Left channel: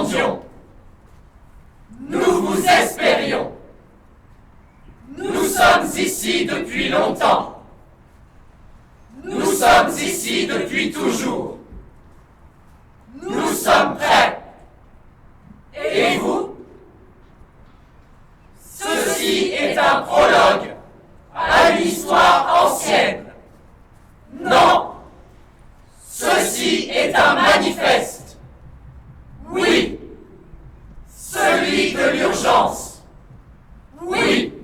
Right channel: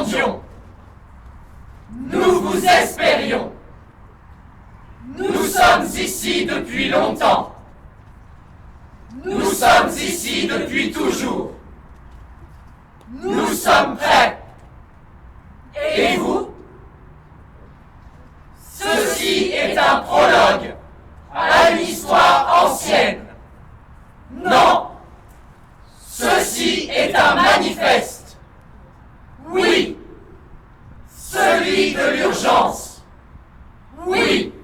attendions. Nous vous espérions. Nous sommes ici depuis longtemps. Nous sommes ici depuis toujours. Nous sommes prêts. Et vous? Ceci est un prologue à une histoire ancienne. Non, ceci est un manifeste. Oui, celui de l'urgence. Oui,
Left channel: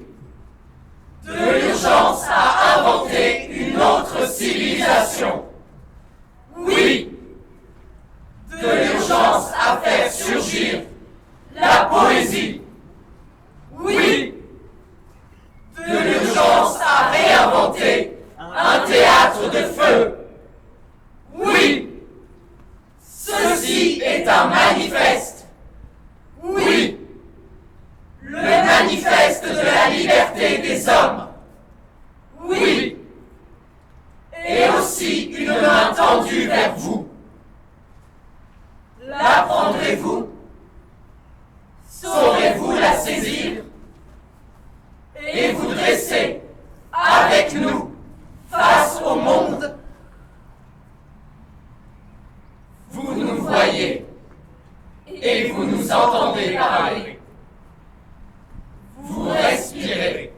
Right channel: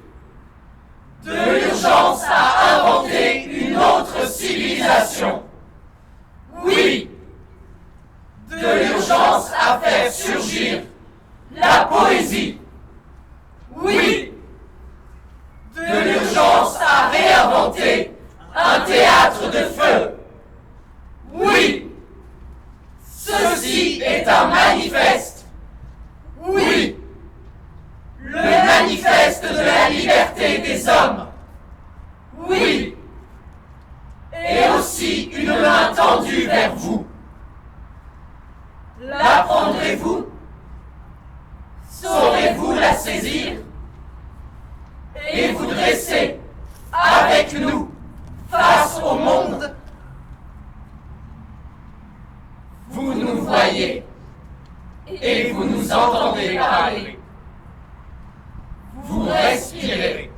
de l'urgence à inventer une autre civilisation. Oui, de l'urgence à faire surgir la poésie. Oui, de l'urgence à réinventer un théâtre de feu. Oui, ceci est un manifeste. Oui, le manifeste de la liberté des hommes. Oui, et aussi une main tendue vers vous. La prendrez-vous? Saurez-vous la saisir? Et vous dresser avec nous face au monde? Vous nous voyez et vous nous entendez parler. Vous respirez.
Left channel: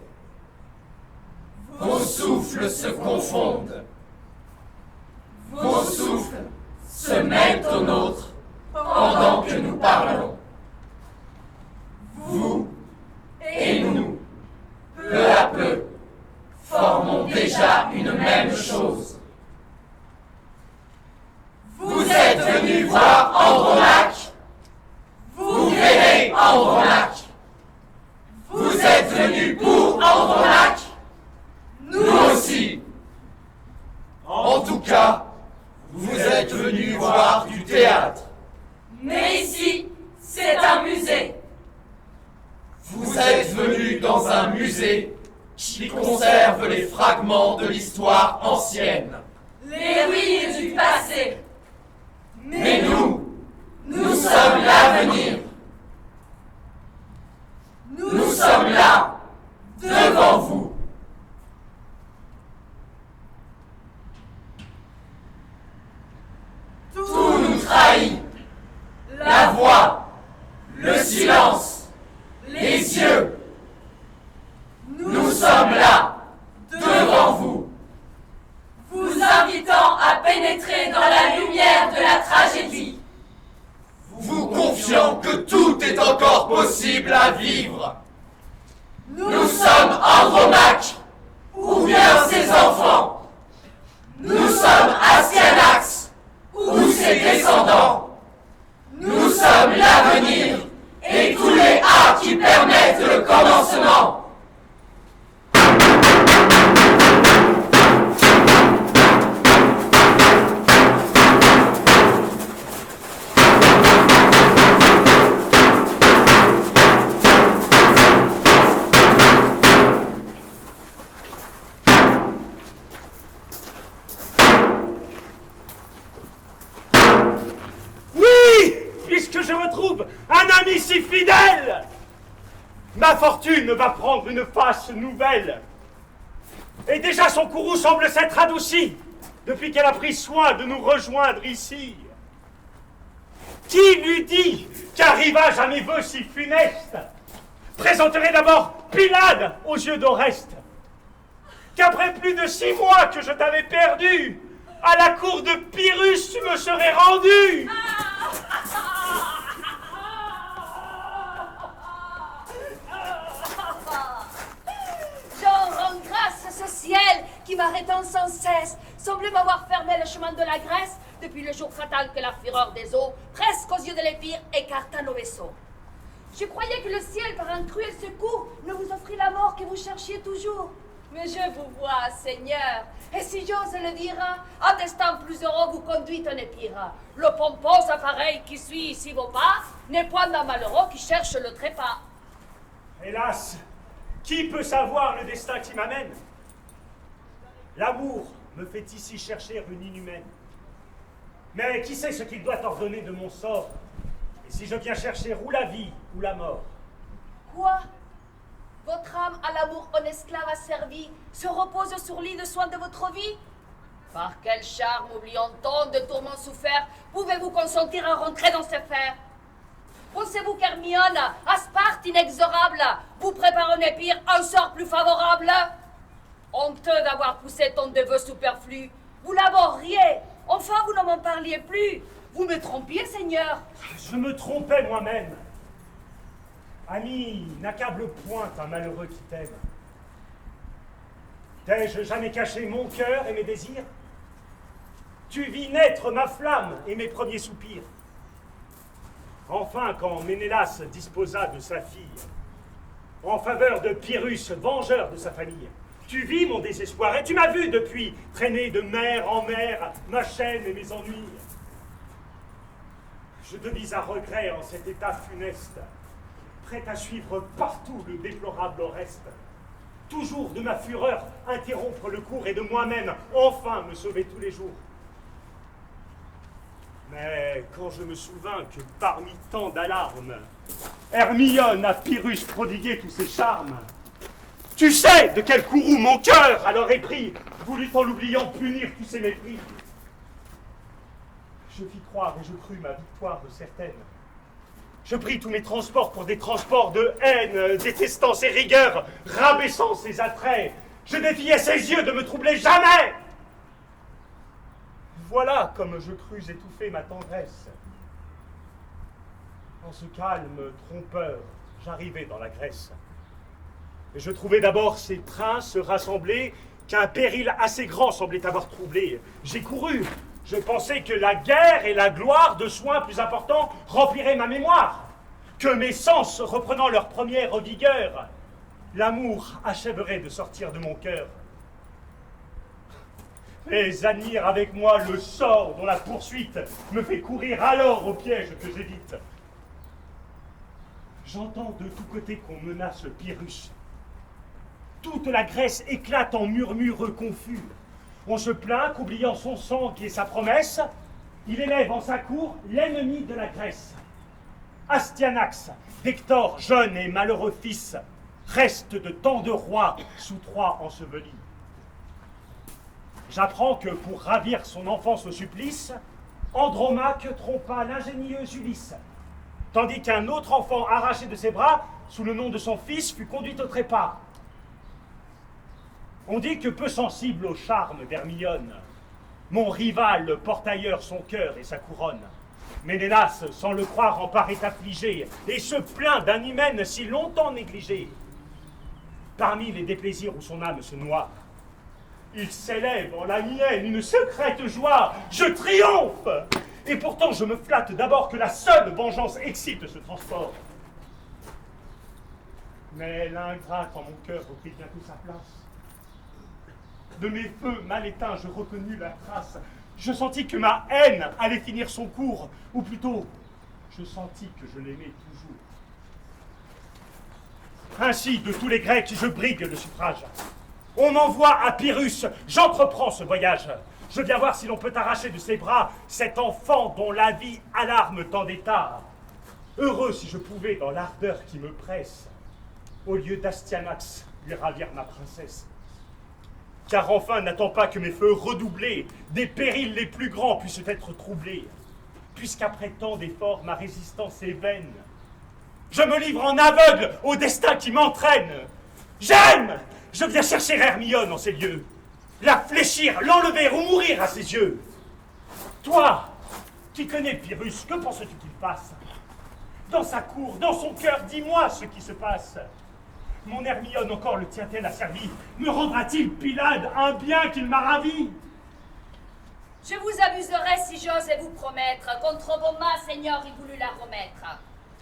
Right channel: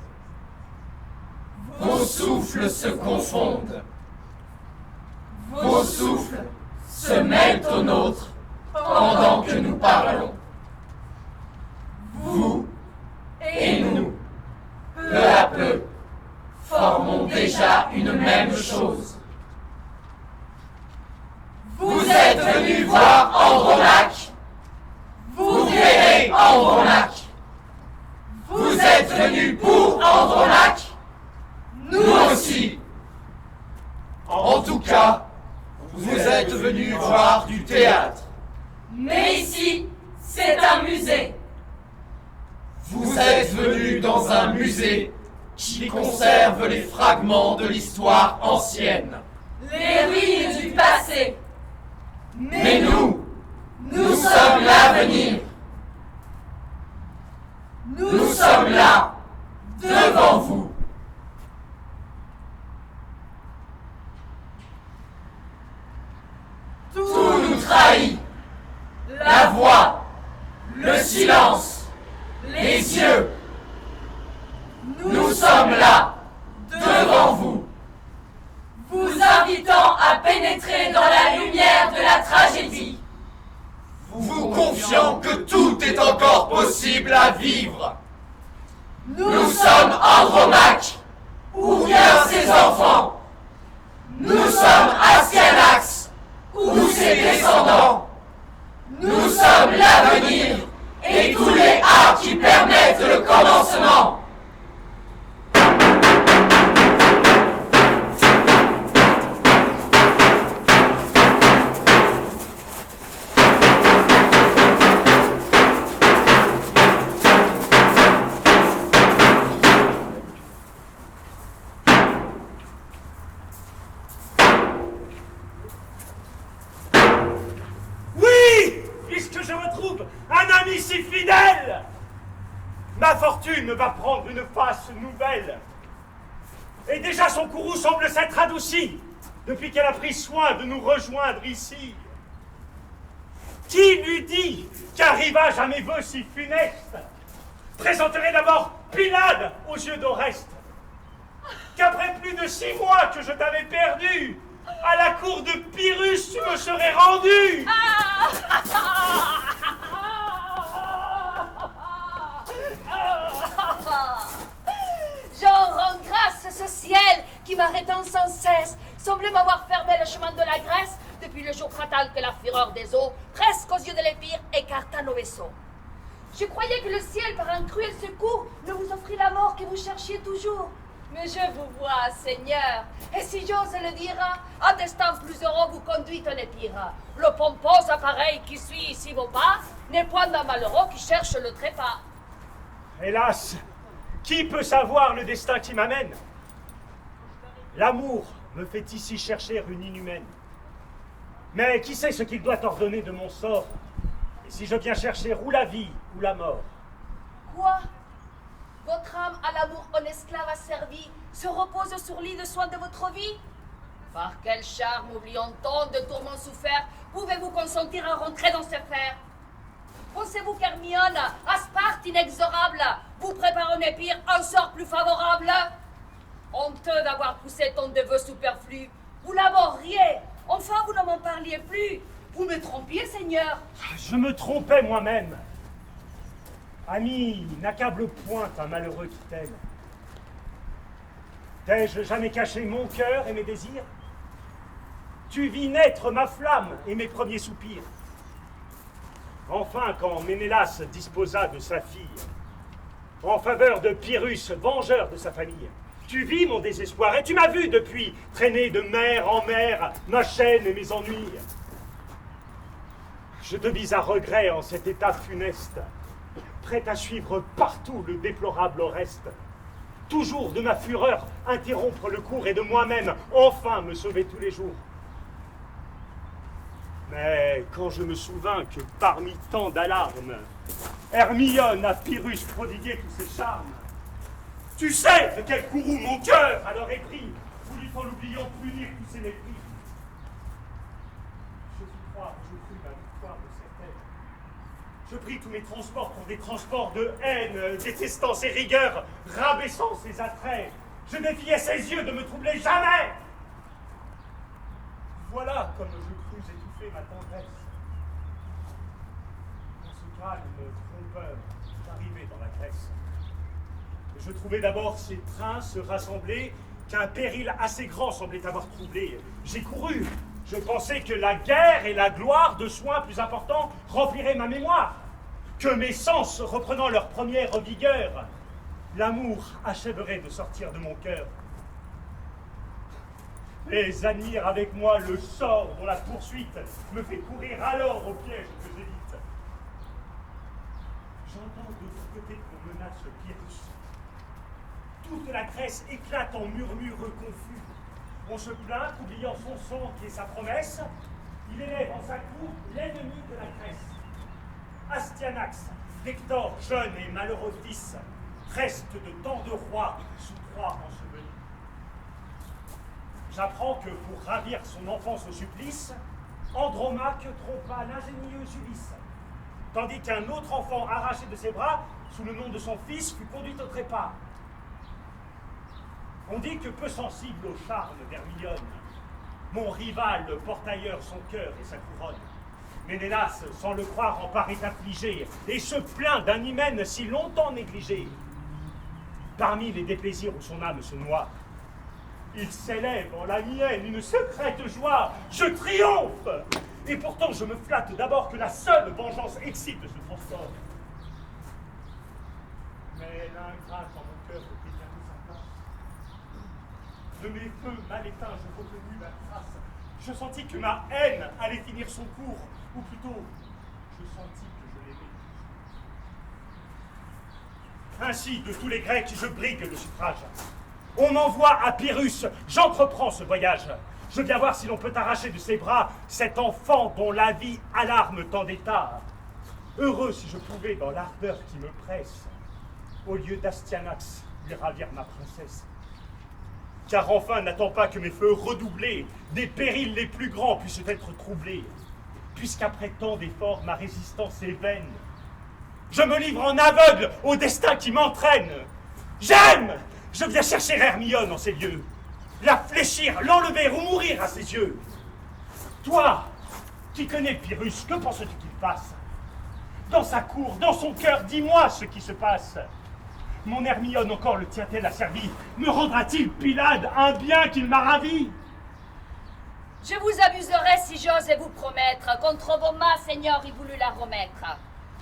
Vos souffles se confondent. Vos souffles se mêlent aux nôtres pendant que nous parlons. Vous et nous, peu à peu, formons déjà une même chose. Vous êtes venus voir Andromaque. Vous verrez Andromaque. Vous êtes venus pour Andromaque. Nous aussi. En tout cas, vous êtes venus voir du théâtre. Mais ici, c'est un musée. Vous êtes venus dans un musée qui conserve les fragments de l'histoire ancienne. Les ruines du passé. Mais nous sommes l'avenir. Nous sommes là, devant vous. Tout nous trahit. La voix, le silence, les yeux. Nous sommes là, devant vous. Vous invitant à pénétrer dans la lumière de la tragédie. Vous confiant que tout est encore possible à vivre. Nous sommes Andromaque, ou bien ses enfants. Nous sommes Astyanax, ou ses descendants. Nous sommes l'avenir et tous les arts qui permettent le commencement. Je retrouve un ami si fidèle. Ma fortune va prendre une face nouvelle. Et déjà son courroux semble s'être adouci depuis qu'elle a pris soin de nous rejoindre ici. Qui lui dit qu'un rivage à mes vœux si funestes présenterait d'abord Pylade aux yeux d'Oreste, qu'après plus de 6 mois que je t'avais perdu, à la cour de Pyrrhus tu me serais rendu. J'en rends grâce à ce ciel qui m'arrêtant sans cesse semblait m'avoir fermé le chemin de la Grèce depuis le jour fatal que la fureur des eaux, presque aux yeux de l'Épire, écarta nos vaisseaux. Je croyais que le ciel, par un cruel secours, ne vous offrit la mort que vous cherchiez toujours. Mais je vous vois, Seigneur, et si j'ose le dire, un destin plus heureux vous conduit en épire. Le pompeux appareil qui suit ici vos pas n'est point d'un malheureux qui cherche le trépas. Hélas, qui peut savoir le destin qui m'amène? L'amour me fait ici chercher une inhumaine. Mais qui sait ce qu'il doit ordonner de mon sort? Et si je viens chercher ou la vie ou la mort? Quoi? Votre âme à l'amour en esclave asservi se repose sur lit de soins de votre vie? Par quel charme, oubliant tant de tourments soufferts, pouvez-vous consentir à rentrer dans ces fers? Pensez-vous qu'Hermione, à Sparte inexorable, vous prépare un épire, un sort plus favorable? Honteux d'avoir poussé tant de vœux superflus, vous l'abhorriez, enfin vous ne m'en parliez plus. Vous me trompiez, Seigneur. Je me trompais moi-même. Ami, n'accable point un malheureux qui t'aime. T'ai-je jamais caché mon cœur et mes désirs? Tu vis naître ma flamme et mes premiers soupirs. Enfin, quand Ménélas disposa de sa fille, en faveur de Pyrrhus, vengeur de sa famille, tu vis mon désespoir et tu m'as vu depuis traîner de mer en mer ma chaîne et mes ennuis. Je te vis à regret en cet état funeste, prêt à suivre partout le déplorable Oreste, toujours de ma fureur interrompre le cours et de moi-même enfin me sauver tous les jours. Mais quand je me souvins que parmi tant d'alarmes, Hermione a Pyrrhus prodigué tous ses charmes, tu sais de quel courroux mon cœur alors est pris, voulut en l'oubliant punir tous ses mépris. Je fis croire et je crus ma victoire de certaine. Je pris tous mes transports pour des transports de haine, détestant ses rigueurs, rabaissant ses attraits. Je défiais ses yeux de me troubler jamais. Voilà comme je crus étouffer ma tendresse. En ce calme trompeur, j'arrivai dans la Grèce. Et je trouvai d'abord ces princes rassemblés qu'un péril assez grand semblait avoir troublé. J'ai couru. Je pensais que la guerre et la gloire de soins plus importants rempliraient ma mémoire, que mes sens reprenant leur première vigueur, l'amour achèverait de sortir de mon cœur. Mais admire avec moi le sort dont la poursuite me fait courir alors au piège que j'évite. J'entends de tous côtés qu'on menace Pyrrhus. Toute la Grèce éclate en murmures confus. On se plaint qu'oubliant son sang qui est sa promesse, il élève en sa cour l'ennemi de la Grèce. Astyanax, d'Hector, jeune et malheureux fils, reste de tant de rois sous Troie ensevelis. J'apprends que pour ravir son enfance au supplice, Andromaque trompa l'ingénieux Ulysse, tandis qu'un autre enfant arraché de ses bras, sous le nom de son fils, fut conduit au trépas. On dit que peu sensible au charme d'Hermione, mon rival porte ailleurs son cœur et sa couronne. Ménélas, sans le croire, en paraît affligé, et se plaint d'un hymen si longtemps négligé. Parmi les déplaisirs où son âme se noie, il s'élève en la mienne une secrète joie. Je triomphe! Et pourtant je me flatte d'abord que la seule vengeance excite ce transport. Mais l'ingrate en mon cœur reprit bientôt sa place. De mes feux mal éteints, je reconnus la trace. Je sentis que ma haine allait finir son cours, ou plutôt, je sentis que je l'aimais toujours. Ainsi, de tous les Grecs, je brigue le suffrage. On m'envoie à Pyrrhus, j'entreprends ce voyage. Je viens voir si l'on peut arracher de ses bras cet enfant dont la vie alarme tant d'états. Heureux si je pouvais, dans l'ardeur qui me presse, au lieu d'Astyanax, lui ravir ma princesse. Car enfin, n'attends pas que mes feux redoublés, des périls les plus grands puissent être troublés, puisqu'après tant d'efforts, ma résistance est vaine. Je me livre en aveugle au destin qui m'entraîne. J'aime! Je viens chercher Hermione en ces lieux, la fléchir, l'enlever ou mourir à ses yeux. Toi, qui connais Pyrrhus, que penses-tu qu'il fasse? Dans sa cour, dans son cœur, dis-moi ce qui se passe. Mon Hermione encore le tient-elle asservi? Me rendra-t-il, Pylade, un bien qu'il m'a ravi? Je vous abuserai si j'ose vous promettre, contre vos mains, Seigneur, il voulut la remettre.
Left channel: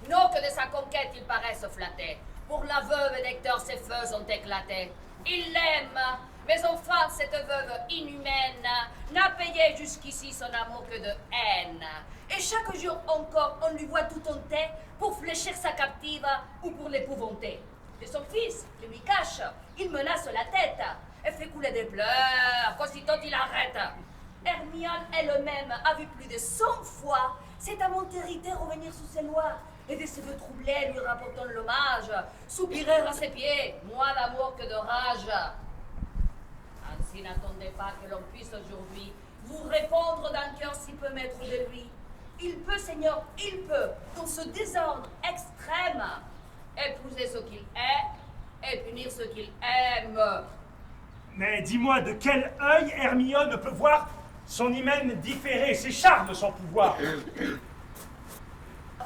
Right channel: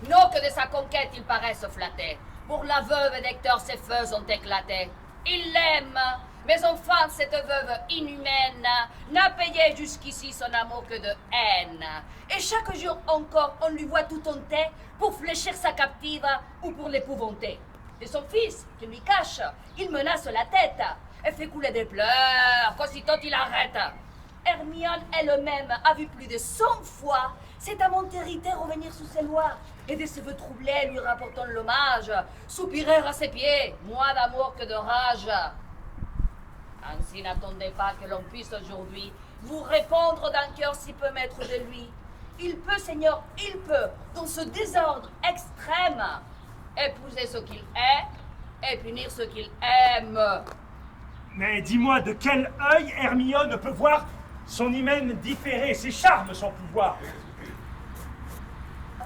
Non que de sa conquête il paraisse flatté. Pour la veuve d'Hector, ses feux ont éclaté. Il l'aime, mais enfin cette veuve inhumaine n'a payé jusqu'ici son amour que de haine. Et chaque jour encore, on lui voit tout honté pour fléchir sa captive ou pour l'épouvanter. De son fils, qui lui cache, il menace la tête et fait couler des pleurs qu'aussitôt il arrête. Hermione elle-même a vu plus de 100 fois c'est à mon hérité revenir sous ses lois, et des cheveux troublés lui rapportant l'hommage, soupirer à ses pieds, moins d'amour que de rage. Ainsi n'attendez pas que l'on puisse aujourd'hui vous répondre d'un cœur si peu maître de lui. Il peut, Seigneur, il peut, dans ce désordre extrême, épouser ce qu'il est et punir ce qu'il aime. Mais dis-moi, de quel œil Hermione peut voir son hymen différer, ses charmes sans pouvoir?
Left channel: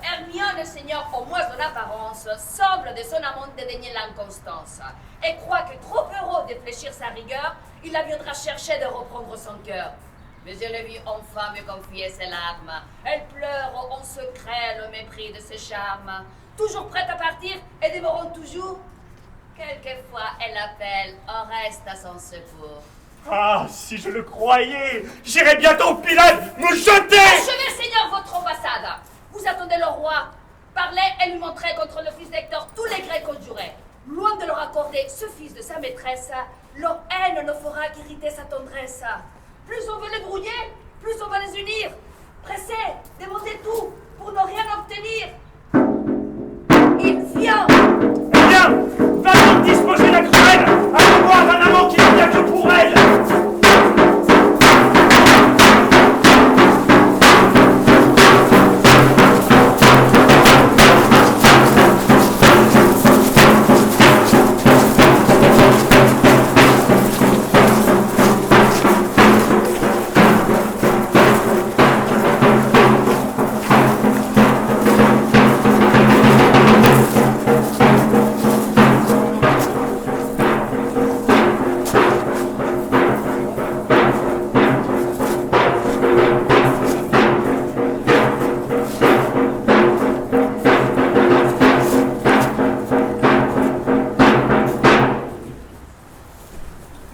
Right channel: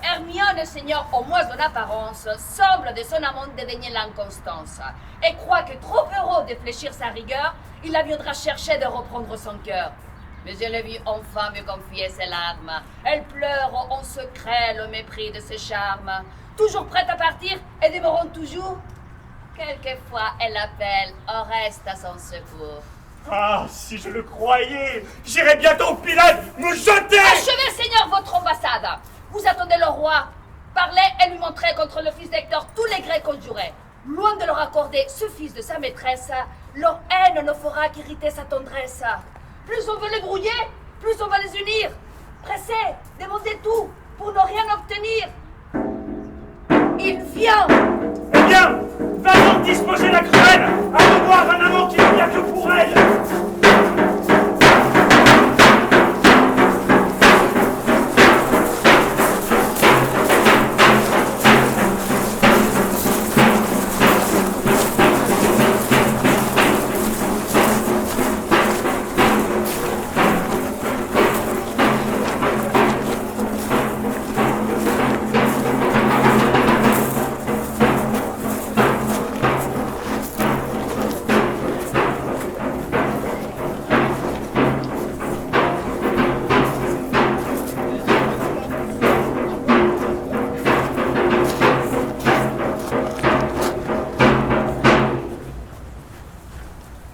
Hermione, Seigneur, au moins en apparence, semble de son amant dédaigner l'inconstance, et croit que trop heureux de fléchir sa rigueur, il la viendra chercher de reprendre son cœur. Mais je l'ai vue enfin me confier ses larmes. Elle pleure en secret le mépris de ses charmes. Toujours prête à partir et dévorant toujours. Quelquefois, elle appelle, on reste à son secours. Ah, si je le croyais, j'irais bientôt au pilate me jeter! Achevez, Seigneur, votre ambassade. Vous attendez le roi. Parlez et lui montrez contre le fils d'Hector tous les Grecs conjurés. Loin de leur accorder ce fils de sa maîtresse, leur haine ne fera qu'irriter sa tendresse. Plus on veut les brouiller, plus on va les unir. Pressez, demandez tout pour ne rien obtenir. Il vient. Eh bien, va donc disposer la cruelle à revoir un amant qui ne vient que pour elle.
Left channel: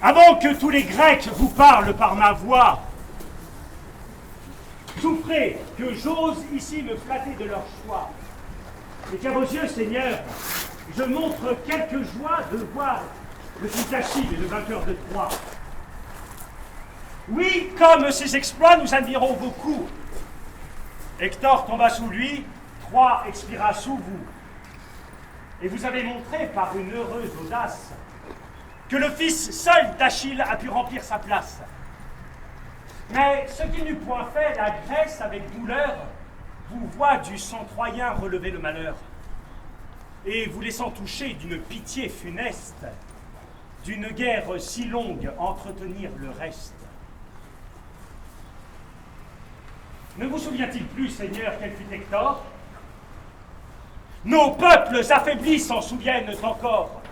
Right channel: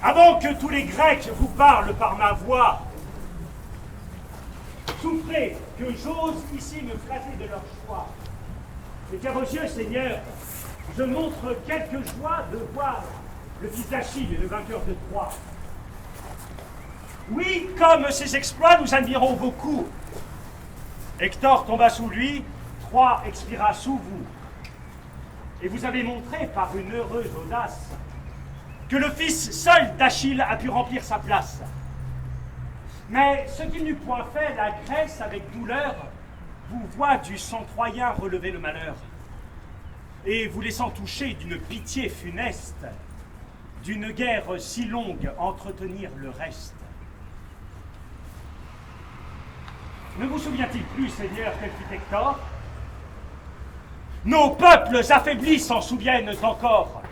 Avant que tous les Grecs vous parlent par ma voix, souffrez que j'ose ici me flatter de leur choix. Et qu'à vos yeux, Seigneur, je montre quelque joie de voir le fils d'Achille et le vainqueur de Troie. Oui, comme ces exploits, nous admirons vos coups. Hector tomba sous lui, Troie expira sous vous. Et vous avez montré par une heureuse audace que le fils seul d'Achille a pu remplir sa place. Mais ce qu'il n'eût point fait, la Grèce, avec douleur, vous voit du sang troyen relever le malheur, et vous laissant toucher d'une pitié funeste, d'une guerre si longue entretenir le reste. Ne vous souvient-il plus, Seigneur, quel fut Hector? Nos peuples affaiblis s'en souviennent encore.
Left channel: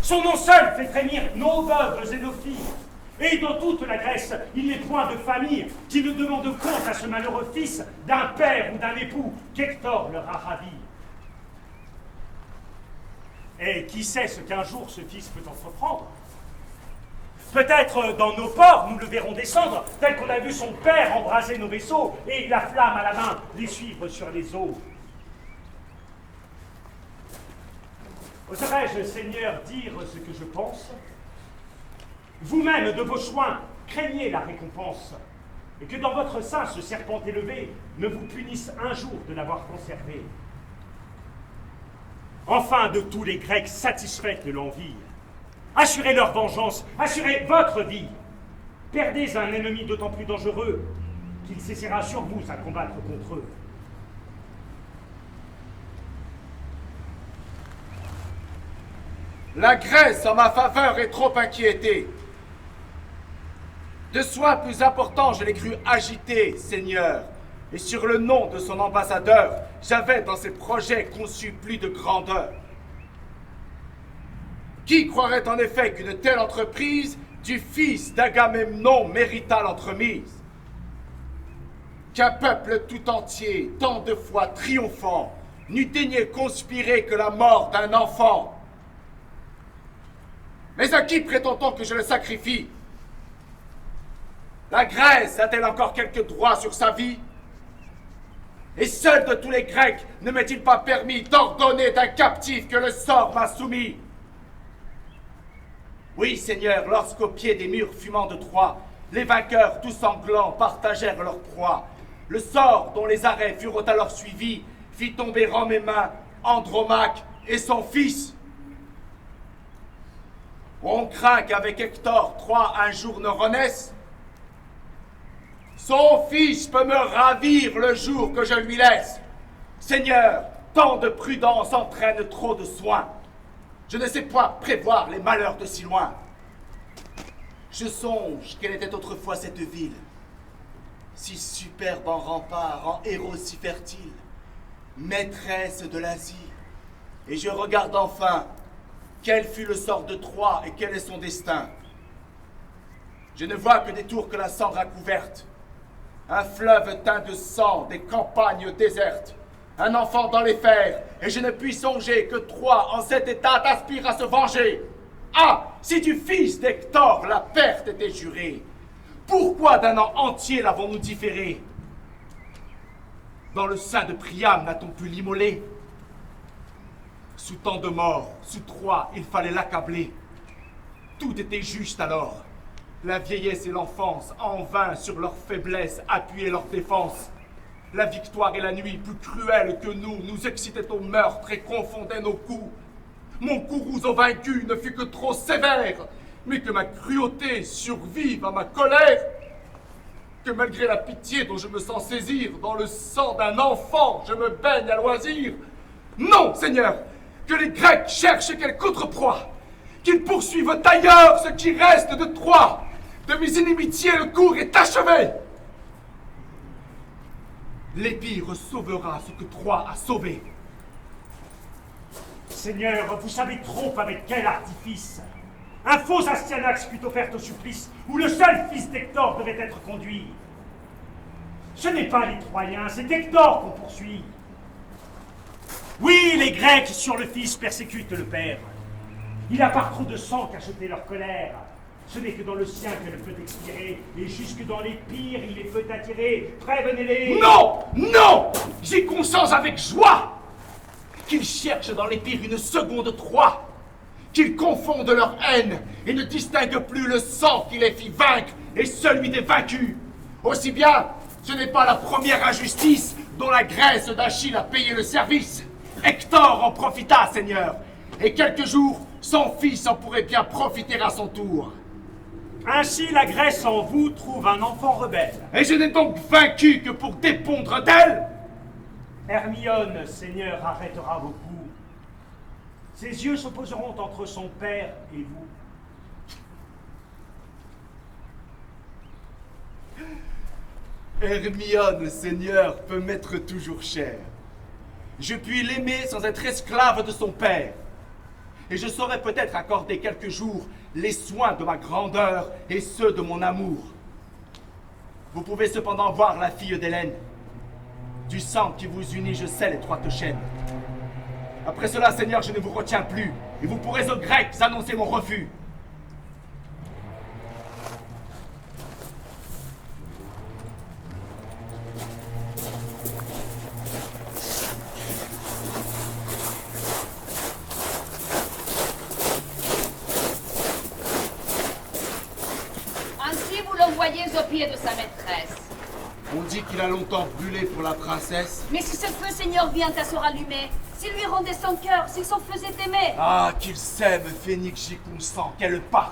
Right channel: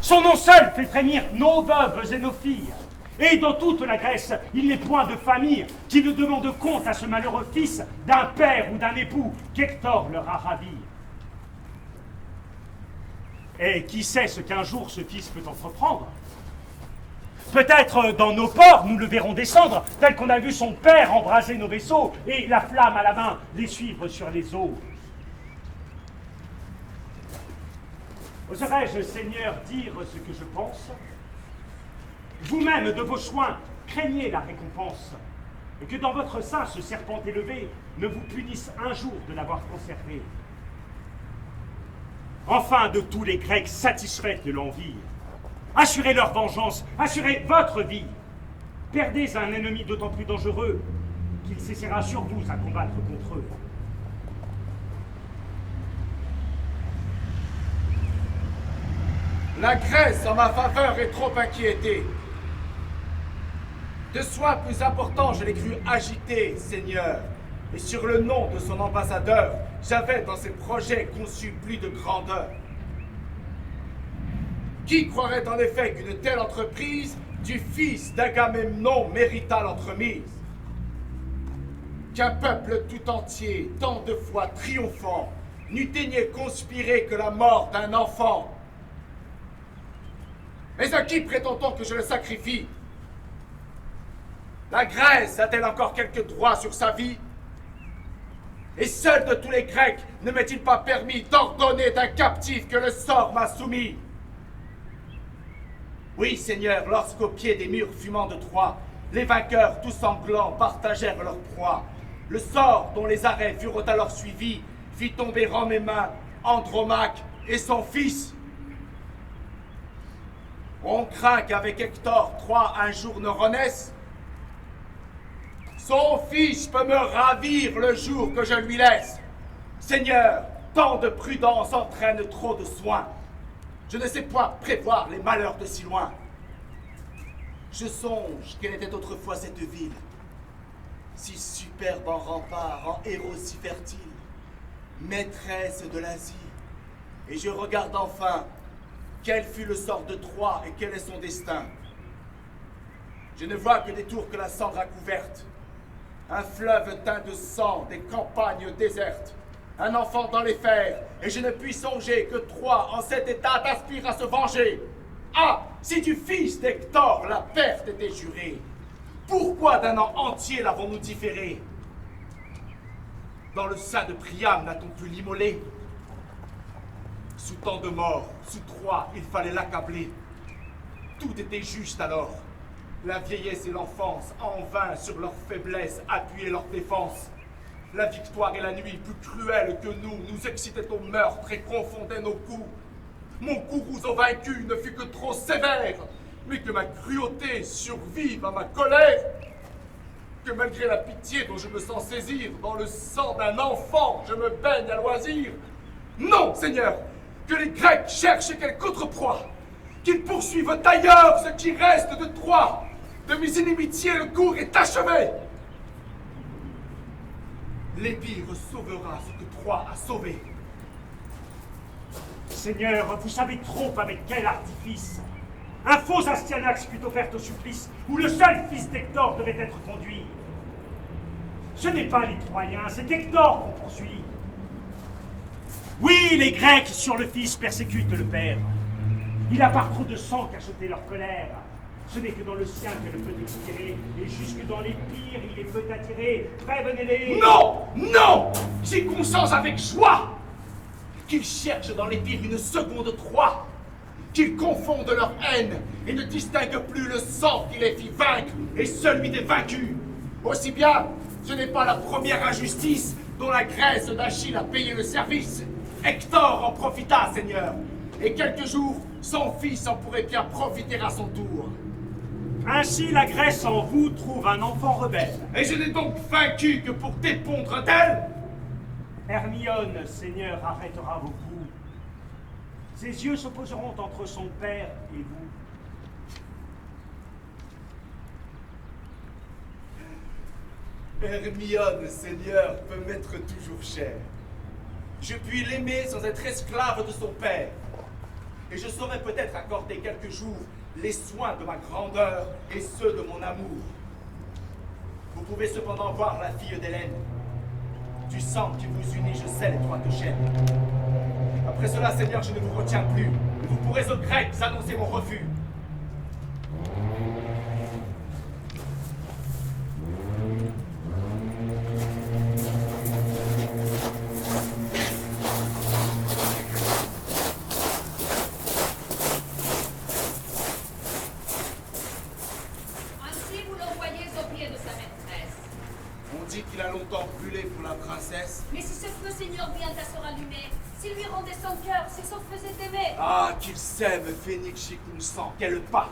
Son nom seul fait frémir nos veuves et nos filles. Et dans toute la Grèce, il n'est point de famille qui ne demande compte à ce malheureux fils d'un père ou d'un époux qu'Hector leur a ravi. Et qui sait ce qu'un jour ce fils peut entreprendre? Peut-être dans nos ports, nous le verrons descendre, tel qu'on a vu son père embraser nos vaisseaux et la flamme à la main les suivre sur les eaux. Oserais-je, Seigneur, dire ce que je pense? Vous-même, de vos soins, craignez la récompense, et que dans votre sein, ce serpent élevé ne vous punisse un jour de l'avoir conservé. Enfin, de tous les Grecs satisfaits de l'envie, assurez leur vengeance, assurez votre vie. Perdez un ennemi d'autant plus dangereux qu'il s'essaiera sur vous à combattre contre eux. La Grèce, en ma faveur, est trop inquiétée. De soins plus importants, je l'ai cru agité, Seigneur. Et sur le nom de son ambassadeur, j'avais dans ses projets conçu plus de grandeur. Qui croirait en effet qu'une telle entreprise du fils d'Agamemnon méritât l'entremise? Qu'un peuple tout entier, tant de fois triomphant, n'eût daigné conspirer que la mort d'un enfant? Mais à qui prétend-on que je le sacrifie? La Grèce a-t-elle encore quelques droits sur sa vie? Et seul de tous les Grecs ne m'est-il pas permis d'ordonner d'un captif que le sort m'a soumis? Oui, Seigneur, lorsqu'au pied des murs fumants de Troie, les vainqueurs tout sanglants partagèrent leur proie, Le sort dont les arrêts furent alors suivis fit tomber en mes mains Andromaque et son fils. On craint qu'avec Hector, Troie un jour ne renaisse. Son fils peut me ravir le jour que je lui laisse. Seigneur, tant de prudence entraîne trop de soins. Je ne sais point prévoir les malheurs de si loin. Je songe quelle était autrefois cette ville, si superbe en remparts, en héros si fertile, maîtresse de l'Asie. Et je regarde enfin quel fut le sort de Troie et quel est son destin. Je ne vois que des tours que la cendre a couvertes, un fleuve teint de sang, des campagnes désertes, un enfant dans les fers, et je ne puis songer que Troie en cet état aspire à se venger. Ah, si du fils d'Hector la perte était jurée, pourquoi d'un an entier l'avons-nous différé? Dans le sein de Priam n'a-t-on pu l'immoler? Sous tant de morts, sous Troie, il fallait l'accabler. Tout était juste alors. La vieillesse et l'enfance, en vain sur leur faiblesse, appuyaient leur défense. La victoire et la nuit, plus cruelles que nous excitaient au meurtre et confondaient nos coups. Mon Kourouzo vaincu ne fut que trop sévère, mais que ma cruauté survive à ma colère. Que malgré la pitié dont je me sens saisir, dans le sang d'un enfant, je me baigne à loisir. Non, Seigneur, que les Grecs cherchent quelque autre proie, qu'ils poursuivent ailleurs ce qui reste de Troie. De mes inimitiés, le cours est achevé. L'Épire sauvera ce que Troie a sauvé. Seigneur, vous savez trop avec quel artifice un faux Astyanax fut offert au supplice où le seul fils d'Hector devait être conduit. Ce n'est pas les Troyens, c'est Hector qu'on poursuit. Oui, les Grecs sur le fils persécutent le père. Il a par trop de sang cacheté leur colère. Ce n'est que dans le sien qu'elle peut expirer, et jusque dans les pires, il les peut attirer. Prévenez-les. Non, non, j'y consens avec joie. Qu'ils cherchent dans les pires une seconde Troie, qu'ils confondent leur haine et ne distinguent plus le sang qui les fit vaincre et celui des vaincus. Aussi bien, ce n'est pas la première injustice dont la Grèce d'Achille a payé le service. Hector en profita, Seigneur, et quelques jours, son fils en pourrait bien profiter à son tour. Ainsi, la Grèce en vous trouve un enfant rebelle. Et je n'ai donc vaincu que pour dépondre d'elle. Hermione, Seigneur, arrêtera vos coups. Ses yeux s'opposeront entre son père et vous. Hermione, Seigneur, peut m'être toujours chère. Je puis l'aimer sans être esclave de son père. Et je saurais peut-être accorder quelques jours les soins de ma grandeur et ceux de mon amour. Vous pouvez cependant voir la fille d'Hélène. Du sang qui vous unit, je sais l'étroite chaîne. Après cela, Seigneur, je ne vous retiens plus, et vous pourrez aux Grecs annoncer mon refus. Ainsi vous l'envoyez aux pieds de sa maîtresse. On dit qu'il a longtemps brûlé pour la princesse. Mais si ce feu, Seigneur, vient à se rallumer, s'il lui rendait son cœur, si son feu s'est aimé. Ah, qu'ils s'aiment, Phénix, j'y consens, qu'elles partent.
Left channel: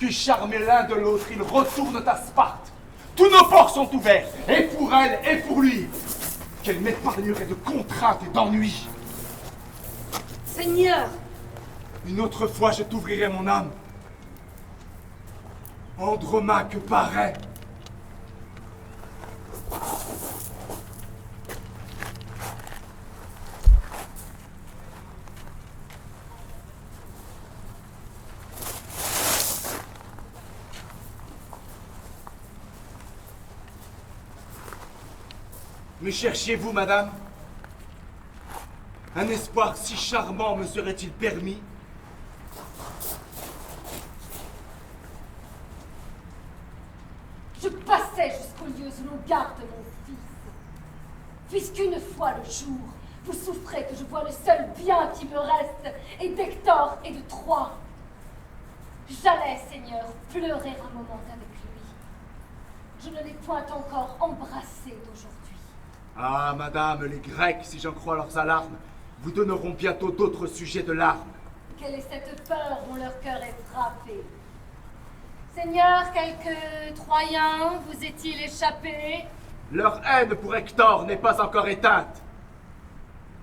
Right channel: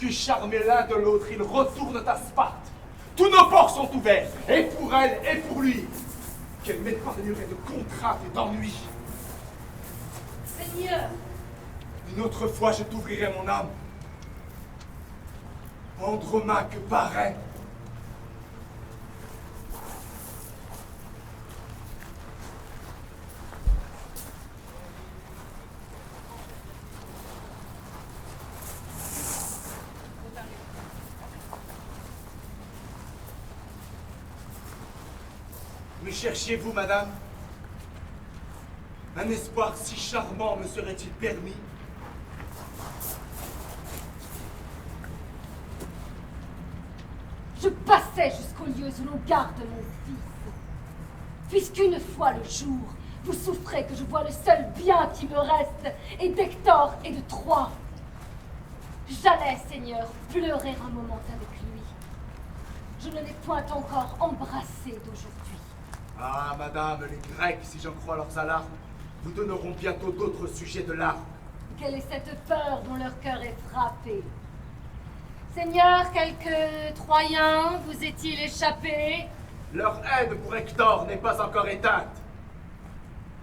Que charmés l'un de l'autre, ils retournent à Sparte. Tous nos ports sont ouverts, et pour elle, et pour lui. Qu'elle m'épargnerait de contraintes et d'ennuis. Seigneur, Une autre fois, je t'ouvrirai mon âme. Andromaque paraît. Me cherchiez-vous, madame? Un espoir si charmant me serait-il permis? je passais jusqu'aux lieux où l'on garde mon fils. Puisqu'une fois le jour, vous souffrez que je vois le seul bien qui me reste, et d'Hector et de Troie. J'allais, Seigneur, pleurer un moment avec lui. Je ne l'ai point encore embrassé d'aujourd'hui. Ah, madame, les Grecs, si j'en crois leurs alarmes, vous donneront bientôt d'autres sujets de larmes. Quelle est cette peur dont leur cœur est frappé? Seigneur, quelque Troyen vous est-il échappé? Leur haine pour Hector n'est pas encore éteinte.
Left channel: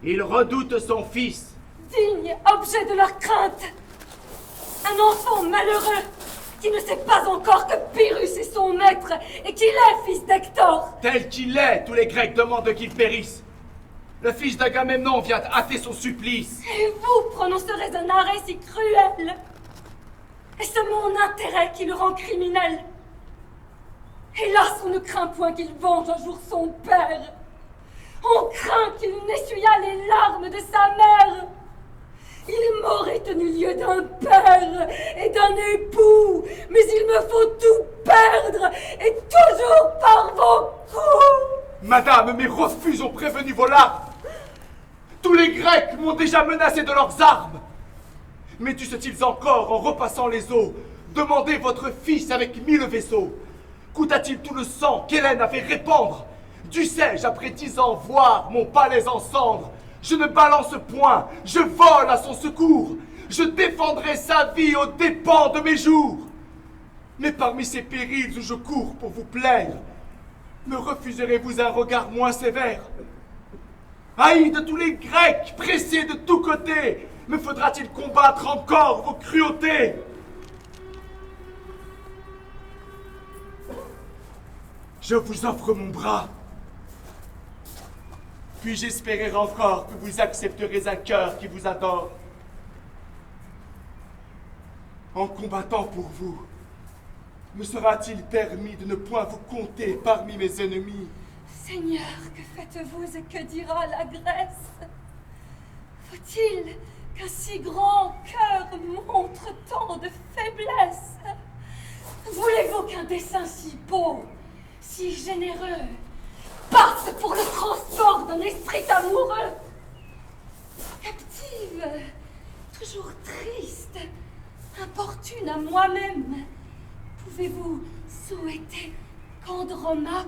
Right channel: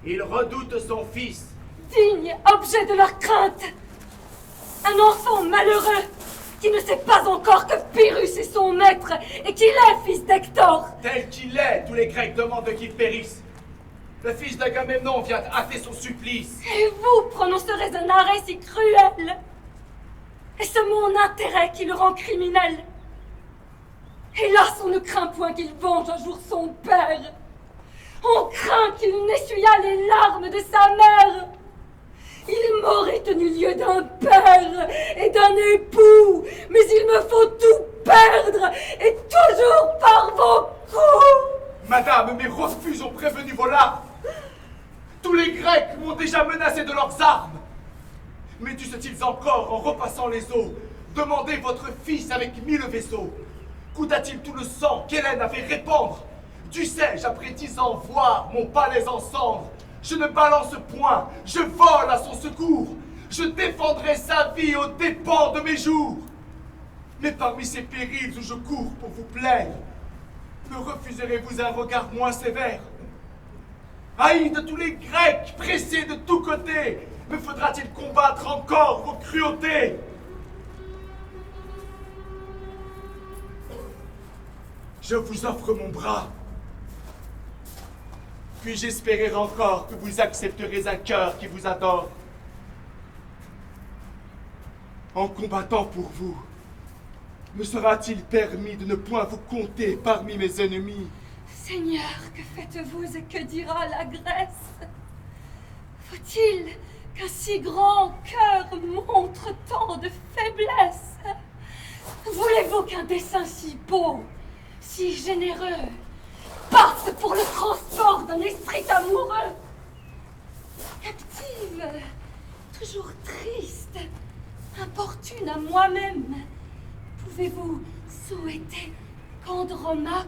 Ils redoutent son fils. Digne objet de leur crainte! Un enfant malheureux qui ne sait pas encore que Pyrrhus est son maître et qu'il est fils d'Hector! Tel qu'il est, tous les Grecs demandent qu'il périsse. Le fils d'Agamemnon vient hâter son supplice. Et vous prononcerez un arrêt si cruel? Est-ce mon intérêt qui le rend criminel? Hélas, on ne craint point qu'il venge un jour son père. On craint qu'il n'essuya les larmes de sa mère. Il m'aurait tenu lieu d'un père et d'un époux, mais il me faut tout perdre, et toujours par vos coups. Madame, mes refus ont prévenu vos larmes. Tous les Grecs m'ont déjà menacé de leurs armes. Mais dussent-ils encore, en repassant les eaux, demander votre fils avec 1000 vaisseaux? Coûta-t-il tout le sang qu'Hélène avait répandre? Dussé-je, après 10 ans, voir mon palais en cendres? Je ne balance point, je vole à son secours. Je défendrai sa vie aux dépens de mes jours. Mais parmi ces périls où je cours pour vous plaire, me refuserez-vous un regard moins sévère? Haïs de tous les Grecs, pressés de tous côtés, me faudra-t-il combattre encore vos cruautés? Je vous offre mon bras. Puis-je espérer encore que vous accepterez un cœur qui vous adore? En combattant pour vous, me sera-t-il permis de ne point vous compter parmi mes ennemis? Seigneur, que faites-vous et que dira la Grèce? Faut-il qu'un si grand cœur montre tant de faiblesse? Voulez-vous qu'un dessein si beau, si généreux, passe pour le transport d'un esprit amoureux? Captive, toujours triste, importune à moi-même, pouvez-vous souhaiter qu'Andromaque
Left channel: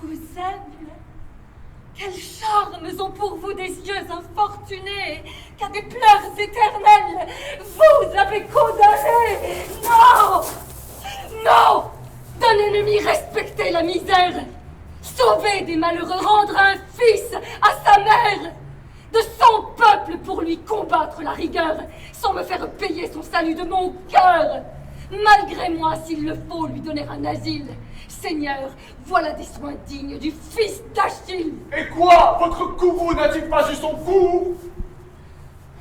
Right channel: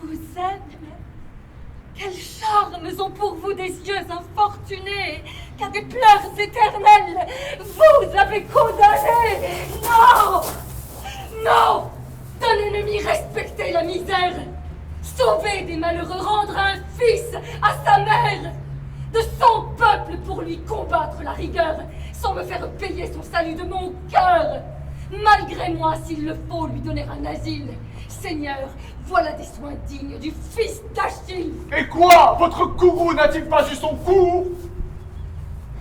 vous aime? Quels charmes ont pour vous des yeux infortunés, qu'à des pleurs éternels vous avez condamnés? Non! Non! D'un ennemi respecter la misère, sauver des malheureux, rendre un fils à sa mère, de son peuple pour lui combattre la rigueur, sans me faire payer son salut de mon cœur. Malgré moi, s'il le faut, lui donner un asile. Seigneur, voilà des soins dignes du fils d'Achille. Et quoi? Votre courroux n'a-t-il pas eu son cours?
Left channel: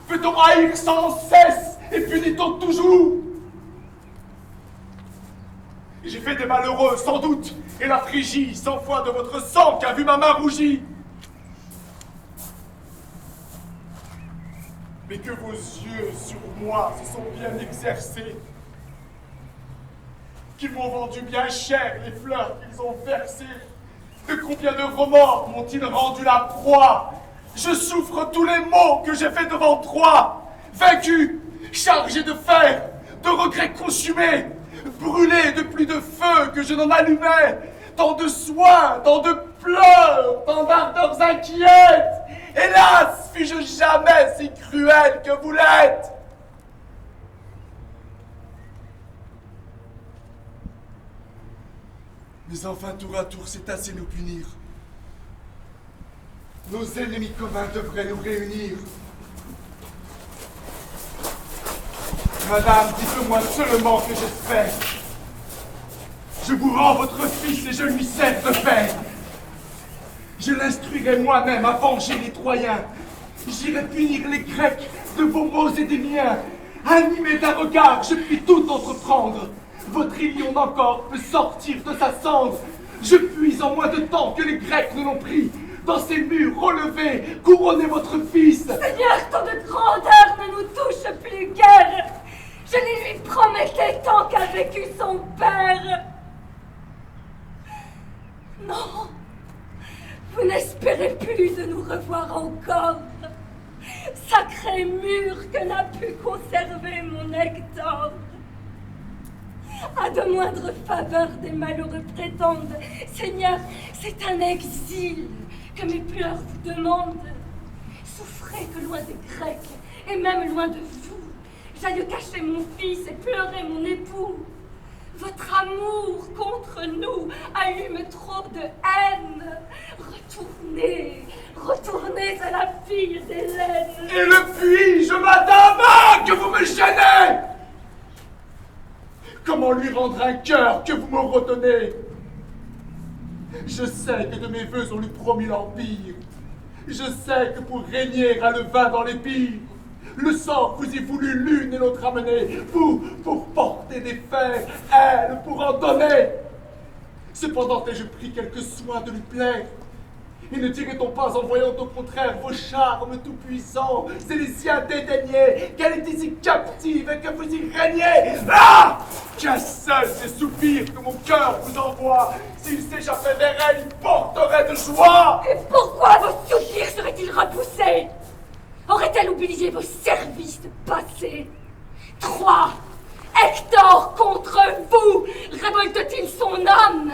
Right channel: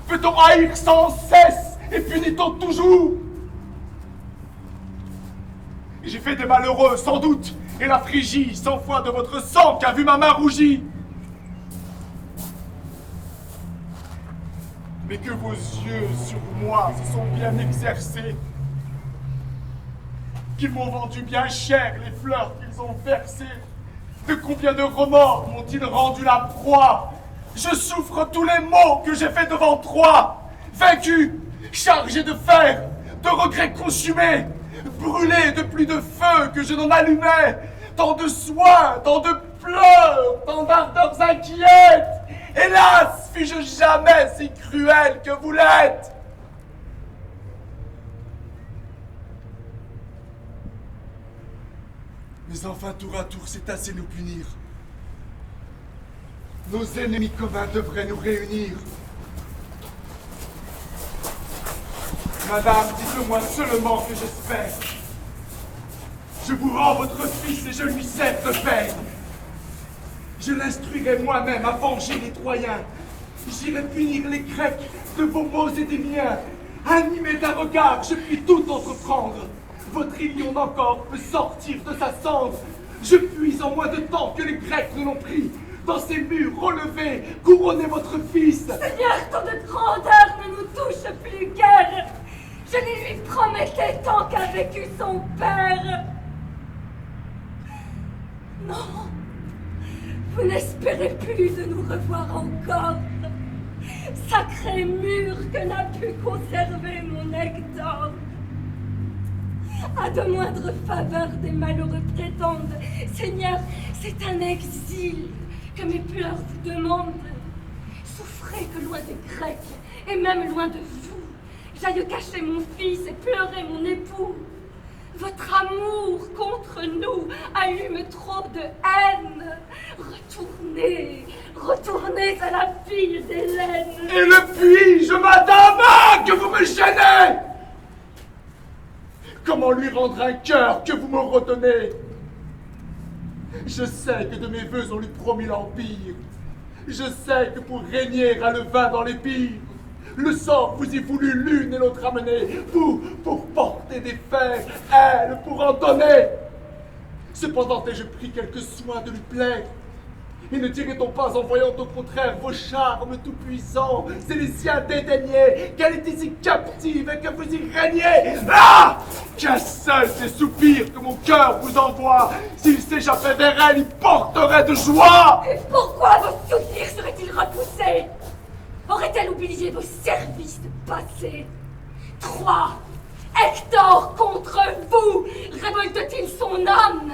Peut-on haïr sans cesse et punit-on toujours? J'ai fait des malheureux, sans doute, et la Phrygie, 100 fois de votre sang qu'a vu ma main rougie. Mais que vos yeux sur moi se sont bien exercés, qu'ils m'ont vendu bien cher les fleurs qu'ils ont versées. De combien de remords m'ont-ils rendu la proie? Je souffre tous les maux que j'ai faits devant Troie, vaincu, chargé de fer, de regrets consumés, brûlé de plus de feu que je n'en allumais, tant de soins, tant de pleurs, tant d'ardeurs inquiètes. Hélas, fus-je jamais si cruel que vous l'êtes? Mais enfin, tour à tour, c'est assez nous punir. Nos ennemis communs devraient nous réunir. Madame, dites-moi seulement que j'espère. Je vous rends votre fils et je lui sers de père. Je l'instruirai moi-même à venger les Troyens. J'irai punir les Grecs de vos maux et des miens. Animé d'un regard, je puis tout entreprendre. Votre Ilion encore peut sortir de sa cendre. Je puis en moins de temps que les Grecs ne l'ont pris. Dans ces murs relevés, couronnez votre fils. Seigneur, tant de grandeur ne nous touche plus guère. Je les lui promettais tant qu'a vécu son père. Non, vous n'espérez plus de nous revoir encore. Sacré mur que n'a pu conserver mon Hector. À de moindres faveurs des malheureux prétendent. Seigneur, c'est un exil que mes pleurs vous demandent. Souffrez que loin des Grecs, et même loin de vous, j'aille cacher mon fils et pleurer mon époux. Votre amour contre nous allume trop de haine. Retournez, retournez à la fille d'Hélène. Et le puis-je, madame, que vous me gênez? Comment lui rendre un cœur que vous me retenez? Je sais que de mes voeux on lui promis l'empire. Je sais que pour régner a le vin dans les pires. Le sang vous y voulut l'une et l'autre amener. Vous, pour porter des fers, elle, pour en donner. Cependant, ai-je pris quelque soin de lui plaire? Et ne dirait-on pas en voyant au contraire vos charmes tout-puissants, c'est les siens dédaignés, qu'elle est ici captive et que vous y régnez? Ah! Qu'un seul des soupirs que mon cœur vous envoie, s'il s'échappait vers elle, il porterait de joie! Et pourquoi vos soupirs seraient-ils repoussés? Aurait-elle oublié vos services passés? Troie, Hector contre vous, révolte-t-il son âme?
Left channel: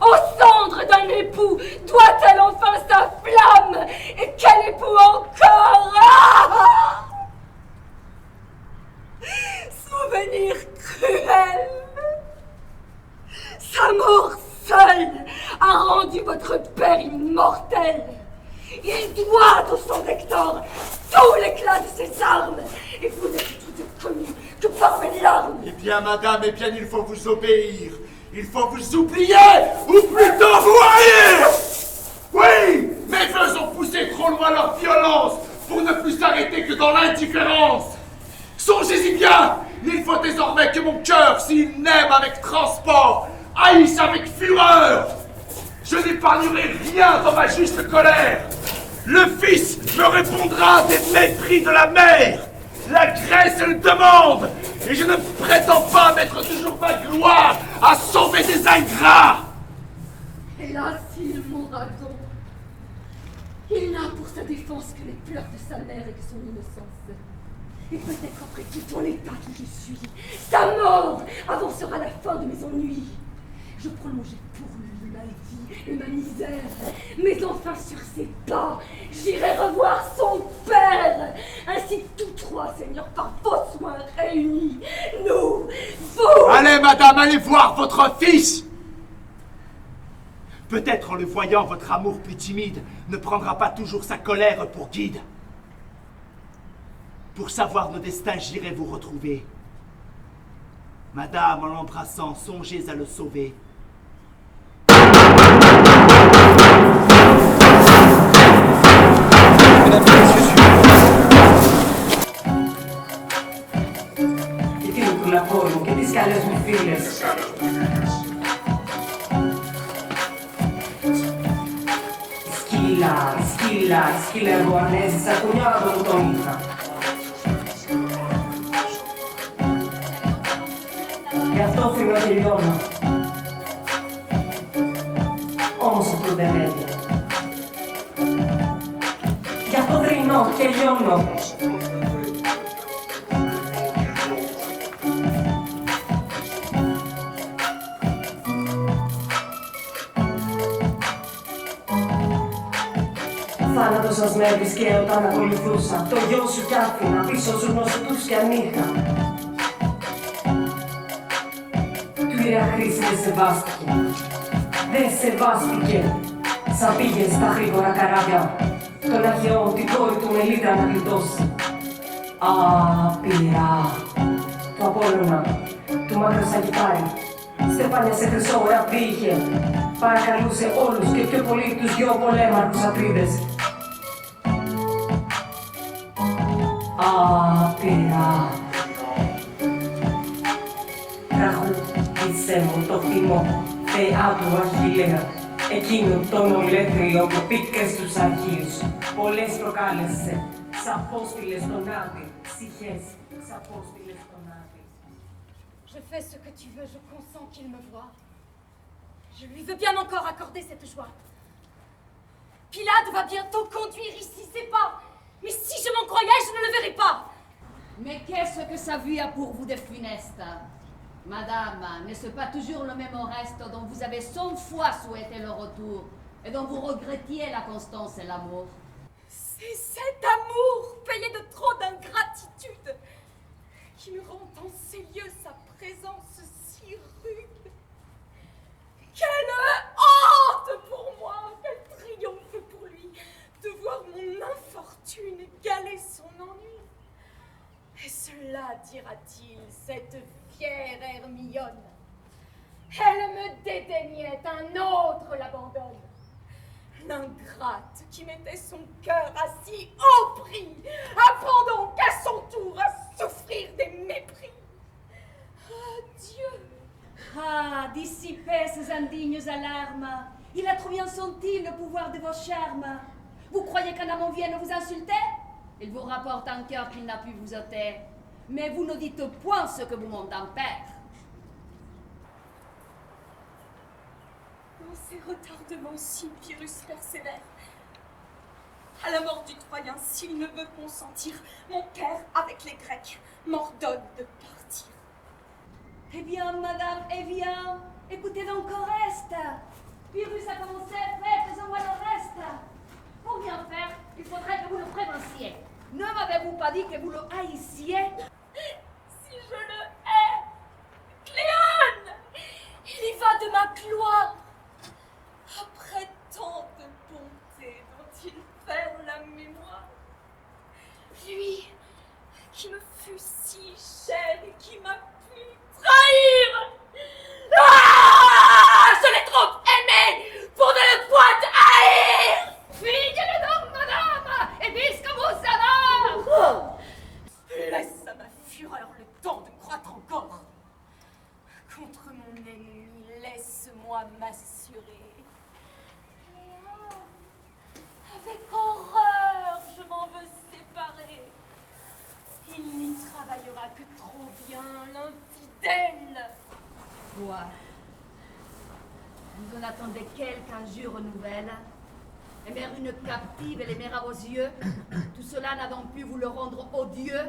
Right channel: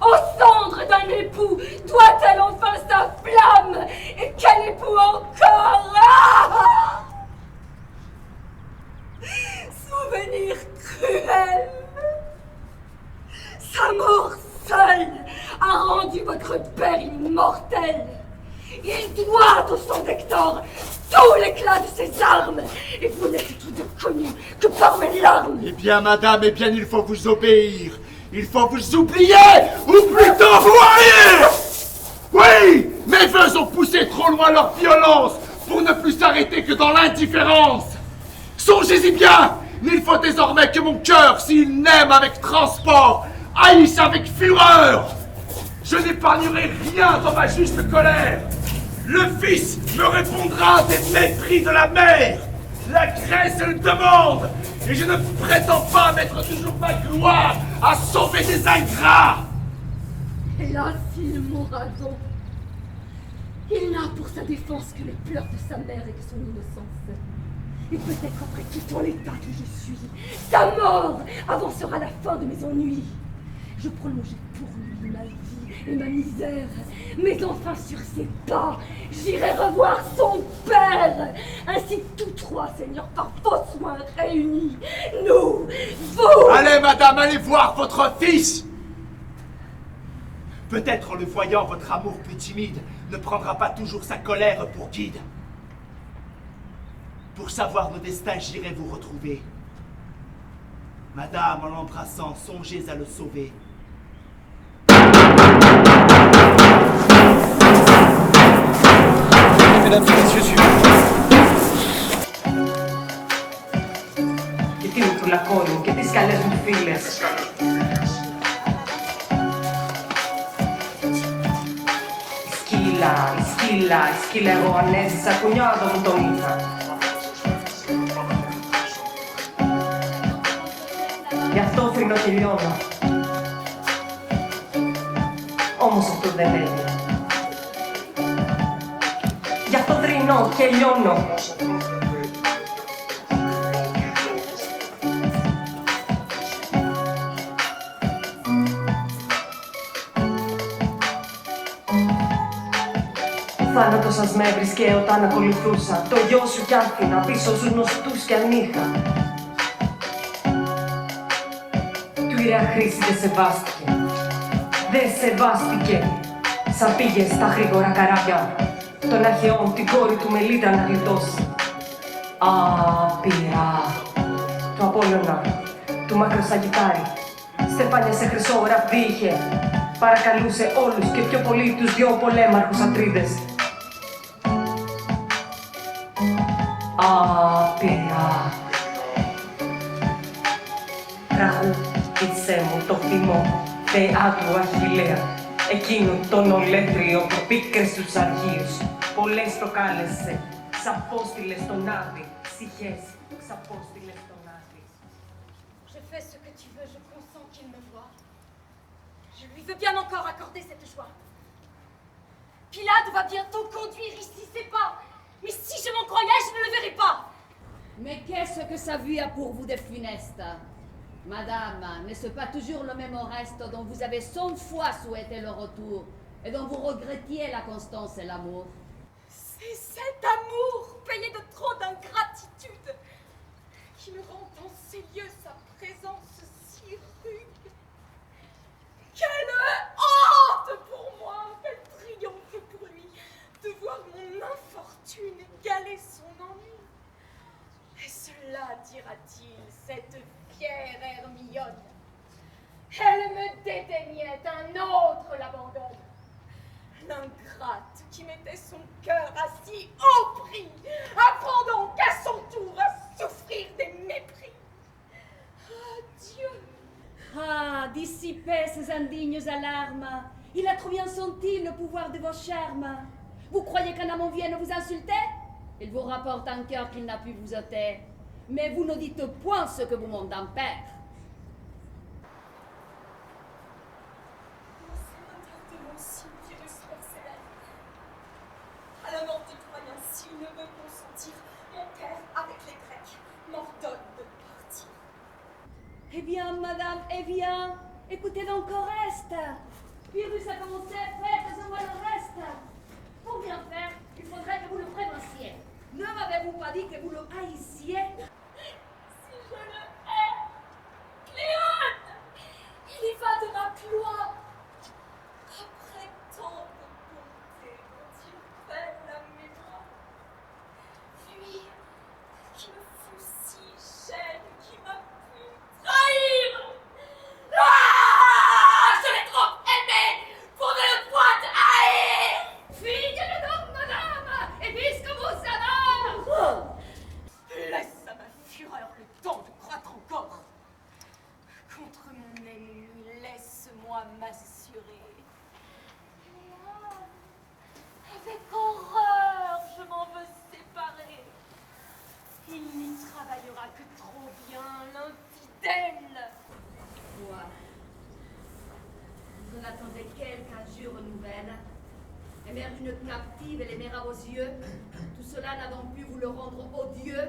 Aux cendres d'un époux, doit-elle enfin sa flamme? Et quel époux encore? Ah! Souvenir cruel. Sa mort seule a rendu votre père immortel. Il doit au sang d'Hector tout l'éclat de ses armes. Et vous n'êtes tout de connu que par mes larmes. Eh bien, madame, eh bien, il faut vous obéir. Il faut vous oublier, ou plutôt vous haïr! Oui, mes voeux ont poussé trop loin leur violence pour ne plus s'arrêter que dans l'indifférence. Songez-y bien, il faut désormais que mon cœur, s'il n'aime avec transport, haïsse avec fureur. Je n'épargnerai rien dans ma juste colère. Le fils me répondra des mépris de la mère. La Grèce le demande, et je ne prétends pas mettre toujours ma gloire à sauver des ingrats. Hélas, il mourra donc. Il n'a pour sa défense que les pleurs de sa mère et de son innocence. Et peut-être après tout en l'état que je suis, sa mort avancera la fin de mes ennuis. Je prolongeai pour lui ma vie et ma misère, mais enfin sur ses pas, j'irai revoir son père. Ainsi tous trois, Seigneur, par vos soins réunis, nous, vous... Allez, madame, allez voir votre fils. Peut-être en le voyant, votre amour plus timide ne prendra pas toujours sa colère pour guide. Pour savoir nos destins, j'irai vous retrouver. Madame, en l'embrassant, songez à le sauver. Mesdames et messieurs, suivez. Και τι μου του λακόρι μου και τις καλές μου φίλες. Η σκύλα εγώ ανέζησα, κουνιάδο μου τον είχα. Γι' αυτό φρυνώ και λιώνω. Όμως αυτό δεν έγινε. Γι' αυτό θρηνώ και λιώνω. Θάνατος σας με έβρισκε όταν ακολουθούσα. Το γιο σου κι άφηνα πίσω στους γνωστούς κι ανήχα. Του Ιρέα Χρήση δεν σεβάστηκε. Δεν σεβάστηκε. Σαν πήγε στα γρήγορα καράβια των αρχαιών την κόρη του Μελίτρα να γλιτώσει. Άπειρα. Του Απόλλωνα, του Μακροσαγιτάρη. Στεφάνια σε χρυσό γραφή είχε. Παρακαλούσε όλους και πιο πολύ τους δυο πολέμαρχους Ατρίδες. Άπειρα. Τραγούδισέ μου το θυμό, θεά του Αχιλλέα. Εκείνο τον ολέθριο που πίκρες στους αρχείους. Πολλές προκάλεσε, ξαπόστηλες στον Άδη. Ψυχές, ξαπόστηλες στον Άδη. Je fais ce que tu veux, je consens qu'il me voie. Je lui veux bien encore accorder cette joie. Pilate va bientôt conduire ici ses pas. Mais si je m'en croyais, je ne le verrai pas. Mais qu'est-ce que sa vue a pour vous de funeste? Madame, n'est-ce pas toujours le même Oreste dont vous avez 100 fois souhaité le retour et dont vous regrettiez la constance et l'amour? C'est cet amour payé de trop d'ingratitude qui me rend en ces lieux sa présence si rude. Quelle honte pour moi, quel triomphe pour lui de voir mon infortune égaler son ennui. Et cela, dira-t-il, cette fière Hermione. Elle me dédaignait, un autre l'abandonne. L'ingrate qui mettait son cœur à si haut prix apprend donc à son tour à souffrir des mépris. Adieu. Ah, dissipez ces indignes alarmes. Il a trop bien senti le pouvoir de vos charmes. Vous croyez qu'un amant vienne vous insulter? Il vous rapporte un cœur qu'il n'a pu vous ôter. Mais vous ne dites point ce que vous monte un père. Dans ces retardements si Pyrrhus persévère. À la mort du Troyen, s'il ne veut consentir, mon père, avec les Grecs, m'ordonne de partir. Eh bien, madame, eh bien, écoutez donc Oreste. Pyrrhus a commencé, faites-en-moi le reste. Pour bien faire, il faudrait que vous le prévenciez. Ne m'avez-vous pas dit que vous le haïssiez? Si je le hais, Cléone, il y va de ma gloire. Après tant de bonté dont il perd la mémoire. Lui, qui me fut si cher et qui m'a pu trahir. Ah, je l'ai trop aimé pour ne le point haïr. Fuyez-le donc, madame, et puisque vous savez. Laisse à ma fureur le temps de croître encore. Contre mon ennemi, laisse-moi m'assurer. Léon, avec horreur, je m'en veux séparer. Il n'y travaillera que trop bien, l'infidèle. Quoi? Vous en attendez quelque injure nouvelle? Aimer une captive et l'aimer à vos yeux? Tout cela n'a donc pu vous le rendre odieux?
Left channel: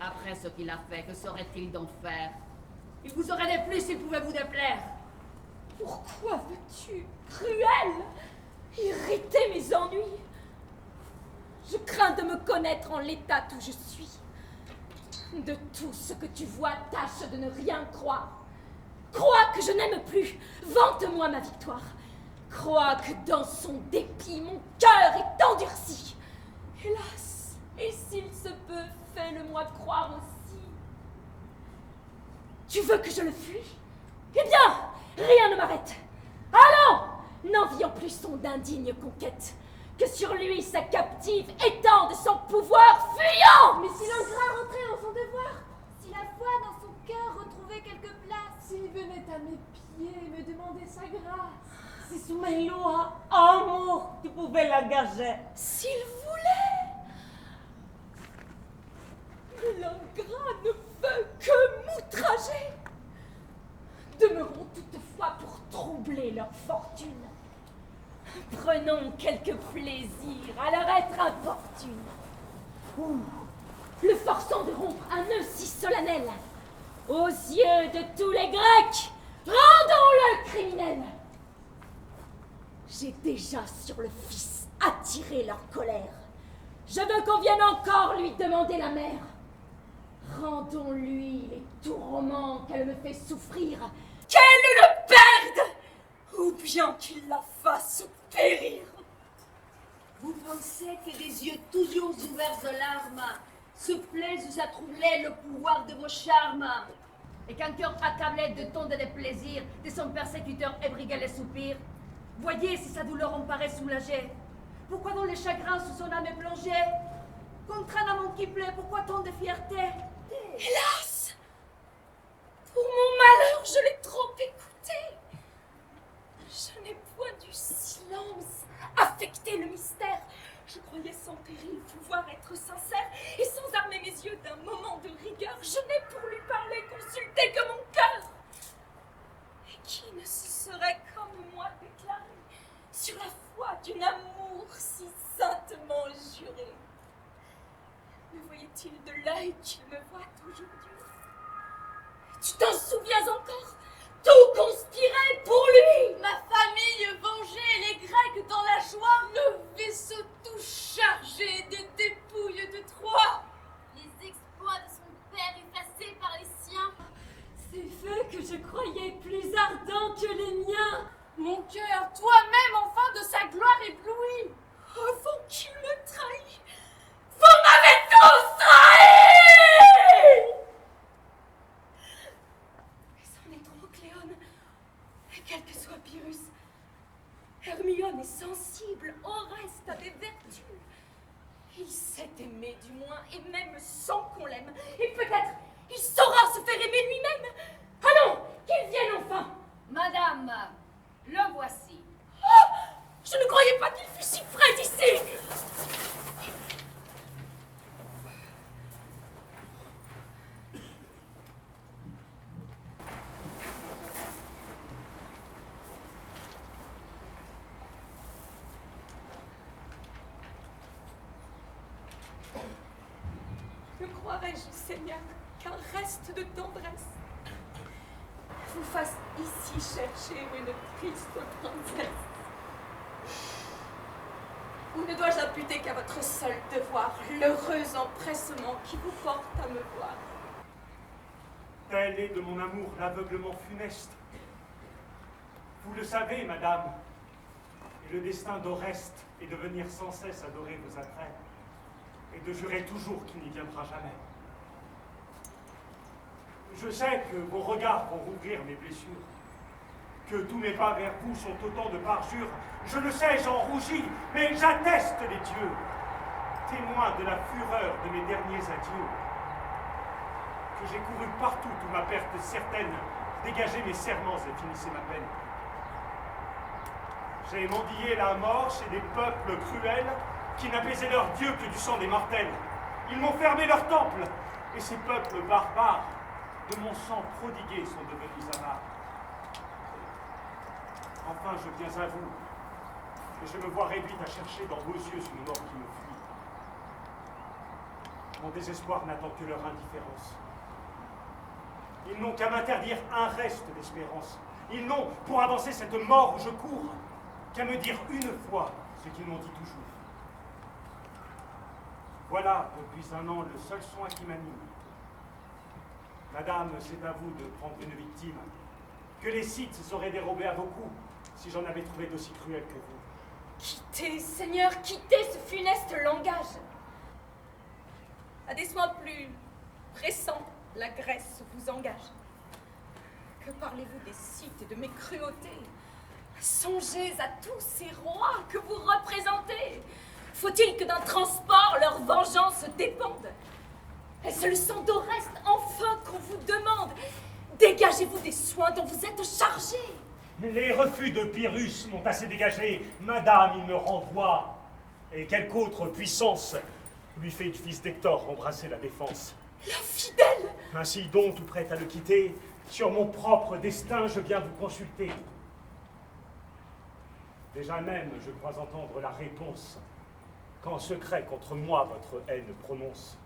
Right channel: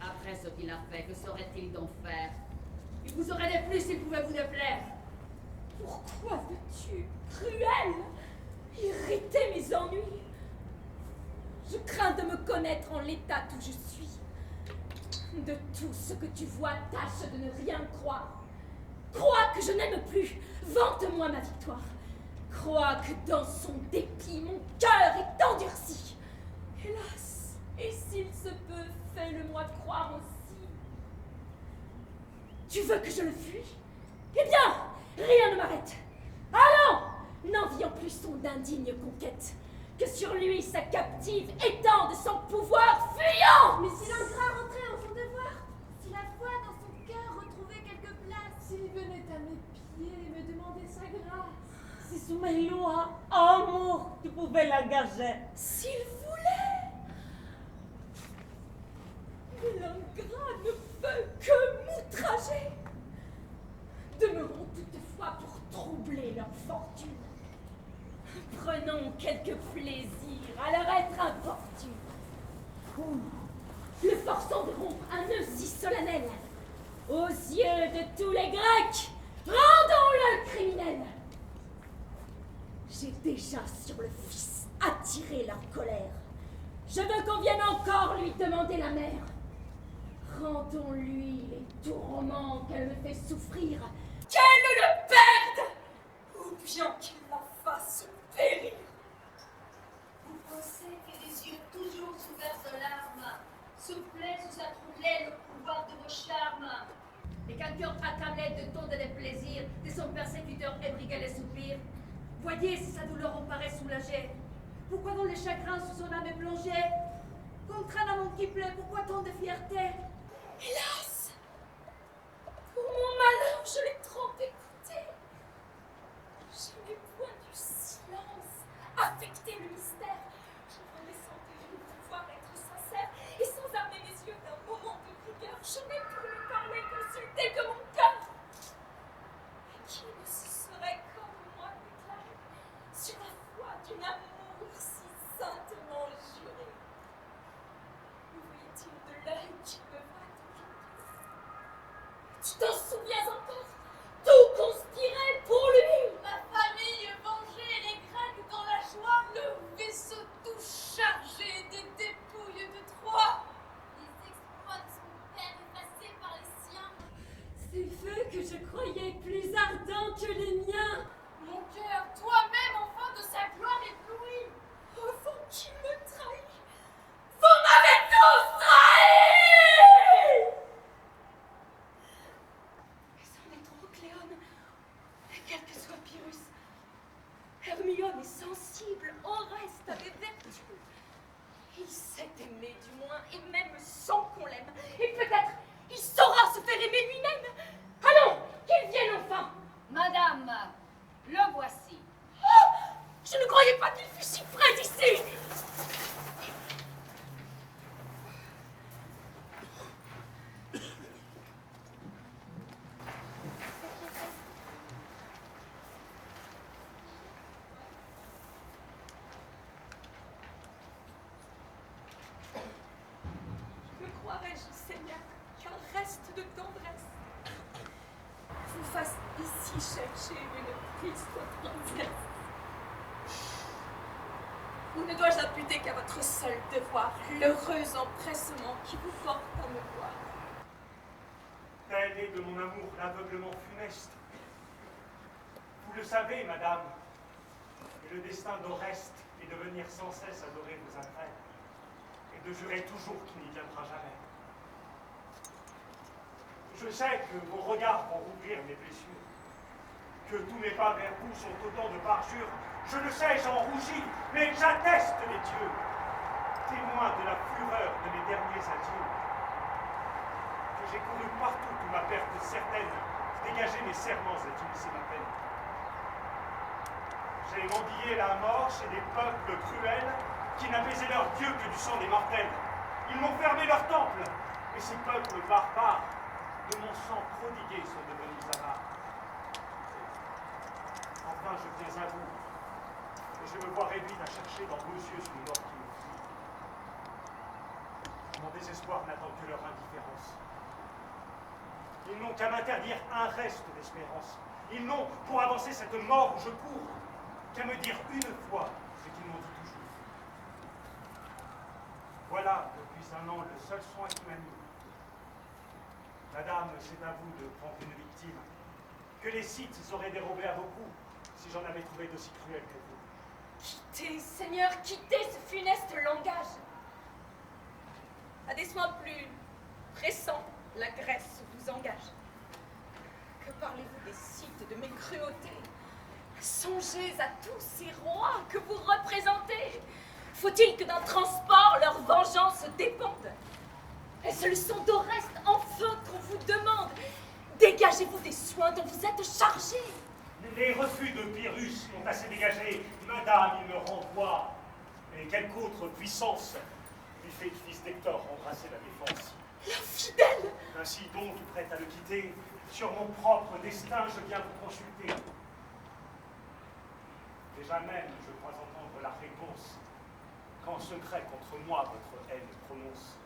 Après ce qu'il a fait, que saurait-il donc faire? Il vous aurait déplu s'il pouvait vous déplaire. Pourquoi veux-tu, cruel, irriter mes ennuis? Je crains de me connaître en l'état où je suis. De tout ce que tu vois, tâche de ne rien croire. Crois que je n'aime plus, vante-moi ma victoire. Crois que dans son dépit, mon cœur est endurci. Hélas, et s'il se peut, fais-le-moi croire aussi. Tu veux que je le fuis? Eh bien, rien ne m'arrête. Allons, n'envions plus son d'indigne conquête, que sur lui sa captive étende son pouvoir fuyant. Mais si l'ingrat rentrait dans son devoir, si la foi dans son cœur retrouvait quelque place, s'il venait à mes pieds me demander sa grâce, Si sous mes lois, amour, tu pouvais l'engager. S'il voulait. Mais l'ingrat ne veut que m'outrager. Demeurons toutefois pour troubler leur fortune. Prenons quelque plaisir à leur être importune. Ou le forçant de rompre un nœud si solennel. Aux yeux de tous les Grecs, rendons-le criminel. J'ai déjà sur le fils attiré leur colère. Je veux qu'on vienne encore lui demander la mère. Rendons-lui les tourments qu'elle me fait souffrir. Qu'elle le perde, ou bien qu'il la fasse périr. Vous pensez que des yeux toujours ouverts de larmes se plaisent à troubler le pouvoir de vos charmes, et qu'un cœur accablé de tant de déplaisirs de son persécuteur ébriguait les soupirs? Voyez si sa douleur en paraît soulagée. Pourquoi dans les chagrins sous son âme est plongée? Contre un amant qui plaît, pourquoi tant de fierté? Hélas, pour mon malheur, je l'ai trop écouté. Je n'ai point du silence affecté le mystère. Je croyais sans péril pouvoir être sincère, et sans armer mes yeux d'un moment de rigueur, je n'ai pour lui parler consulté que mon cœur. Et qui ne se serait comme moi déclaré sur la foi d'un amour si saintement juré? Me voyait-il de l'œil qu'il me voit aujourd'hui? Tu t'en souviens encore? Tout conspirait pour lui. Ma famille vengeait les Grecs dans la joie. Le vaisseau tout chargé de dépouilles de Troie. Les exploits de son père effacés par les siens. Ces feux que je croyais plus ardents que les miens. Mon cœur, toi-même enfin de sa gloire ébloui. Avant qu'il me trahisse, vous m'avez tous trahi! Mais c'en est trop, Cléone. Et quel que soit Pyrrhus, Hermione est sensible, Oreste a des vertus. Il sait aimer du moins, et même sans qu'on l'aime. Et peut-être il saura se faire aimer lui-même. Allons, qu'il vienne enfin. Madame, le voici. Oh, je ne croyais pas qu'il fût si près d'ici. Ne croirais-je, Seigneur, qu'un reste de tendresse vous fasse ici chercher une triste princesse? Ou ne dois-je imputer qu'à votre seul devoir l'heureux empressement qui vous porte à me voir? Tel est de mon amour l'aveuglement funeste. Vous le savez, madame, et le destin d'Oreste est de venir sans cesse adorer vos attraits, et de jurer toujours qu'il n'y viendra jamais. Je sais que vos regards vont rouvrir mes blessures, que tous mes pas vers vous sont autant de parjures. Je le sais, j'en rougis, mais j'atteste les dieux, témoins de la fureur de mes derniers adieux, que j'ai couru partout où ma perte certaine dégageait mes serments et finissait ma peine. J'ai mendillé la mort chez des peuples cruels qui n'apaisaient leur Dieu que du sang des mortels. Ils m'ont fermé leur temple, et ces peuples barbares, de mon sang prodigué, sont devenus avares. Enfin, je viens à vous, et je me vois réduite à chercher dans vos yeux une mort qui me fuit. Mon désespoir n'attend que leur indifférence. Ils n'ont qu'à m'interdire un reste d'espérance. Ils n'ont, pour avancer cette mort où je cours, qu'à me dire une fois ce qu'ils m'ont dit toujours. Voilà, depuis un an, le seul soin qui m'anime. Madame, c'est à vous de prendre une victime, que les Scythes se seraient dérobés à vos coups, si j'en avais trouvé d'aussi cruel que vous. Quittez, Seigneur, quittez ce funeste langage. À des soins plus pressants, la Grèce vous engage. Que parlez-vous des Scythes et de mes cruautés? Songez à tous ces rois que vous représentez. Faut-il que d'un transport leur vengeance dépende? Est-ce le sang d'Oreste enfin qu'on vous demande? Dégagez-vous des soins dont vous êtes chargé. Les refus de Pyrrhus m'ont assez dégagé. Madame, il me renvoie. Et quelque autre puissance lui fait du fils d'Hector embrasser la défense. L'infidèle! Ainsi donc, tout prête à le quitter, sur mon propre destin, je viens vous consulter. Déjà même, je crois entendre la réponse, qu'en secret contre moi votre haine prononce.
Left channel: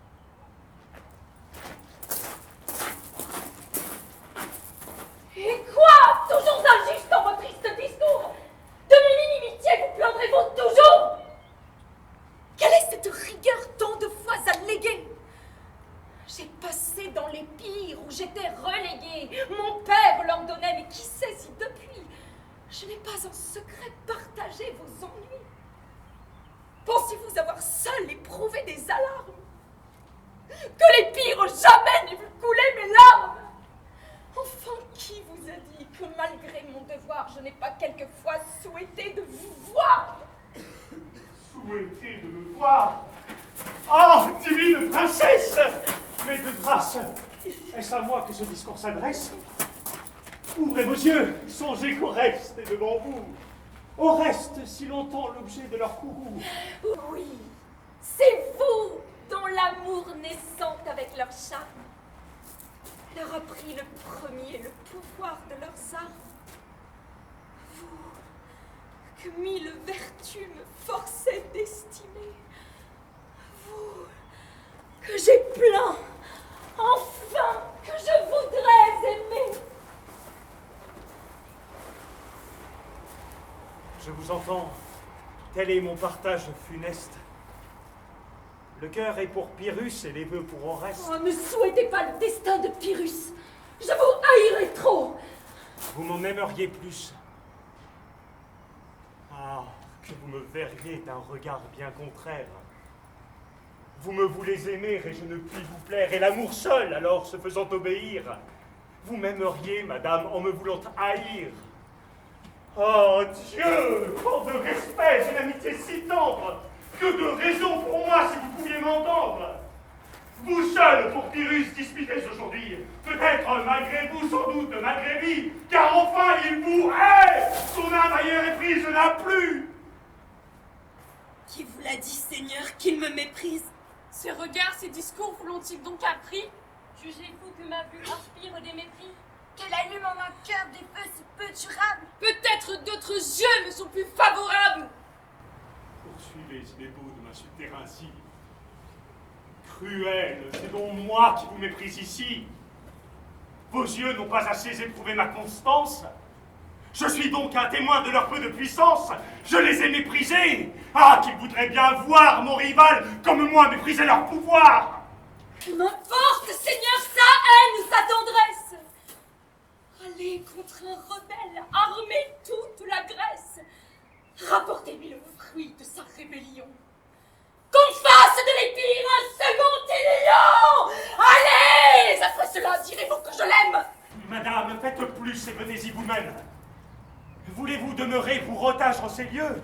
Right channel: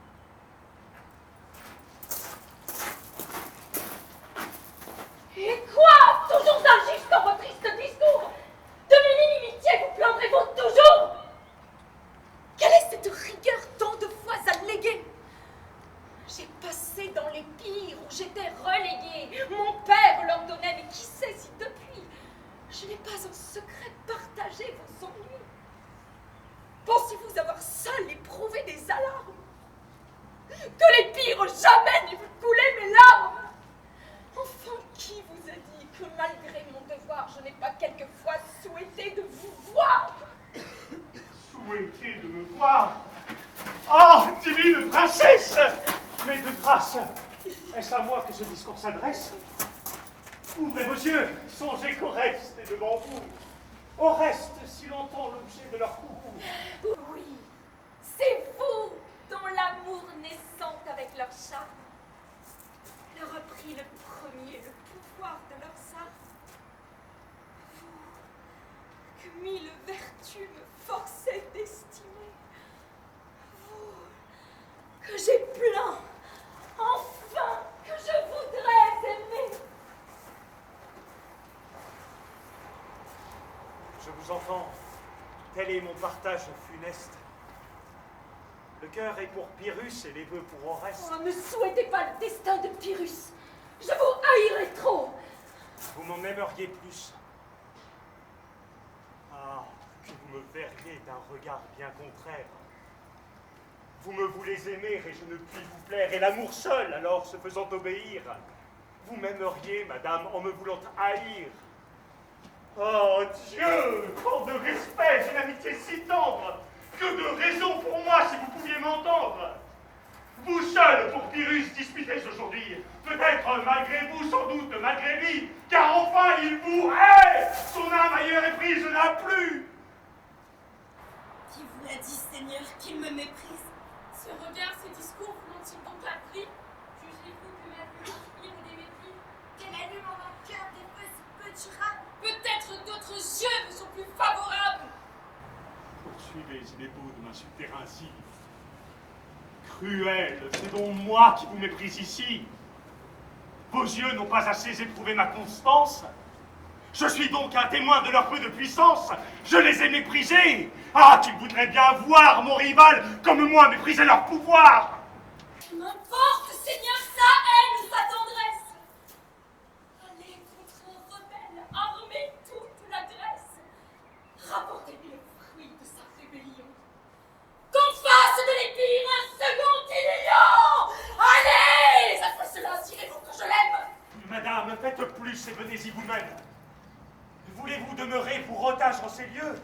Et quoi? Toujours injuste dans vos tristes discours? De mon inimitié vous plaindrez-vous toujours? Quelle est cette rigueur tant de fois alléguée? J'ai passé dans les pires où j'étais reléguée. Mon père l'ordonnait, mais qui sait si depuis, je n'ai pas en secret partagé vos ennuis? Pensez-vous avoir seul éprouvé des alarmes? Que les pires jamais n'aient vu couler mes larmes? Enfin, qui vous a dit que malgré mon devoir, je n'ai pas quelquefois souhaité de vous voir? Souhaitez de me voir? Oh, divine princesse! Mais de grâce, est-ce à moi que ce discours s'adresse? Ouvrez vos yeux, songez qu'Oreste est devant vous. Oreste, si longtemps l'objet de leur courroux. Oui, c'est vous dont l'amour naissant avec leur charme leur a pris le premier le pouvoir de leurs armes. Vous, que mille vertus me forçaient d'estimer. Vous, que j'ai plaint, enfin, que je voudrais vous entends. Tel est mon partage funeste. Le cœur est pour Pyrrhus et les vœux pour Oreste. Oh, ne souhaitez pas le destin de Pyrrhus. Je vous haïrai trop. Vous m'en aimeriez plus. Ah, que vous me verriez d'un regard bien contraire. Vous me voulez aimer et je ne puis vous plaire, et l'amour seul, alors, se faisant obéir. Vous m'aimeriez, madame, en me voulant haïr. Oh Dieu, tant de respect, une amitié si tendre. Que de raison pour moi, si vous pouviez m'entendre. Vous seul, pour Pyrrhus, disputez aujourd'hui. Peut-être malgré vous, sans doute malgré lui, car enfin il vous hait. Son âme ailleurs est prise, n'a plus. Qui vous l'a dit, Seigneur, qu'il me méprise? Ces regards, ces discours vous l'ont-ils donc appris? Jugez-vous que ma vue inspire des mépris? Qu'elle allume en un cœur des feux si peu durables. Peut-être d'autres yeux me sont plus favorables. Poursuivez, il est beau de m'insulter ainsi. Cruel, c'est donc moi qui vous méprise ici. Vos yeux n'ont pas assez éprouvé ma constance. Je suis donc un témoin de leur peu de puissance. Je les ai méprisés. Ah, qu'ils voudraient bien voir mon rival comme moi mépriser leur pouvoir. M'importe, Seigneur, sa haine ou sa tendresse. Allez contre un rebelle, armez toute la Grèce. Rapportez-lui le fruit de sa rébellion. Qu'on fasse de l'Épire un second Ilion. Allez, après cela, direz-vous que je l'aime. Madame, faites plus et venez-y vous-même. Voulez-vous demeurer pour otage en ces lieux?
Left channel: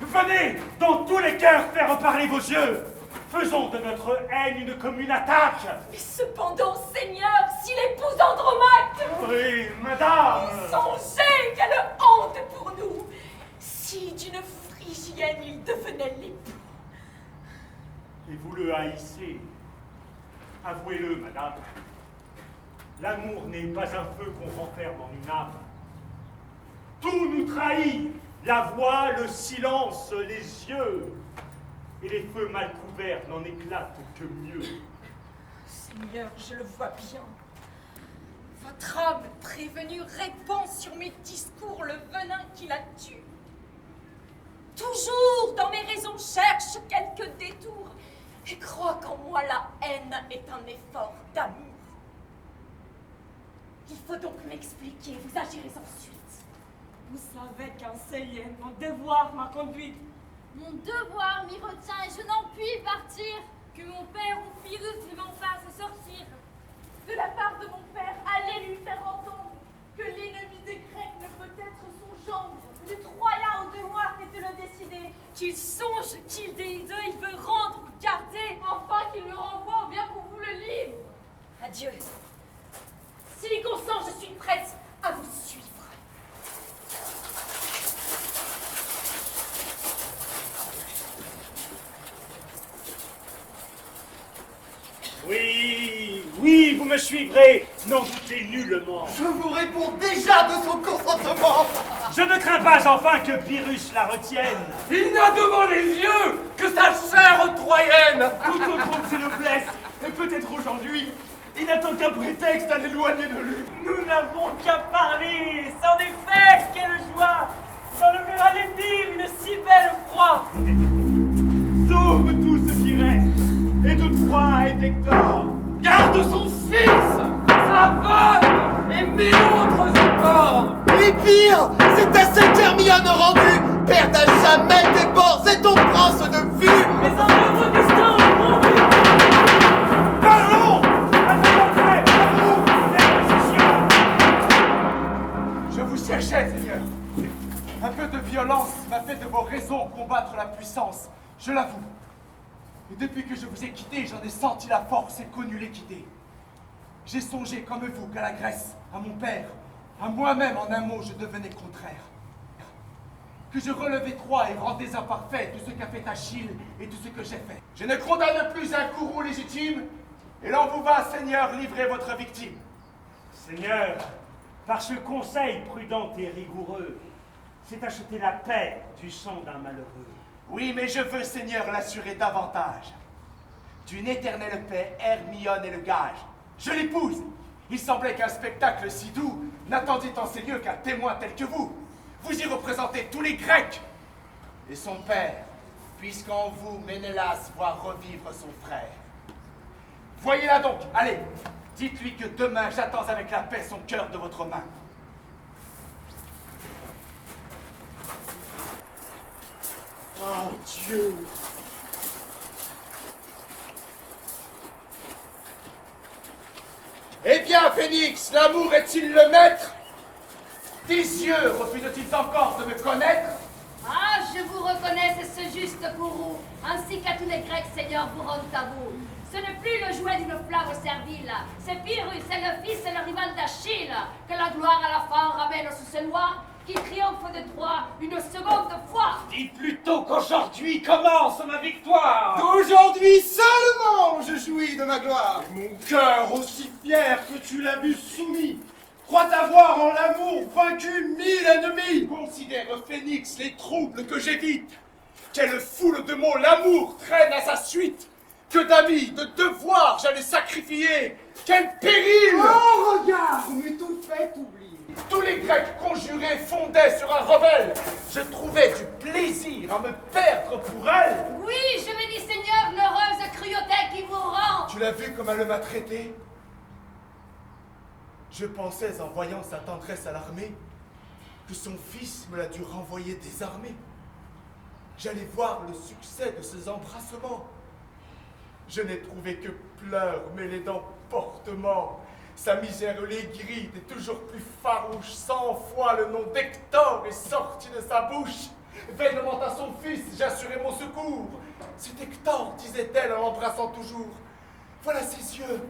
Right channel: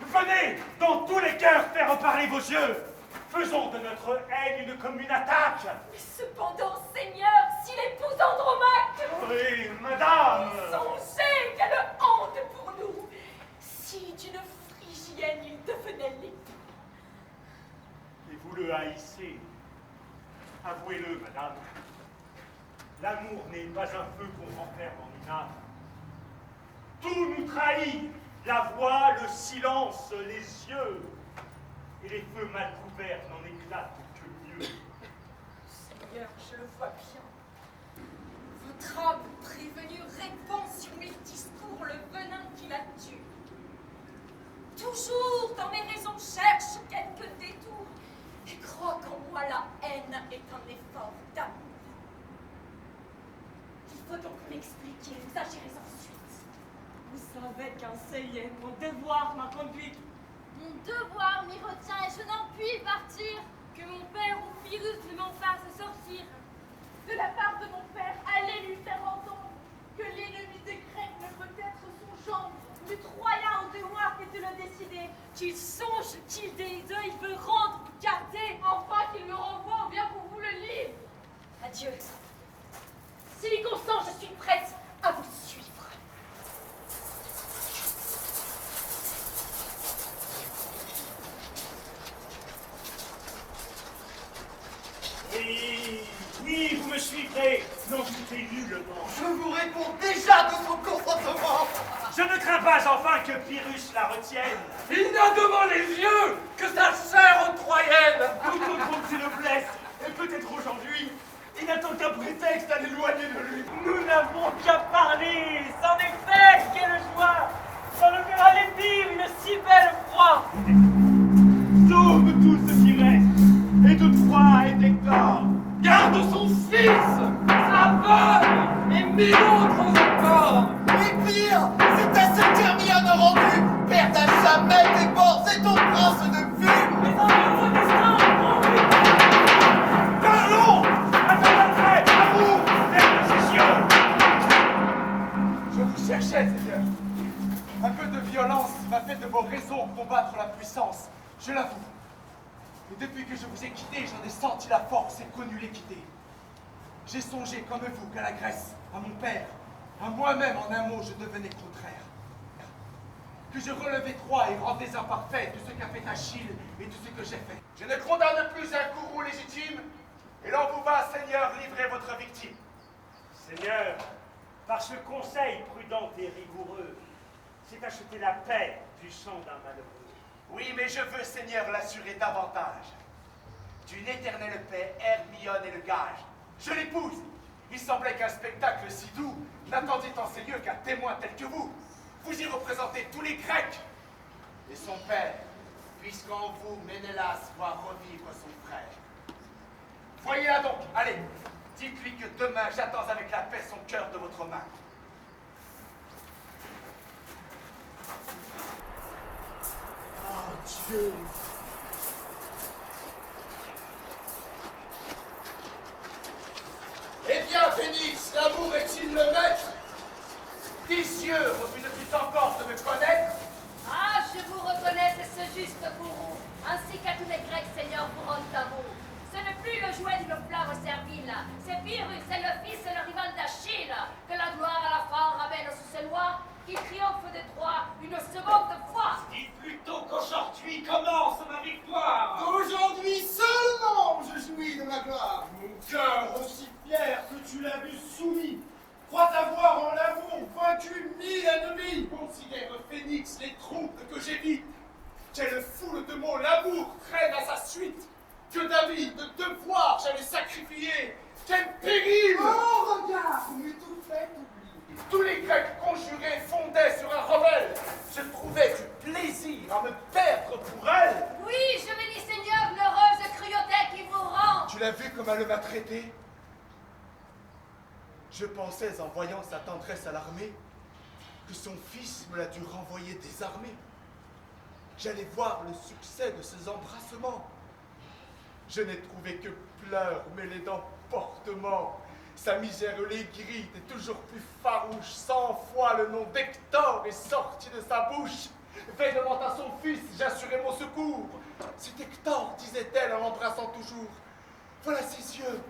Venez, dans tous les cœurs, faire parler vos yeux. Faisons de notre haine une commune attaque. Mais cependant, Seigneur, si l'épouse Andromaque... Oui, madame. Songez quelle honte pour nous. Si d'une Phrygienne il devenait l'époux. Et vous le haïssez. Avouez-le, madame. L'amour n'est pas un feu qu'on renferme en une âme. Tout nous trahit, la voix, le silence, les yeux. Et les feux mal couverts n'en éclatent que mieux. Seigneur, je le vois bien. Votre âme prévenue répand sur mes discours le venin qui la tue. Toujours dans mes raisons cherche quelques détours et croit qu'en moi la haine est un effort d'amour. Il faut donc m'expliquer, vous agirez ensuite. Vous savez qu'enseigner mon devoir m'a conduit. Mon devoir m'y retient et je n'en puis partir. Que mon père ou Pyrrhus ne m'en fasse sortir. De la part de mon père, allez lui faire entendre que l'ennemi des Grecs ne peut être son gendre. Le Troyen au devoir est de le décider. Qu'il songe, qu'il des deux, il veut rendre, garder. Enfin qu'il le renvoie ou bien qu'on vous le livre. Adieu. S'il y consent, je suis prête à vous suivre. Oui, oui, vous me suivrez. N'en doutez nullement. Je vous réponds déjà de son consentement. Je ne crains pas enfin que Pyrrhus la retienne. Il n'a devant les yeux que sa chair troyenne. Tout autre se le blesse, et peut-être aujourd'hui, il n'attend qu'un prétexte à l'éloigner de lui. Nous n'avons qu'à parler. C'en est fait, quelle joie d'enlever à l'épire une si belle proie. Sauve tout ce qui reste, et toutefois est Hector. Garde son fils, sa femme et mille autres encore. Et pire, c'est à cette Hermione rendue, perdre à jamais tes bords et ton prince de vue. Mais un heureux destin pour lui. Parlons à notre entrée, à vous, vers le session. Je vous cherchais, Seigneur. Un peu de violence m'a fait de vos raisons combattre la puissance, je l'avoue. Et depuis que je vous ai quitté, j'en ai senti la force et connu l'équité. J'ai songé comme vous qu'à la Grèce, à mon père, à moi-même en un mot, je devenais contraire. Que je relevais Troie et rendais imparfait tout ce qu'a fait Achille et tout ce que j'ai fait. Je ne condamne plus un courroux légitime, et l'en vous va, Seigneur, livrer votre victime. Seigneur, par ce conseil prudent et rigoureux, c'est acheter la paix du sang d'un malheureux. Oui, mais je veux, Seigneur, l'assurer davantage. D'une éternelle paix, Hermione est le gage. Je l'épouse. Il semblait qu'un spectacle si doux n'attendit en ces lieux qu'un témoin tel que vous. Vous y représentez tous les Grecs et son père, puisqu'en vous, Ménélas voit revivre son frère. Voyez-la donc, allez, dites-lui que demain j'attends avec la paix son cœur de votre main. Oh Dieu! Eh bien, Phénix, l'amour est-il le maître? Tes yeux refusent-ils encore de me connaître? Ah, je vous reconnais, c'est juste pour vous, ainsi qu'à tous les Grecs, Seigneur, vous rendent à vous. Ce n'est plus le jouet d'une flamme servile, c'est Pyrrhus, c'est le fils et le rival d'Achille, que la gloire à la fin ramène sous ses lois, qu'il triomphe de Troie une seconde fois. Dis plutôt qu'aujourd'hui commence ma victoire. Aujourd'hui seulement je jouis de ma gloire. Mon cœur aussi fier que tu l'as vu soumis, croit avoir en l'amour vaincu 1000 ennemis. Considère, Phénix, les troubles que j'évite. Quelle foule de mots l'amour traîne à sa suite. Que d'amis, de devoirs j'allais sacrifier. Quel péril! Oh, regarde, mais tout fait oublier. Tous les Grecs conjurés fondaient sur un rebelle. Je trouvais du plaisir à me perdre pour elle. Oui, je me dis, Seigneur, l'heureuse cruauté qui vous rend. Tu l'as vu comme elle m'a traité? Je pensais, en voyant sa tendresse alarmée, que son fils me l'a dû renvoyer désarmé. J'allais voir le succès de ses embrassements. Je n'ai trouvé que pleurs mêlés d'emportement. Sa misère l'aigrit et toujours plus farouche. 100 fois le nom d'Hector est sorti de sa bouche. Vainement à son fils, j'assurais mon secours. C'est Hector, disait-elle en l'embrassant toujours. Voilà ses yeux,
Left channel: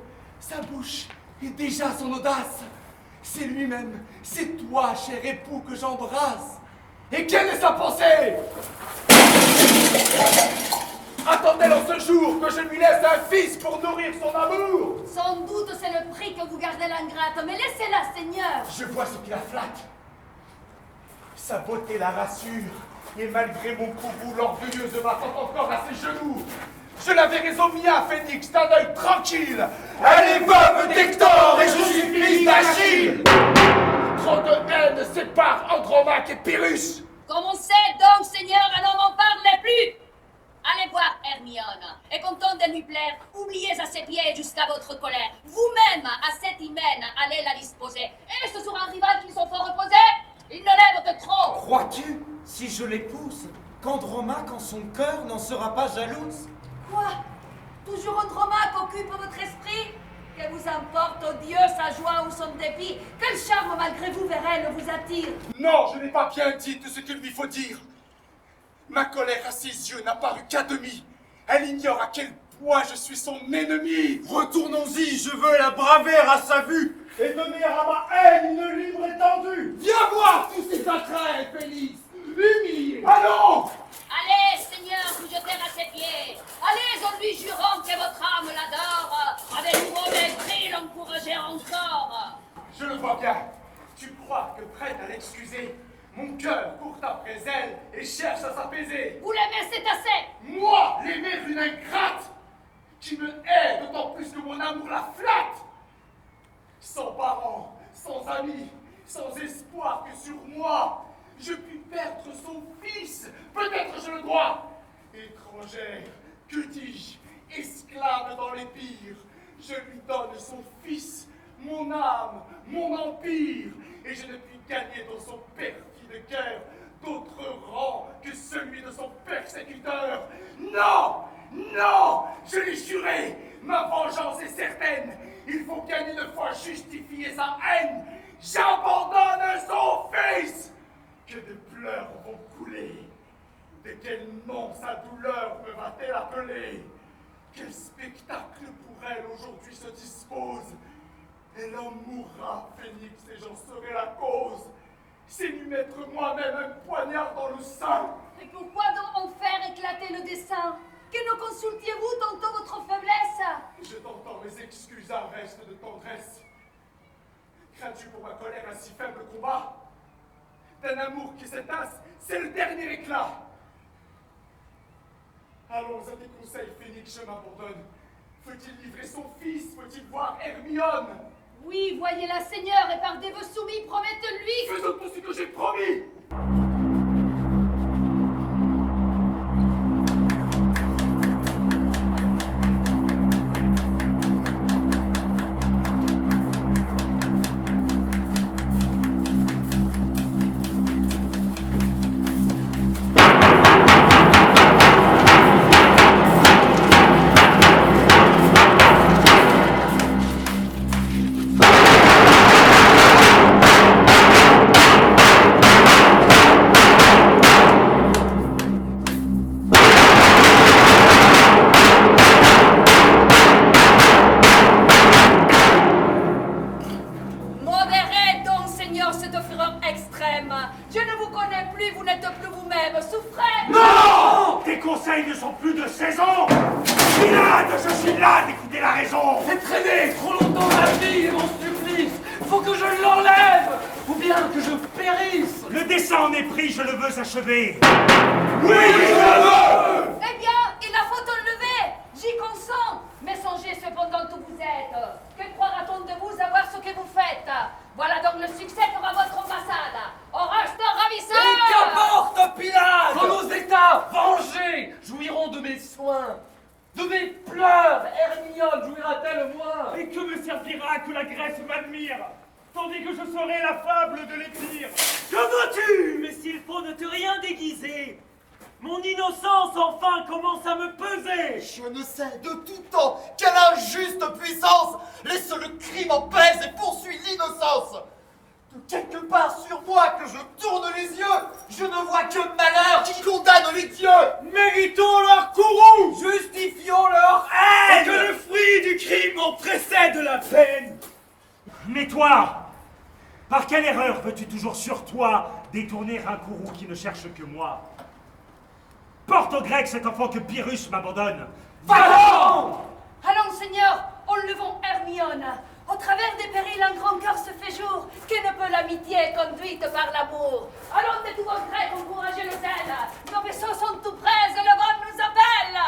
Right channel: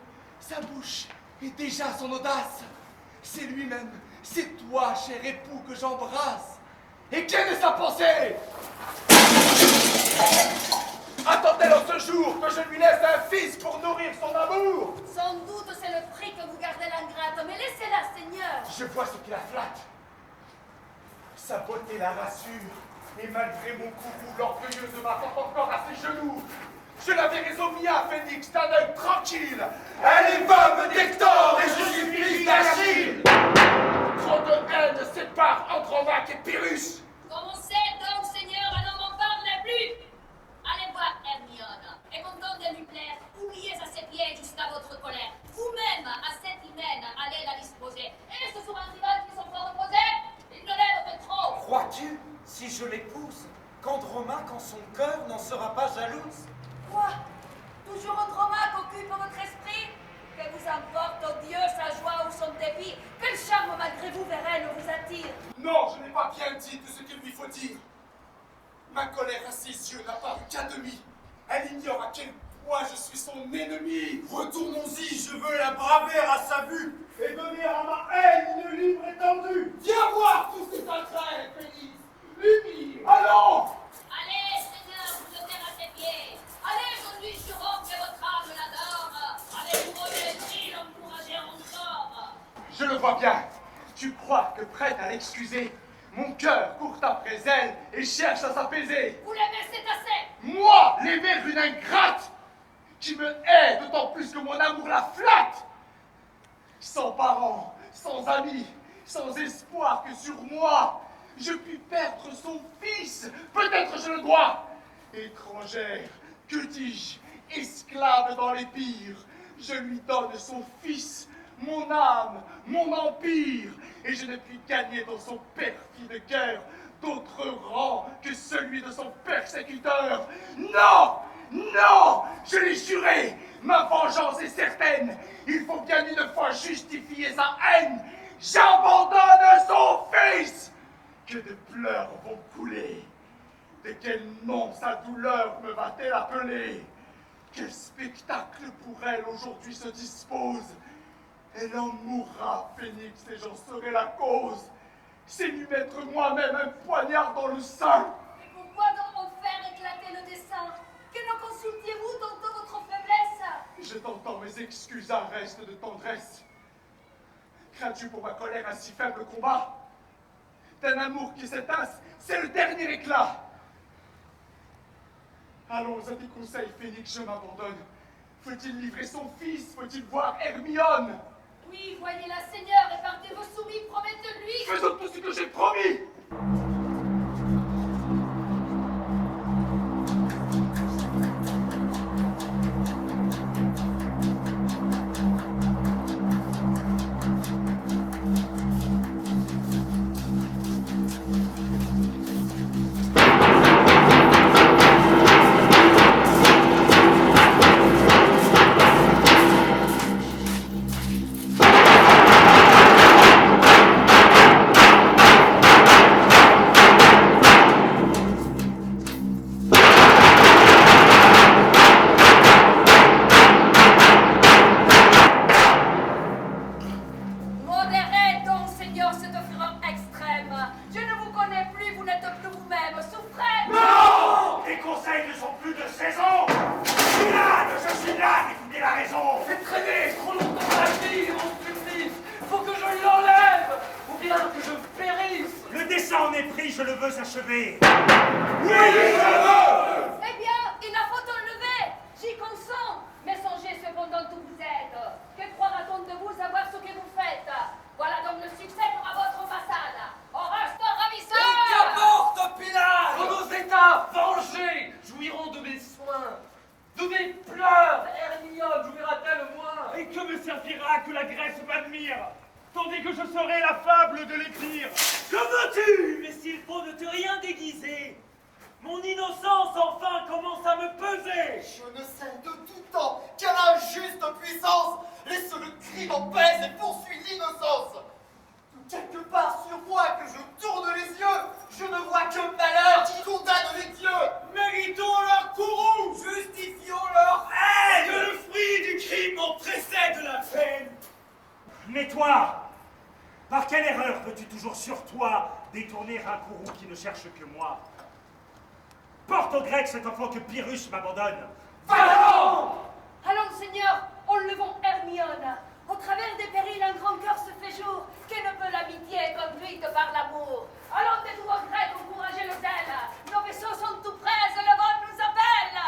sa bouche et déjà son audace. C'est lui-même, c'est toi, cher époux, que j'embrasse. Et quelle est sa pensée? Attend-elle en ce jour que je lui laisse un fils pour nourrir son amour? Sans doute c'est le prix que vous gardez l'ingrate, mais laissez-la, Seigneur. Je vois ce qui la flatte. Sa beauté la rassure, et malgré mon courroux, l'orgueilleuse m'attend encore à ses genoux. Je la verrai au mien, Phénix, d'un œil tranquille. Elle est veuve d'Hector et je suis fils d'Achille. Trop de haine sépare Andromaque et Pyrrhus. Comme on sait donc, Seigneur, alors n'en parlez plus. Allez voir Hermione, et content de lui plaire, oubliez à ses pieds jusqu'à votre colère. Vous-même, à cette hymen, allez la disposer. Et ce sera un rival qui sont fort reposés? Il ne l'aime que trop. Crois-tu, si je l'épouse, qu'Andromaque en son cœur n'en sera pas jalouse? Quoi? Toujours Andromaque occupe votre esprit? Que vous importe, oh Dieu, sa joie ou son dépit? Quel charme malgré vous vers elle vous attire? Non, je n'ai pas bien dit tout ce qu'il lui faut dire. Ma colère à ses yeux n'a paru qu'à demi. Elle ignore à quel point je suis son ennemi. Retournons-y, je veux la braver à sa vue et donner à ma haine une libre étendue. Viens voir tous ces entrailles, Félix. Humilie. Allons. Allez, Seigneur, vous jeter à ses pieds. Allez, en lui jurant que votre âme l'adore. Avec vos mépris, l'encourager encore. Je le vois bien. Tu crois que prête à l'excuser, mon cœur court après elle et cherche à s'apaiser. Vous l'aimez, c'est assez. Moi, l'aimer une ingrate qui me hait d'autant plus que mon amour la flatte. Sans parents, sans amis, sans espoir que sur moi, je puis perdre son fils. Peut-être je le dois. Étrangère, que dis-je, esclave dans les pires, je lui donne son fils, mon âme, mon empire, et je ne puis gagner dans son perfide cœur d'autre rang que celui de son persécuteur. Non, non, je l'ai juré, ma vengeance est certaine. Il faut bien une fois justifier sa haine. J'abandonne son fils. Que de pleurs vont couler. De quel nom sa douleur me va-t-elle appeler? Quel spectacle pour elle aujourd'hui se dispose? Elle en mourra, Phénix, et j'en serai la cause. C'est lui mettre moi-même un poignard dans le sein. Et pourquoi donc en faire éclater le dessein? Que ne consultiez-vous tantôt votre faiblesse? Je t'entends, mes excuses un reste de tendresse. Crains-tu pour ma colère un si faible combat? D'un amour qui s'éteint, c'est le dernier éclat. Allons à tes conseils, Phénix, je m'abandonne. Faut-il livrer son fils? Faut-il voir Hermione? Oui, voyez-la, Seigneur, et par des vœux soumis, promettez-lui. Faisons tout ce que j'ai promis. Modérez donc, Seigneur, cette fureur extrême. Je ne vous connais plus, vous n'êtes plus vous-même. Souffrez! Non! Tes conseils ne sont plus de saison! Je suis là d'écouter la raison! J'ai traîné trop longtemps ma vie, mon supplice. Faut que je l'enlève, ou bien que je périsse. Le dessein en est pris, je le veux achever! Oui, je veux. Eh bien, il la faut enlever. J'y consens. Mais songez cependant où vous êtes. Que croira-t-on de vous savoir ce que vous faites? Voilà donc le succès pour votre ambassade. Au reste ravisseur! Qu'importe, Pilate! Quand nos états vengés jouiront de mes soins, de mes pleurs, Hermione jouira-t-elle moins? Et que me servira que la Grèce m'admire, tandis que je serai la fable de l'Épire? Que veux-tu? Mais s'il faut ne te rien déguiser, mon innocence enfin commence à me peser. Je ne sais de tout temps quelle injuste puissance laisse le crime en pèse et poursuit l'innocence. De quelque part sur moi que je tourne les yeux, je ne vois que malheur qui condamne les dieux. Méritons leur courroux, Justifions leur haine. et que le fruit du crime en précède la peine. Mais toi, par quelle erreur veux-tu toujours sur toi détourner un courroux qui ne cherche que moi? Porte aux Grecs cet enfant que Pyrrhus m'abandonne. Allons! Allons, Seigneur, enlevons Hermione. Au travers des périls, un grand cœur se fait jour. Que ne peut l'amitié conduite par l'amour? Allons de tous vos Grecs, encouragez le zèle. Nos vaisseaux sont tout prêts, le vent nous appelle.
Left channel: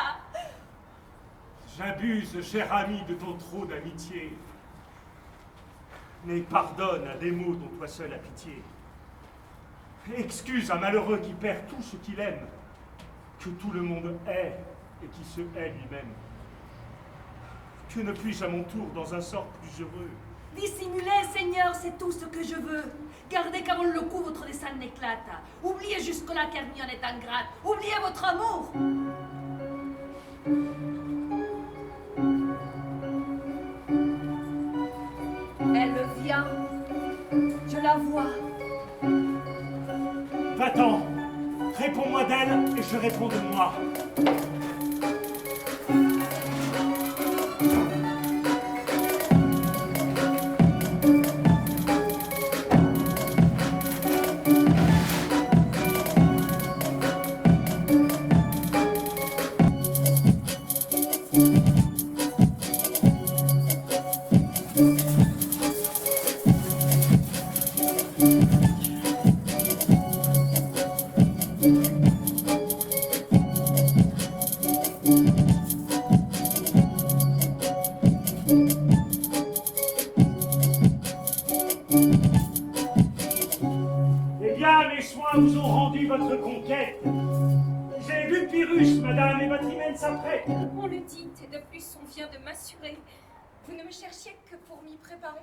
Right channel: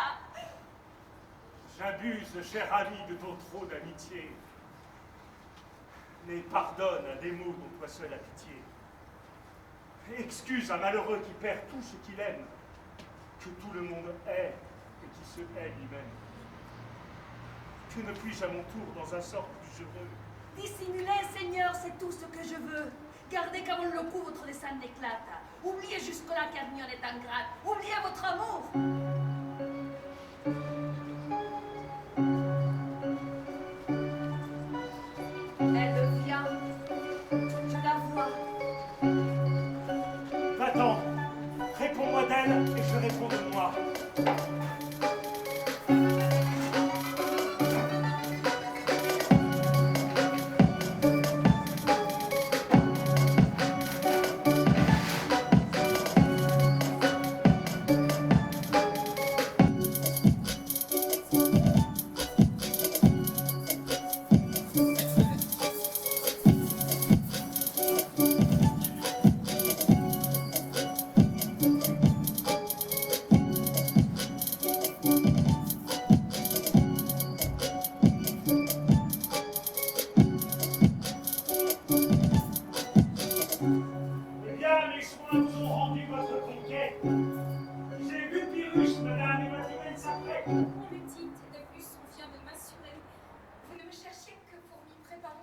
J'abuse, cher ami, de ton trop d'amitié. Mais pardonne à des mots dont toi seul as pitié. Excuse un malheureux qui perd tout ce qu'il aime, que tout le monde hait et qui se hait lui-même. Que ne puis-je à mon tour dans un sort plus heureux? Dissimulez, Seigneur, c'est tout ce que je veux. Gardez qu'avant le coup votre dessein n'éclate. Oubliez jusque-là qu'Hermione est ingrate. Oubliez votre amour. Elle vient. Je la vois. Va-t'en, réponds-moi d'elle et je réponds de moi. Vous ont rendu votre conquête. J'ai vu Pyrrhus, madame, et votre hymen s'apprête. On le dit, et de plus on vient de m'assurer. Vous ne me cherchiez que pour m'y préparer.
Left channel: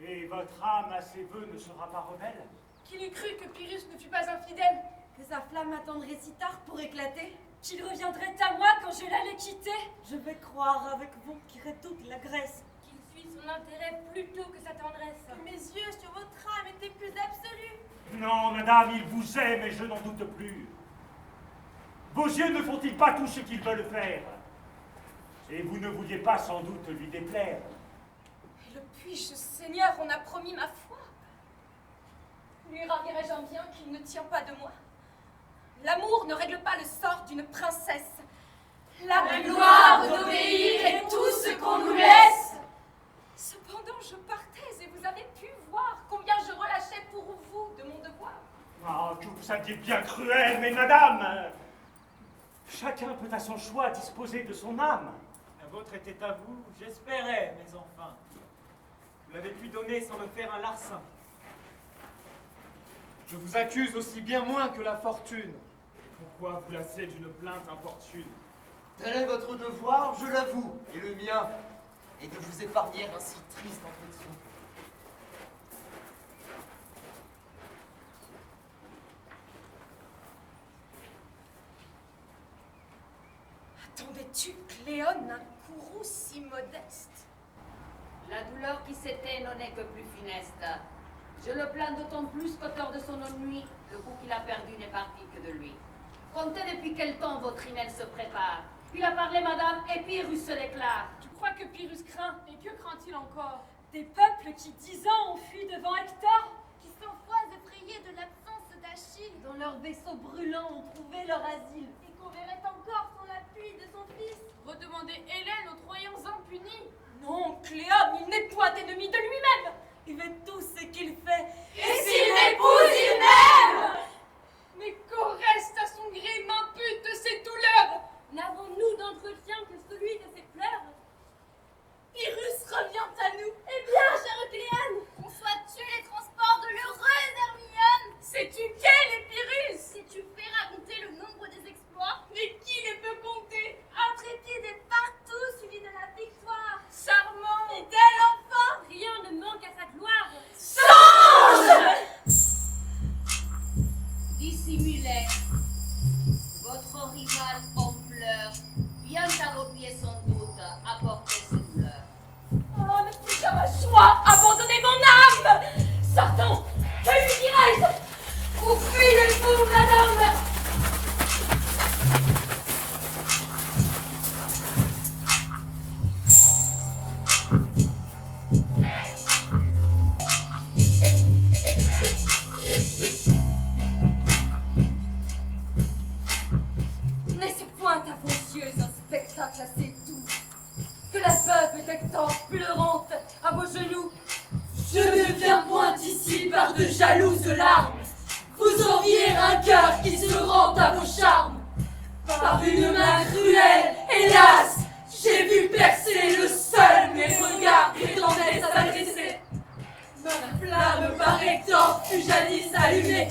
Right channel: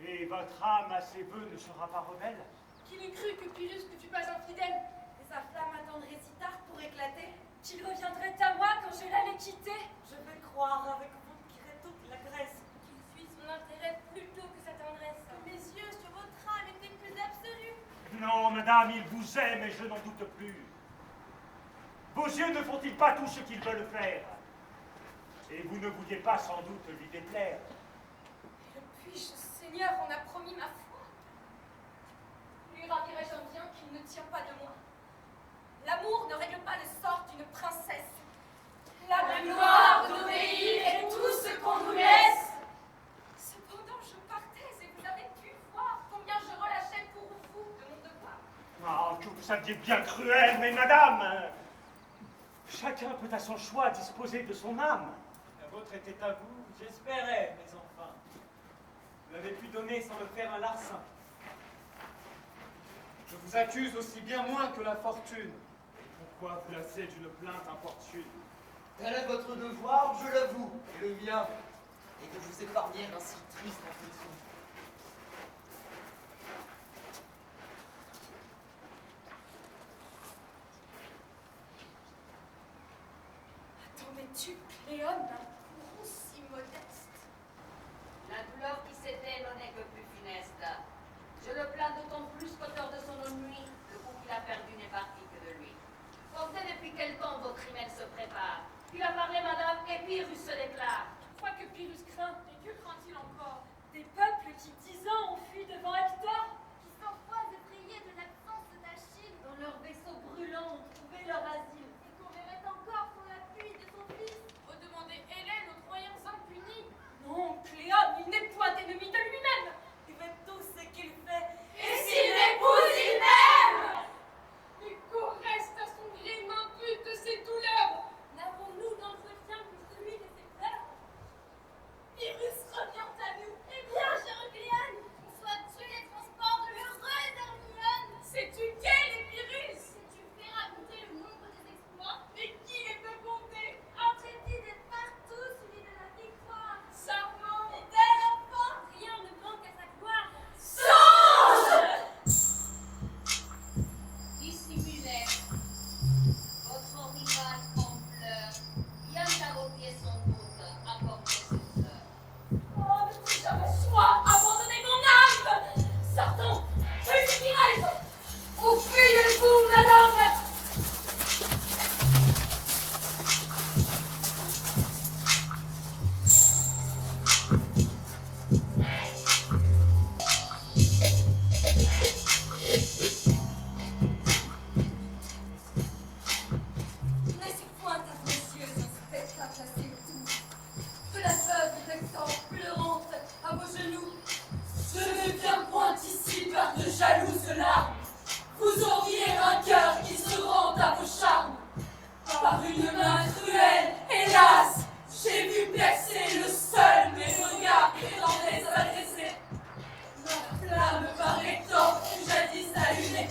Et votre âme à ses vœux ne sera pas rebelle? Qu'il eût cru que Pyrrhus ne fut pas infidèle, Que sa flamme attendrait si tard pour éclater. qu'il reviendrait à moi quand je l'allais quitter, Je vais croire avec vous qu'il toute la Grèce. qu'il fuit son intérêt plutôt que sa tendresse. Que mes yeux sur votre âme étaient plus absolus. Non, madame, il vous aime et je n'en doute plus. Vos yeux ne font-ils pas tout ce qu'ils veulent faire? Et vous ne vouliez pas sans doute lui déplaire. Et le puis-je, Seigneur, on a promis ma foi. Lui ravirai-je un bien qu'il ne tient pas de moi? L'amour ne règle pas le sort d'une princesse. La gloire d'obéir est tout ce qu'on nous laisse. Cependant, je partais et vous avez pu voir combien je relâchais pour vous de mon devoir. Ah, que vous saviez bien cruel, mais madame, chacun peut à son choix disposer de son âme. La vôtre était à vous, j'espérais, mais enfin. Vous l'avez pu donner sans me faire un larcin. Je vous accuse aussi bien moins que la fortune. Pourquoi vous lassez d'une plainte importune? Tel est votre devoir, je l'avoue, et le mien, et de vous épargner un si triste affliction. Attendais-tu, Cléone, un courroux si modeste? La douleur qui s'éteint n'en est que plus funeste. Je le plains d'autant plus qu'auteur de son autre nuit, le coup qu'il a perdu n'est parti que de lui. Comptez depuis quel temps votre email se prépare. Il a parlé, madame, et Pyrrhus se déclare. Tu crois que Pyrrhus craint? Et que craint-il encore? Des peuples qui 10 ans ont fui devant Hector, Qui sans foi effrayés de l'absence d'Achille, Dans leurs vaisseaux brûlants ont trouvé leur asile. et qu'on verrait encore sans l'appui de son fils. Redemander Hélène aux Troyens impunis. non, Cléone, il n'est point ennemi de lui-même. Il fait tout ce qu'il fait. Et s'il m'épouse, il m'aime! Mais qu'Oreste à son gré m'impute de ses douleurs. N'avons-nous d'entretien que celui de ses pleurs? Pyrrhus revient à nous. Eh bien, chère Cléone, Conçois-tu les transports de l'heureuse Hermione? Sais-tu quel est Pyrrhus? Sais-tu faire raconter le nombre des exploits? Mais qui les peut compter? intrépide et partout suivi de la victoire. Charmant! Fidèle enfant, rien ne manque à sa gloire. Dissimulez. Votre rival en pleurs vient à vos pieds sans doute apporter ses douleurs. Oh, ne suis pas ma choix, abandonnez mon âme. Sortons, je lui dirai. Fuyez-vous, madame. Mais c'est point à vos yeux un spectacle assez doux que la veuve d'Hector pleurante à vos genoux. Je ne viens point ici par de jalouses larmes. Vous auriez un cœur qui se rend à vos charmes. Par une main cruelle, hélas, j'ai vu percer le seul mes regards prétendaient à m'adresser. Ma flamme par Hector fut jadis allumée.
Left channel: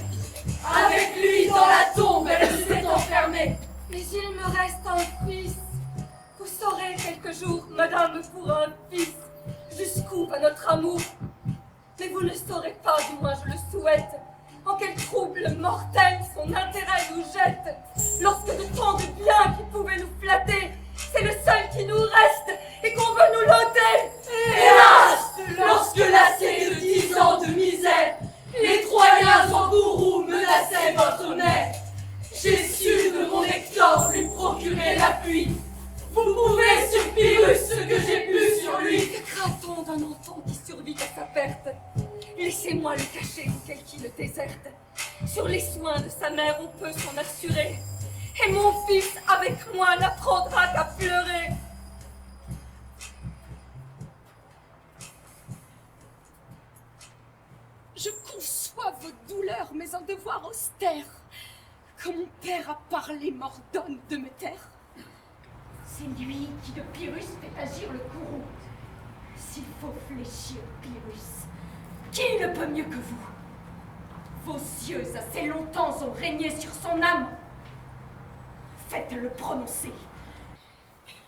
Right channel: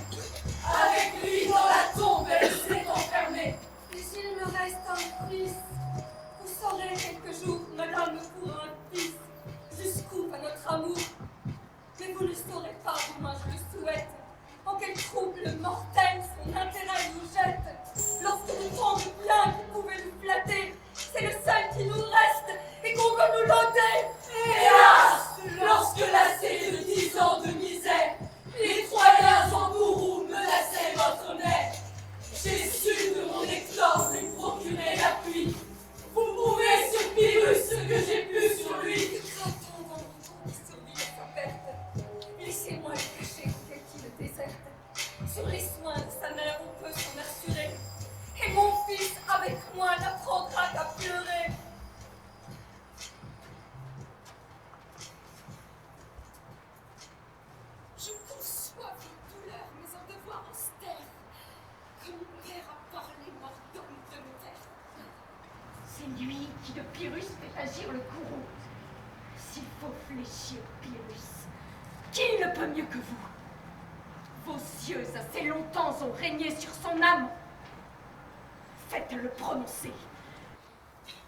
Avec lui dans la tombe, elle s'est enfermée. Mais il me reste un fils. Vous saurez quelque jour, madame, pour un fils, jusqu'où va notre amour. Mais vous ne saurez pas, du moins je le souhaite, en quel trouble mortel son intérêt nous jette. Lorsque nous prend du bien qui pouvait nous flatter, c'est le seul qui nous reste et qu'on veut nous l'ôter. Hélas, lorsque lassés de 10 ans de misère, les Troyens en bourreau menaçaient votre mère, j'ai su de mon Hector lui procurer l'appui. Vous pouvez sur Pyrrhus ce que j'ai pu sur lui. Que craint-on d'un enfant qui survit à sa perte? Laissez-moi le cacher tel qu'il le déserte. Sur les soins de sa mère, on peut s'en assurer. Et mon fils, avec moi, n'apprendra qu'à pleurer. Je conçois vos douleurs, mais un devoir austère. Comme mon père a parlé mort d'homme de mes terres. C'est lui qui de Pyrrhus fait agir le courroux. S'il faut fléchir Pyrrhus, qui ne peut mieux que vous? Vos yeux assez longtemps ont régné sur son âme. Faites-le prononcer.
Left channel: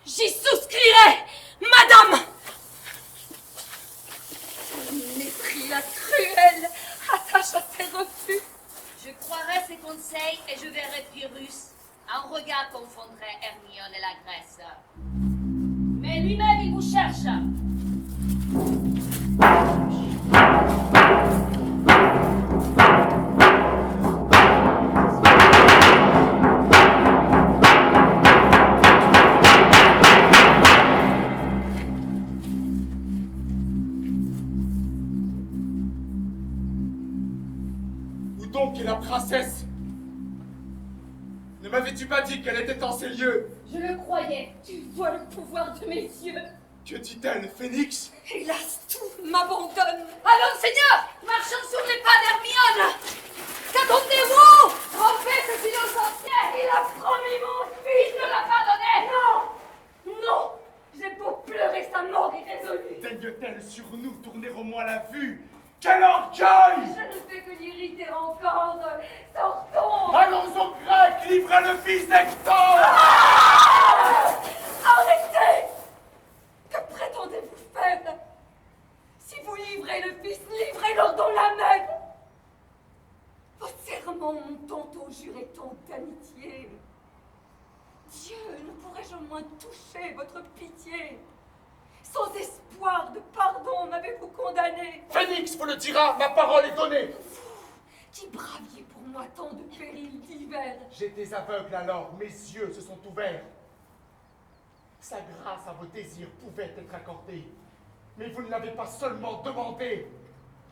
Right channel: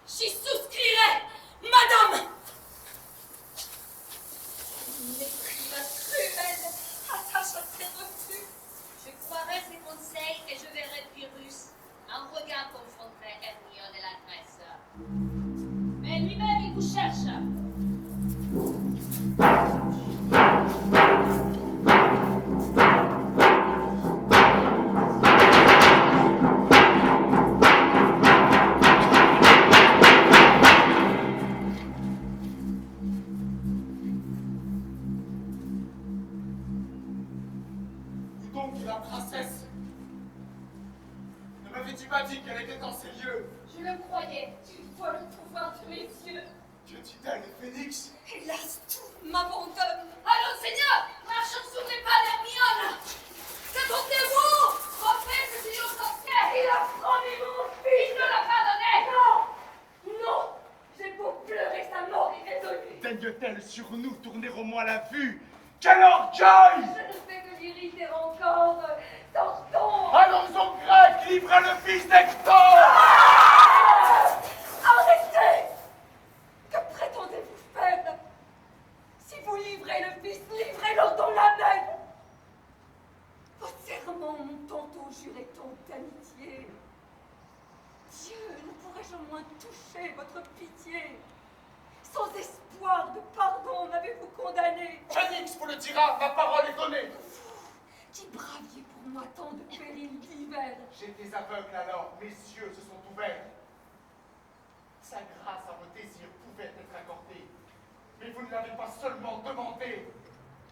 J'y souscrirai, madame. Mépris la cruelle attache à ses refus. Je croirai ses conseils et je verrai Pyrrhus. Un regard confondrait Hermione et la Grèce. Mais lui-même, il vous cherche. Où donc est la princesse? Ne m'avais-tu pas dit qu'elle était en ces lieux? Je le croyais. Tu vois le pouvoir de mes yeux. Que dit-elle, Phénix? Hélas, tout m'abandonne. Allons, Seigneur, marchons sur les pas d'Hermione. Qu'attendez-vous? Rompez ce silence ancien. Il a promis mon fils. Ne l'a pas donné. Non, non. J'ai beau pleurer sa mort irrésolue. Daigne-t-elle sur nous tourner au moins la vue? Quel orgueil! Je ne fais que irriter encore. Sortons. Allons aux Grecs, livrez le fils d'Hector. Arrêtez! Que prétendez-vous faire? Si vous livrez le fils, livrez-le dans la mer. Vos serments m'ont tantôt juré tant d'amitié. Dieu, ne pourrais-je au moins toucher votre pitié? Sans espoir de pardon m'avez-vous condamné? Phénix vous le dira, ma parole est donnée. Vous, qui braviez pour moi tant de périls divers. J'étais aveugle alors, mes yeux se sont ouverts. Sa grâce à vos désirs pouvait être accordée, mais vous ne l'avez pas seulement demandé.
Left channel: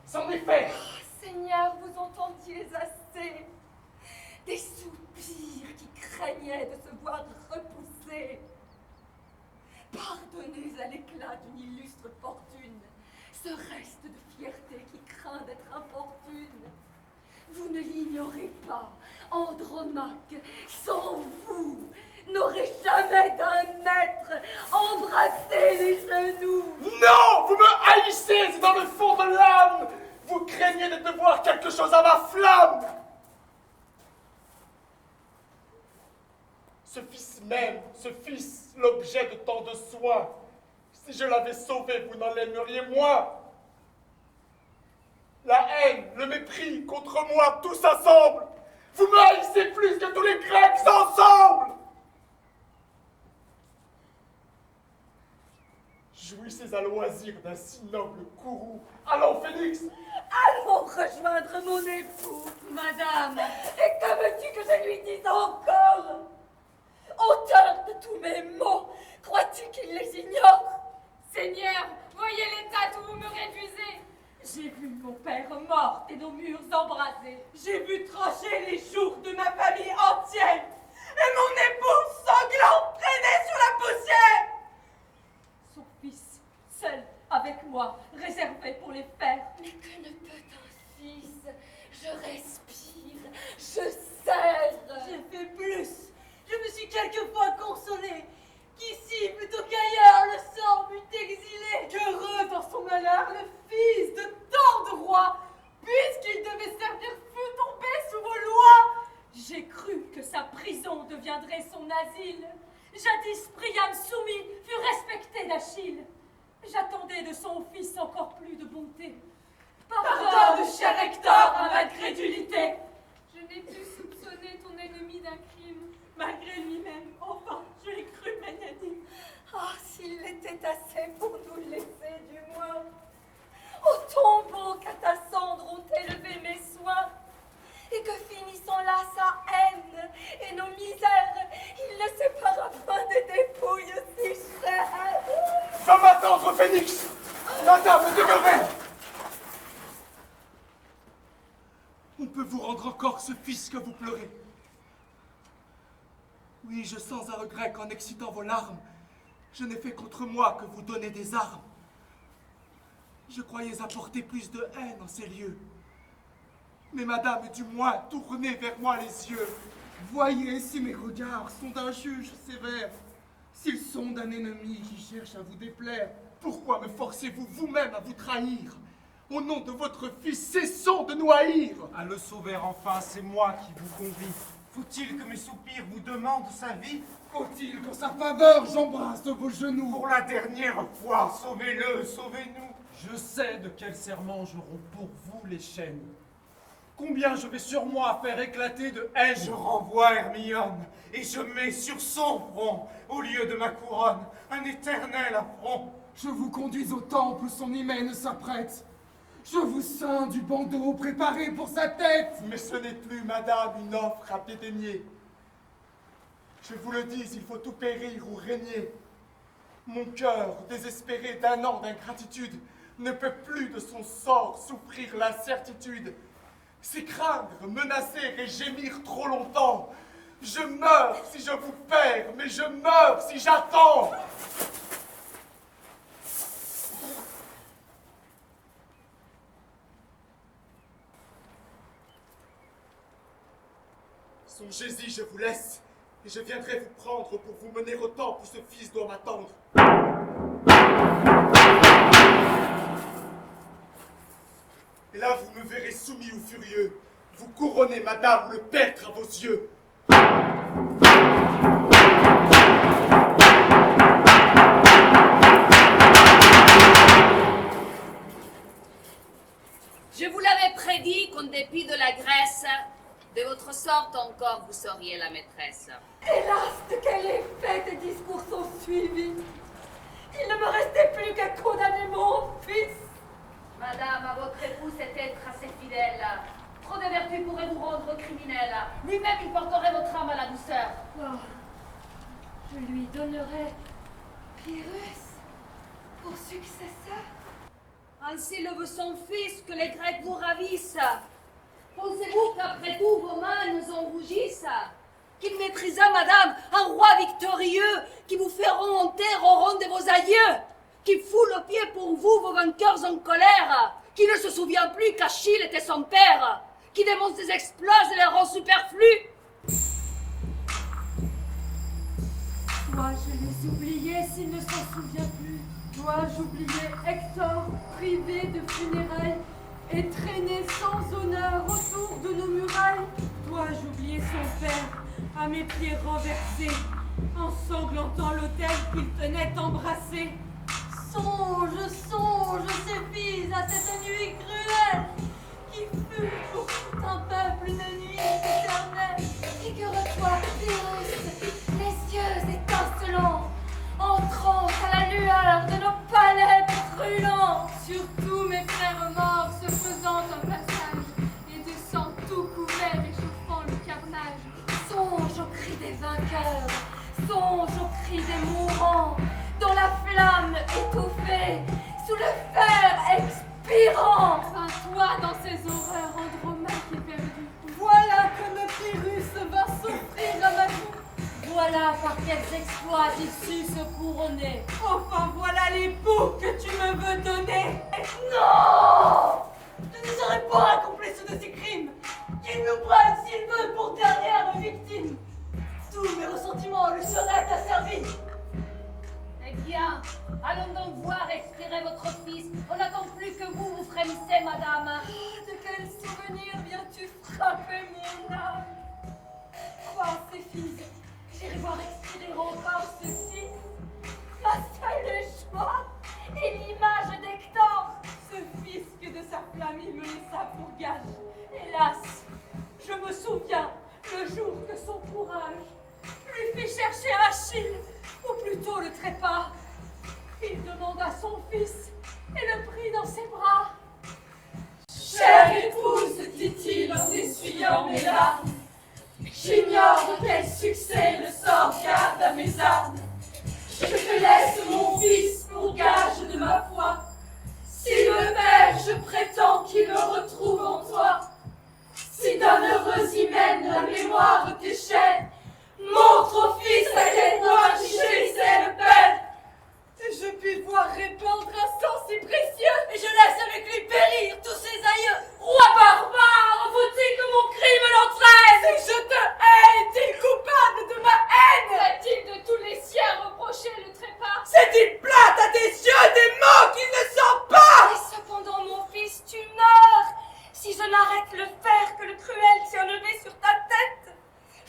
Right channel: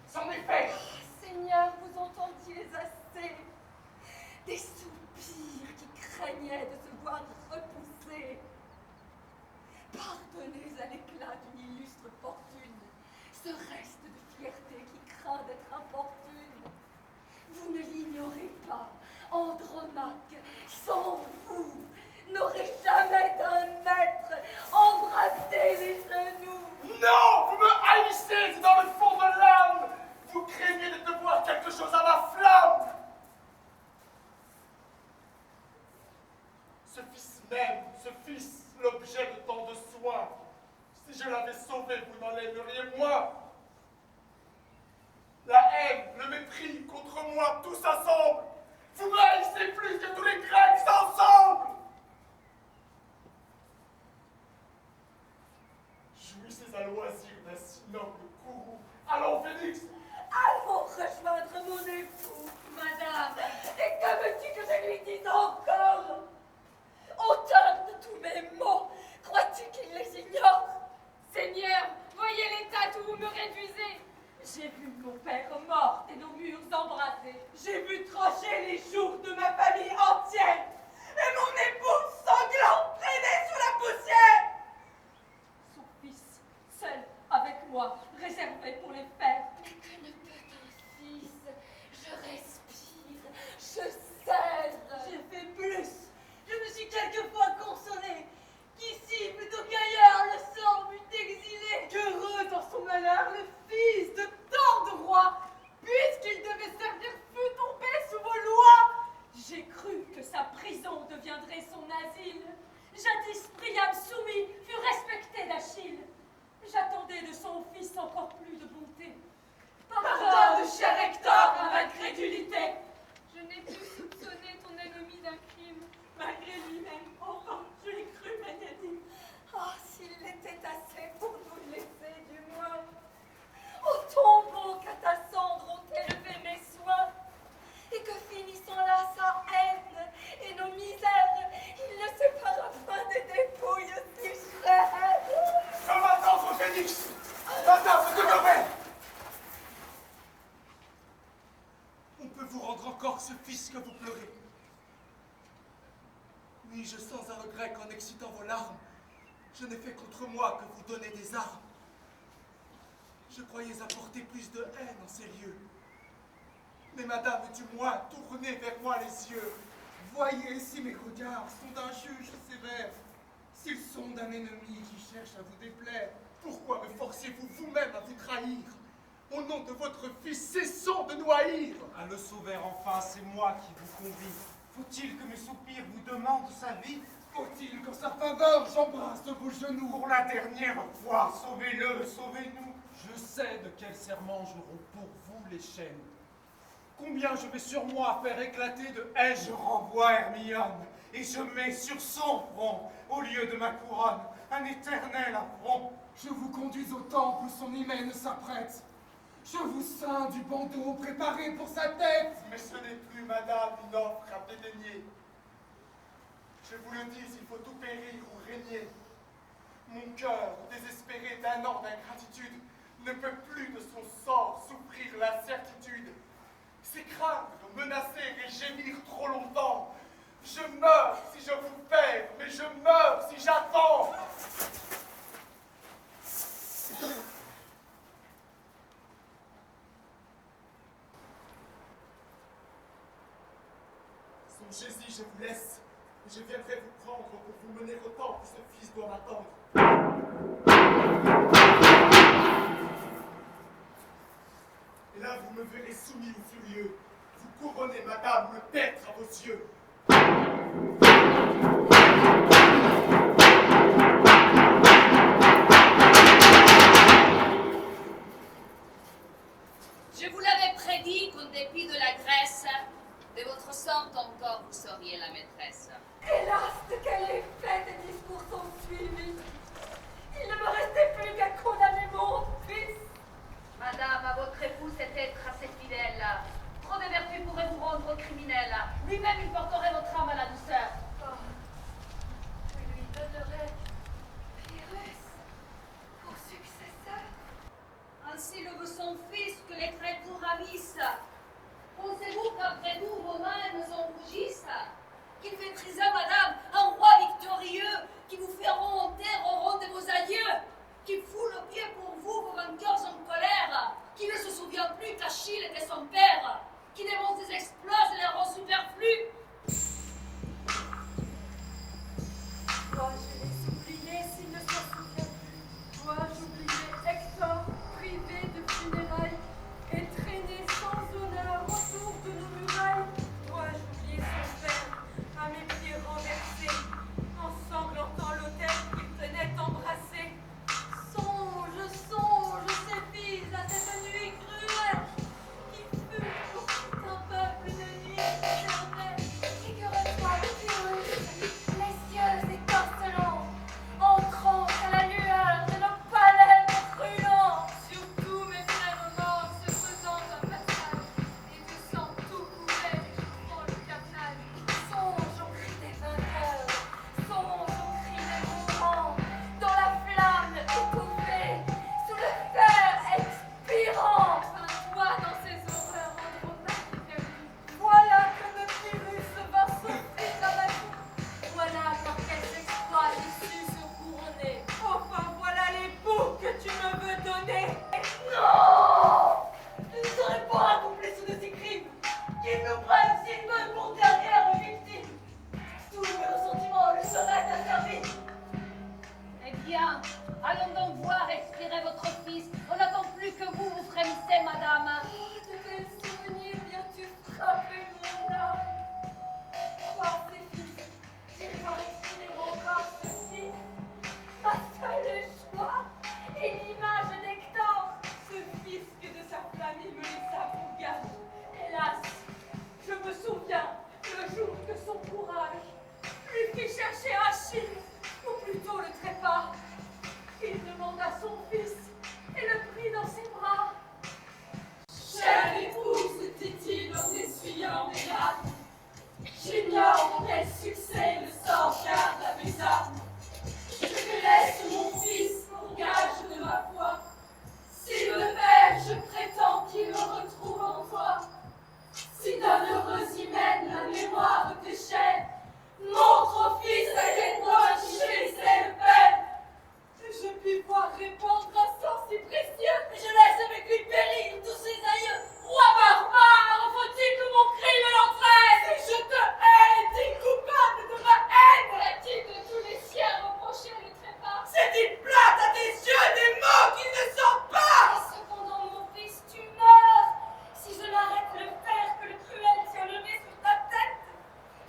C'en est fait. Oh, Seigneur, vous entendiez assez. Des soupirs qui craignaient de se voir repoussés. Pardonnez à l'éclat d'une illustre fortune ce reste de fierté qui craint d'être importune. Vous ne l'ignorez pas, Andromaque, sans vous, n'aurait jamais d'un maître embrassé les genoux. Non, vous me haïssez dans le fond de l'âme. Vous craignez de devoir quelque chose à ma flamme. Ce fils même, ce fils, l'objet de tant de soins, si je l'avais sauvé, vous n'en l'aimeriez moins. La haine, le mépris contre moi, tout s'assemble. Vous me haïssez plus que tous les Grecs ensemble. Jouissez à loisir d'un si noble courroux. Allons, Phénix. Allons rejoindre mon époux, madame. Et que veux-tu que je lui dise encore? Auteur de tous mes maux, crois-tu qu'il les ignore? Seigneur, voyez l'état où vous me réduisez. J'ai vu mon père mort et nos murs embrasés. J'ai vu trancher les jours de ma famille entière. Et mon époux sanglant traîner sur la poussière. Son fils, seul avec moi, réservé pour les fers. Mais que ne peut un fils? Je respire, je serre. J'ai fait plus. Je me suis quelquefois consolée qu'ici, plutôt qu'ailleurs, le sang m'eût exilé. Qu'heureux dans son malheur, le fils de tant de rois, puisqu'il devait servir feu tombé sous vos lois. J'ai cru que sa prison deviendrait son asile. Jadis Priam soumis fut respecté d'Achille. J'attendais de son fils encore plus de bonté. Pardonne, cher Hector, à ma crédulité. Je n'ai pu soupçonner ton ennemi d'un crime. Malgré lui-même, enfin, je l'ai cru magnanime. Ah, s'il était assez pour nous laisser, du moins. Au tombeau qu'à ta cendre ont élevé mes soins, et que finissant là sa haine et nos misères, il ne sépara pas des dépouilles si chères. Va m'attendre, Phénix. Madame, demeurez. On peut vous rendre encore ce fils que vous pleurez. Oui, je sens un regret qu'en excitant vos larmes, je n'ai fait contre moi que vous donner des armes. Je croyais apporter plus de haine en ces lieux. Mais madame, du moins, tournez vers moi les yeux. Voyez si mes regards sont d'un juge sévère, s'ils sont d'un ennemi qui cherche à vous déplaire. Pourquoi me forcez-vous vous-même à vous trahir? Au nom de votre fils, cessons de nous haïr. À le sauver enfin, c'est moi qui vous convie. Faut-il que mes soupirs vous demandent sa vie? Faut-il qu'en sa faveur j'embrasse vos genoux? Pour la dernière fois, sauvez-le, sauvez-nous. Je sais de quel serment je romps pour vous les chaînes. Combien je vais sur moi faire éclater de haine. Je renvoie Hermione et je mets sur son front, au lieu de ma couronne, un éternel affront. Je vous conduis au temple où son hymen s'apprête. Je vous ceins du bandeau préparé pour sa tête. Mais ce n'est plus, madame, une offre à dédaigner. Je vous le dis, il faut tout périr ou régner. Mon cœur, désespéré d'un an d'ingratitude, ne peut plus de son sort souffrir l'incertitude. C'est craindre, menacer et gémir trop longtemps. Je meurs si je vous perds, mais je meurs si j'attends. Songez-y, je vous laisse, et je viendrai vous prendre pour vous mener au temple où ce fils doit m'attendre. Et la vous me verrez soumis ou furieux. Vous couronnez, madame, le tertre à vos yeux. Je vous l'avais prédit qu'en dépit de la Grèce, de votre sorte encore vous seriez la maîtresse. Hélas, de quel effet tes discours sont suivis. Il ne me restait plus qu'à condamner mon fils. Madame, à votre époux cet être assez fidèle. Trop de vertu pourrait vous rendre criminel. Lui-même, il porterait votre âme à la douceur. Oh, je lui donnerai Pyrrhus pour successeur. Ainsi le veut son fils, que les Grecs vous ravissent. Pensez-vous qu'après tout vos mains nous en rougissent? Qu'il méprisa, madame, un roi victorieux, qui vous fait remonter au rang de vos aïeux, qui foule aux pieds pour vous vos vainqueurs en colère, qui ne se souvient plus qu'Achille était son père, qui démontre ses exploits et les rend superflus. Dois-je les oublier s'il ne s'en souvient plus? Dois-je oublier Hector, privé de funérailles, et traîné sans honneur autour de nos murailles? Dois-je oublier son père, à mes pieds renversés, ensanglantant l'autel qu'il tenait embrassé? Songe, songe, Céphise, à cette nuit cruelle, qui fut pour tout un peuple une nuit éternelle. Figure-toi, Pyrrhus, les yeux étincelants, entrant à la lueur de nos palais brûlants. Sur tous mes frères morts se faisant un passage, et de sang tout couvert échauffant le carnage. Songe au cri des vainqueurs, songe au cri des mourants, dans la flamme étouffée, sous le fer expirant. Enfin, toi, dans ces horreurs, Andromaque éperdue, voilà comme Pyrrhus vint s'offrir à ma boue. Voilà par quels exploits il sut se couronner. Enfin, voilà l'époux que tu me veux donner. Non! Je ne serais pas accomplice de ces crimes. Qu'il nous prenne s'il veut pour dernière victime. Tous mes ressentiments lui seraient asservis. Eh bien, allons donc voir expirer votre fils. On n'attend plus que vous, vous frémissez, madame. De quel souvenir viens-tu frapper mon âme? Crois, Céphise, j'irai voir expirer encore ceci. Ma seule joie est l'image d'Hector, ce fils que de sa flamme il me laissa pour gage. Hélas, je me souviens le jour que son courage lui fit chercher Achille, ou plutôt le trépas. Il demanda son fils et le prit dans ses bras. Chère épouse, dit-il en essuyant mes larmes, j'ignore de quel succès le sort garde à mes armes. Je te laisse mon fils pour gage de ma foi. Si le père, je prétends qu'il me retrouve en toi. Si d'un heureux hymen la mémoire déchaîne, montre au fils à quel point j'y jouissais le père. Je puis voir répandre un sang si précieux, et je laisse avec lui périr tous ses aïeux. Roi barbare, faut-il que mon crime l'entraîne? Si je te hais, es-tu coupable de ma haine? Va-t-il de tous les siens reprocher le trépas? C'est-il plate à tes yeux des mots qu'il ne sent pas? Et cependant, mon fils, tu meurs. Si je n'arrête le fer que le cruel tient levé sur ta tête,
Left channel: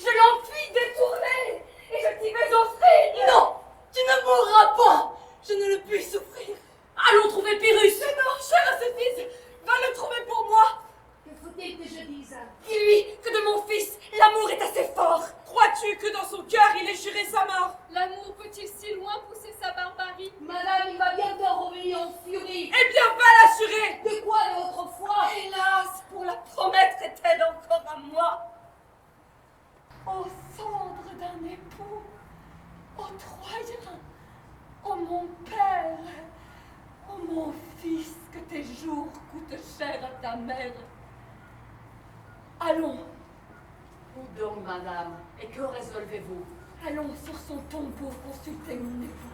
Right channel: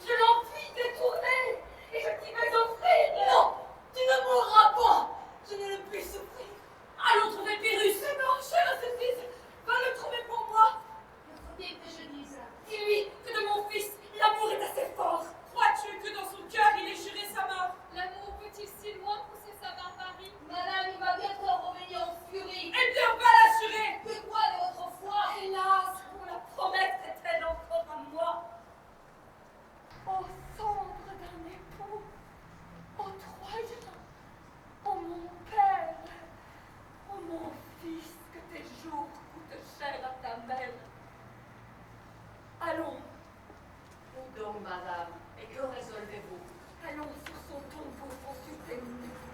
je l'en puis détourner, et je t'y vais offrir. Non, tu ne mourras pas. Je ne le puis souffrir. Allons trouver Pyrrhus. Non, chère Céphise, va le trouver pour moi. Que faut-il que je dise? Dis-lui que de mon fils, l'amour est assez fort. Crois-tu que dans son cœur il ait juré sa mort? L'amour peut-il si loin pousser sa barbarie? Madame, il va bientôt revenir en furie. Eh bien, va l'assurer. De quoi est votre foi? Hélas, pour la promettre est-elle encore à moi? Ô cendre d'un époux, ô Troyen, ô mon père, ô mon fils, que tes jours coûtent cher à ta mère. Allons, Où donc, madame? Et que résolvez-vous? allons sur son tombeau consulter mon époux.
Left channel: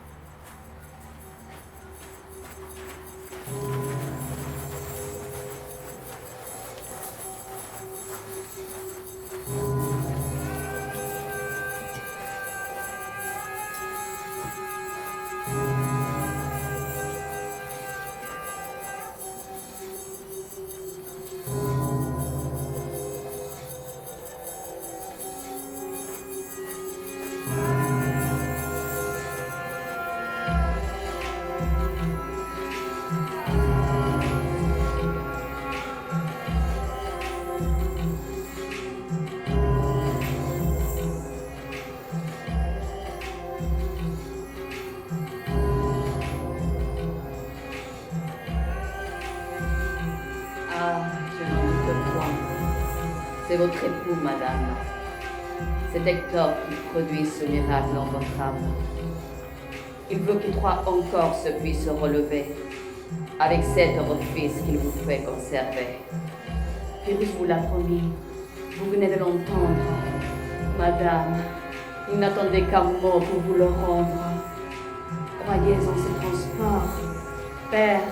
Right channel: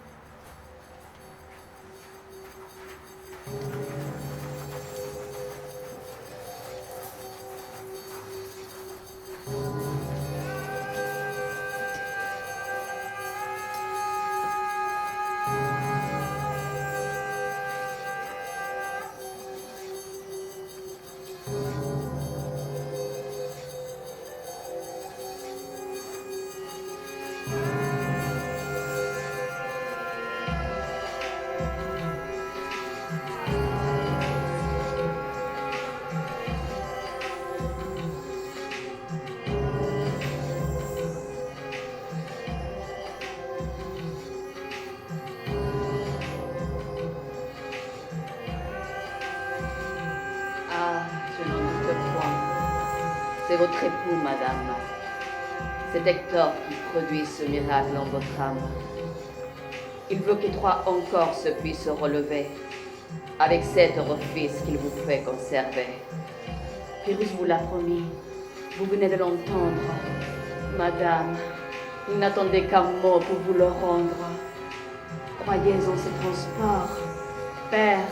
Ah, je n'en doute point. C'est votre époux, madame. C'est Hector qui produit ce miracle en votre âme. Il veut que Troie encore se puisse relever, avec cet orifice qu'il vous fait conserver. Pyrrhus vous l'a promis, vous venez de l'entendre. Madame, il n'attendait qu'un mot pour vous le rendre. Croyez en ses transports, père,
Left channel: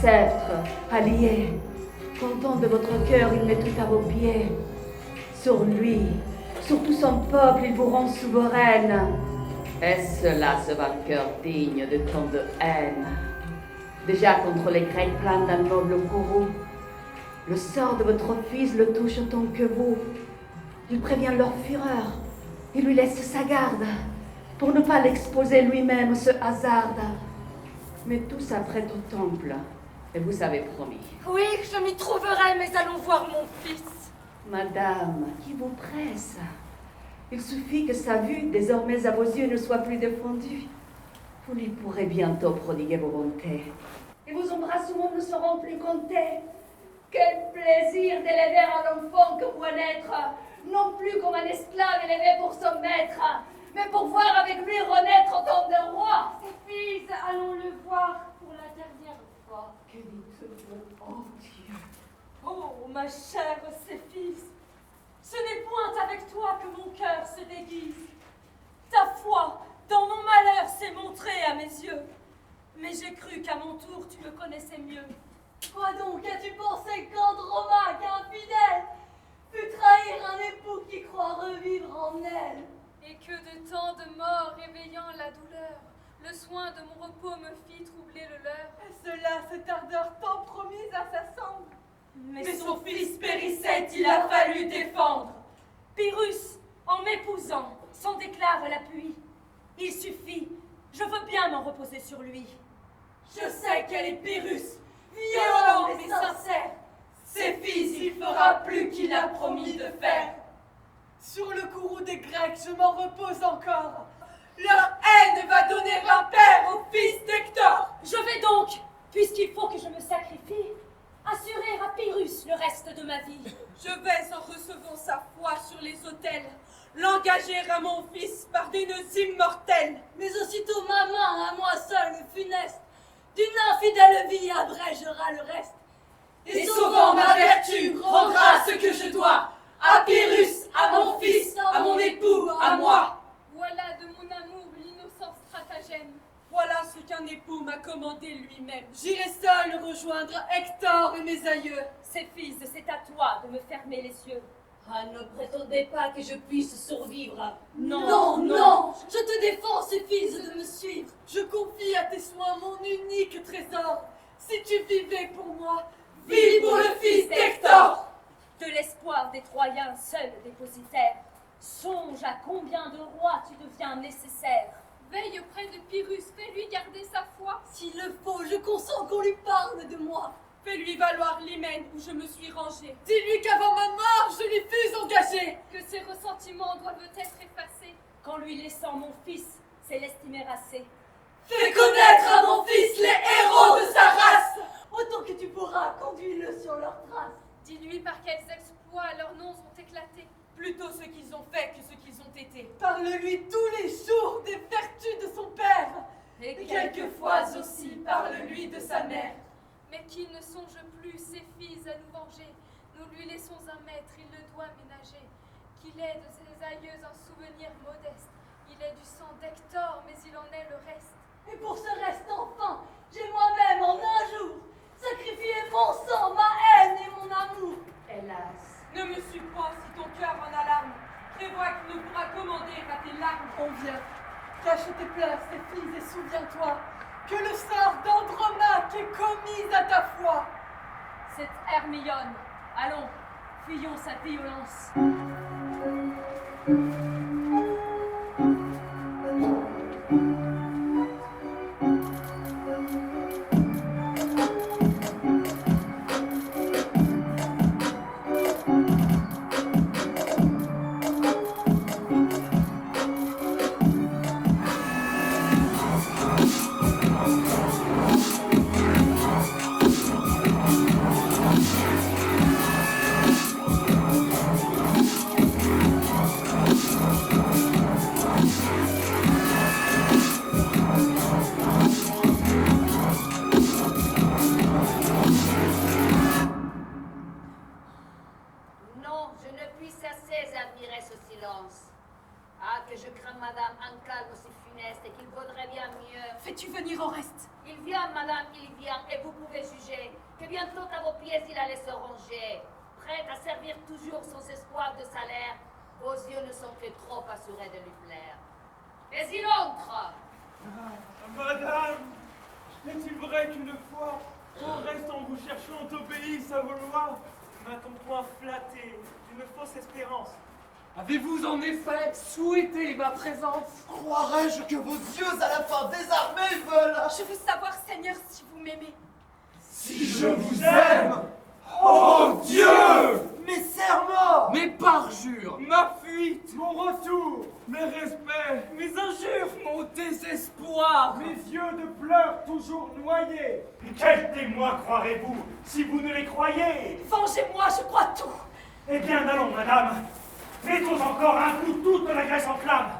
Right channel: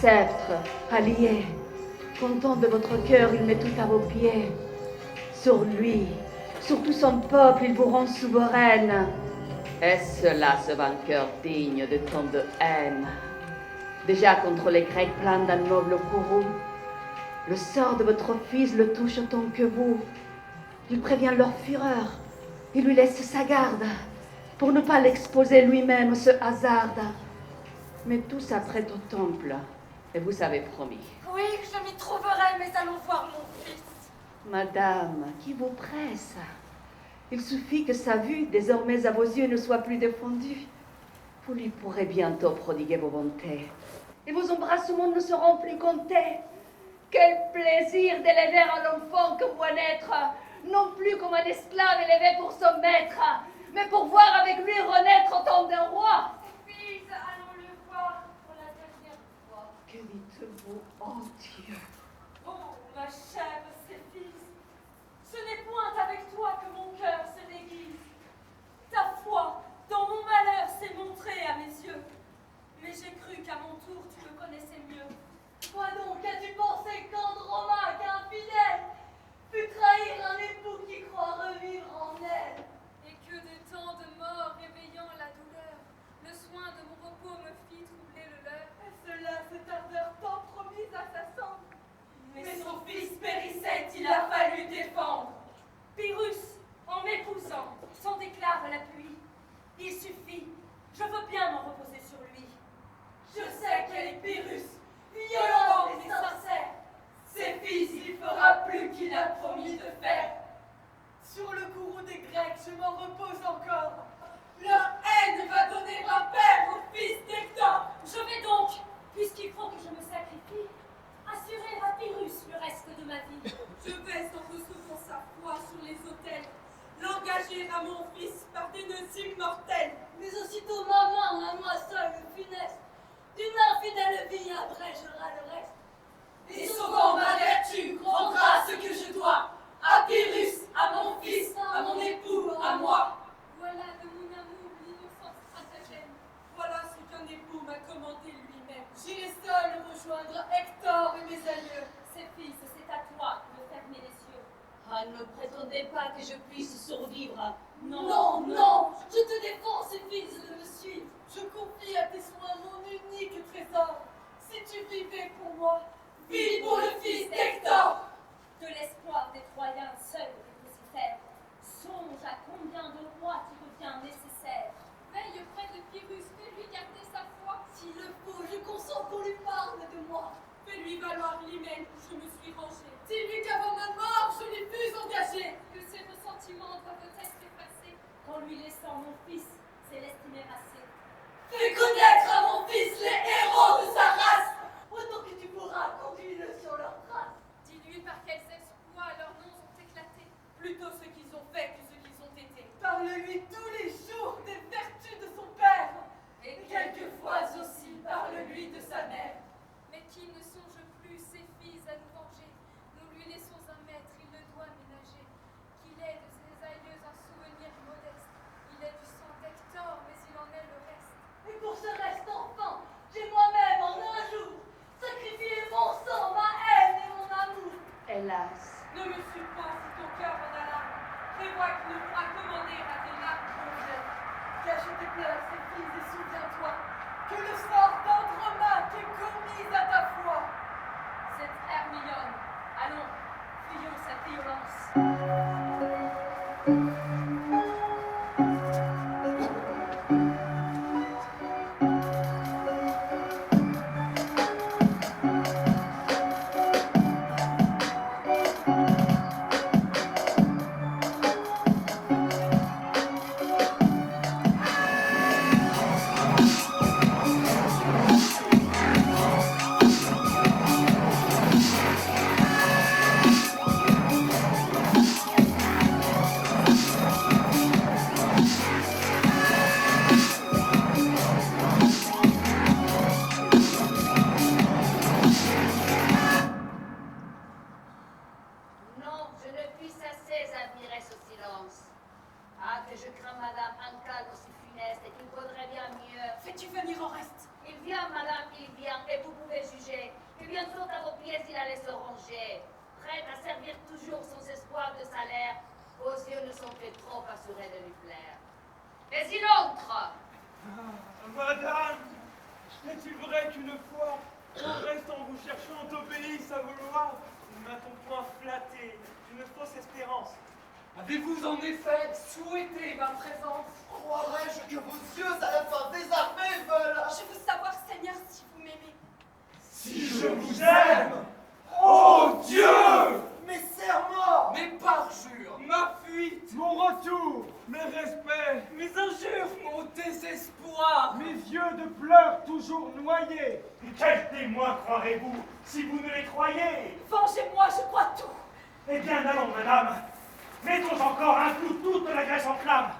sceptre, allié. Content de votre cœur, il met tout à vos pieds. Sur lui, sur tout son peuple, il vous rend souveraine. Est-ce là ce vainqueur digne de tant de haine? Déjà contre les Grecs pleins d'un noble courroux, le sort de votre fils le touche autant que vous. Il prévient leur fureur, il lui laisse sa garde, pour ne pas l'exposer lui-même se hasarde. Mais tout s'apprête au temple, et vous avez promis. Oui, je m'y trouverai, mais allons voir mon fils. Madame, qui vous presse? Il suffit que sa vue, désormais à vos yeux, ne soit plus défendue. Vous lui pourrez bientôt prodiguer vos bontés. Et vos embrassements ne seront plus comptés. Quel plaisir d'élever un enfant que voit naître, non plus comme un esclave élevé pour son maître, mais pour voir avec lui renaître autant de rois. Fils, allons le voir pour la dernière fois. Que dites-vous, oh Dieu? Oh, ma chère Céphise, ce n'est point avec toi que mon cœur se déguise. Ta foi dans mon malheur s'est montrée à mes yeux, mais j'ai cru qu'à mon tour tu me connaissais mieux. Toi donc, as-tu pensé qu'Andromaque, infidèle, put trahir un époux qui croit revivre en elle? Et que de tant de morts éveillant la douleur, le soin de mon repos me fit troubler le leur. Cela, cette ardeur tant promise à sa cendre. Mais son fils périssait, il a fallu défendre. Pyrrhus, en m'épousant, s'en déclare l'appui. Il suffit, je veux bien m'en reposer sur lui. Je sais qu'elle est Pyrrhus, violent et sincère. Ses fils, il fera plus qu'il a promis de faire. Sur le courroux des Grecs, je m'en repose encore. Leur haine va donner un père au fils d'Hector. Je vais donc, puisqu'il faut que je me sacrifie, assurer à Pyrrhus le reste de ma vie. Je vais, en recevant sa foi sur les autels, l'engager à mon fils par des nœuds immortels. Mais aussitôt ma main, à moi seule, funeste, d'une infidèle vie abrégera le reste. Et sauvant ma vertu, rendra ce que je dois à Pyrrhus, à mon fils, à mon époux, à moi. Voilà de mon amour l'innocent stratagème. Voilà ce qu'un époux m'a commandé lui-même. J'irai seul rejoindre Hector et mes aïeux. Céphise, c'est à toi de me fermer les yeux. Ah, ne prétendez pas que je puisse survivre. Non, non, je te défends, Céphise, de me suivre. Je confie à tes soins mon unique trésor. Si tu vivais pour moi, vis pour le fils d'Hector. De l'espoir des Troyens seul dépositaire, songe à combien de rois tu deviens nécessaire. Veille auprès de Pyrrhus, fais-lui garder sa foi. S'il le faut, je consens qu'on lui parle de moi. Fais-lui valoir l'hymen où je me suis rangée. Dis-lui qu'avant ma mort, je lui fus engagée. Que ses ressentiments doivent être effacés. Qu'en lui laissant mon fils, c'est l'estimer assez. Fais connaître à mon fils les héros de sa race. Autant que tu pourras, conduis-le sur leurs traces. Dis-lui par quels exploits leurs noms ont éclaté. Plutôt ce qu'ils ont fait que ce qu'ils ont été. Parle-lui tous les jours des vertus de son père. Et quelquefois aussi, parle-lui de sa mère. Mais qu'il ne songe plus ses filles à nous venger. Nous lui laissons un maître, il le doit ménager. Qu'il ait de ses aïeux un souvenir modeste. Il est du sang d'Hector, mais il en est le reste. Et pour ce reste enfin, j'ai moi-même en un jour sacrifié mon sang, ma haine et mon amour. Hélas. Ne me suis pas si ton cœur en alarme. Prévois qu'il ne pourra commander à tes larmes qu'on vient. Cache tes pleurs, Céphise, et souviens-toi que le sort d'Andromaque est commis à ta foi. Cette Hermione, allons, fuyons sa violence. madame, un calme aussi funeste et qu'il vaudrait bien mieux. Fais-tu venir Oreste? Il vient, madame, il vient, et vous pouvez juger que bientôt à vos pieds il allait se ranger. Prête à servir toujours sans espoir de salaire, vos yeux ne sont que trop assurés de lui plaire. Mais il entre! Madame, est-il vrai qu'une fois, Oreste en vous cherchant obéisse à vos lois? M'a-t-on point flatté d'une fausse espérance? Avez-vous en effet souhaité ma présence? Croirais-je que vos yeux à la fin désarmés veulent? Je veux savoir, Seigneur, si vous m'aimez. Si je vous aime, oh Dieu! Mes serments, Mes parjures, ma fuite, Mon retour, mes respects, mes injures, mon désespoir, mes yeux de pleurs toujours noyés. Quels témoins croirez-vous si vous ne les croyez? Vengez-moi, je crois tout. Eh bien, allons, madame. Mettons encore un coup toute la Grèce en flamme.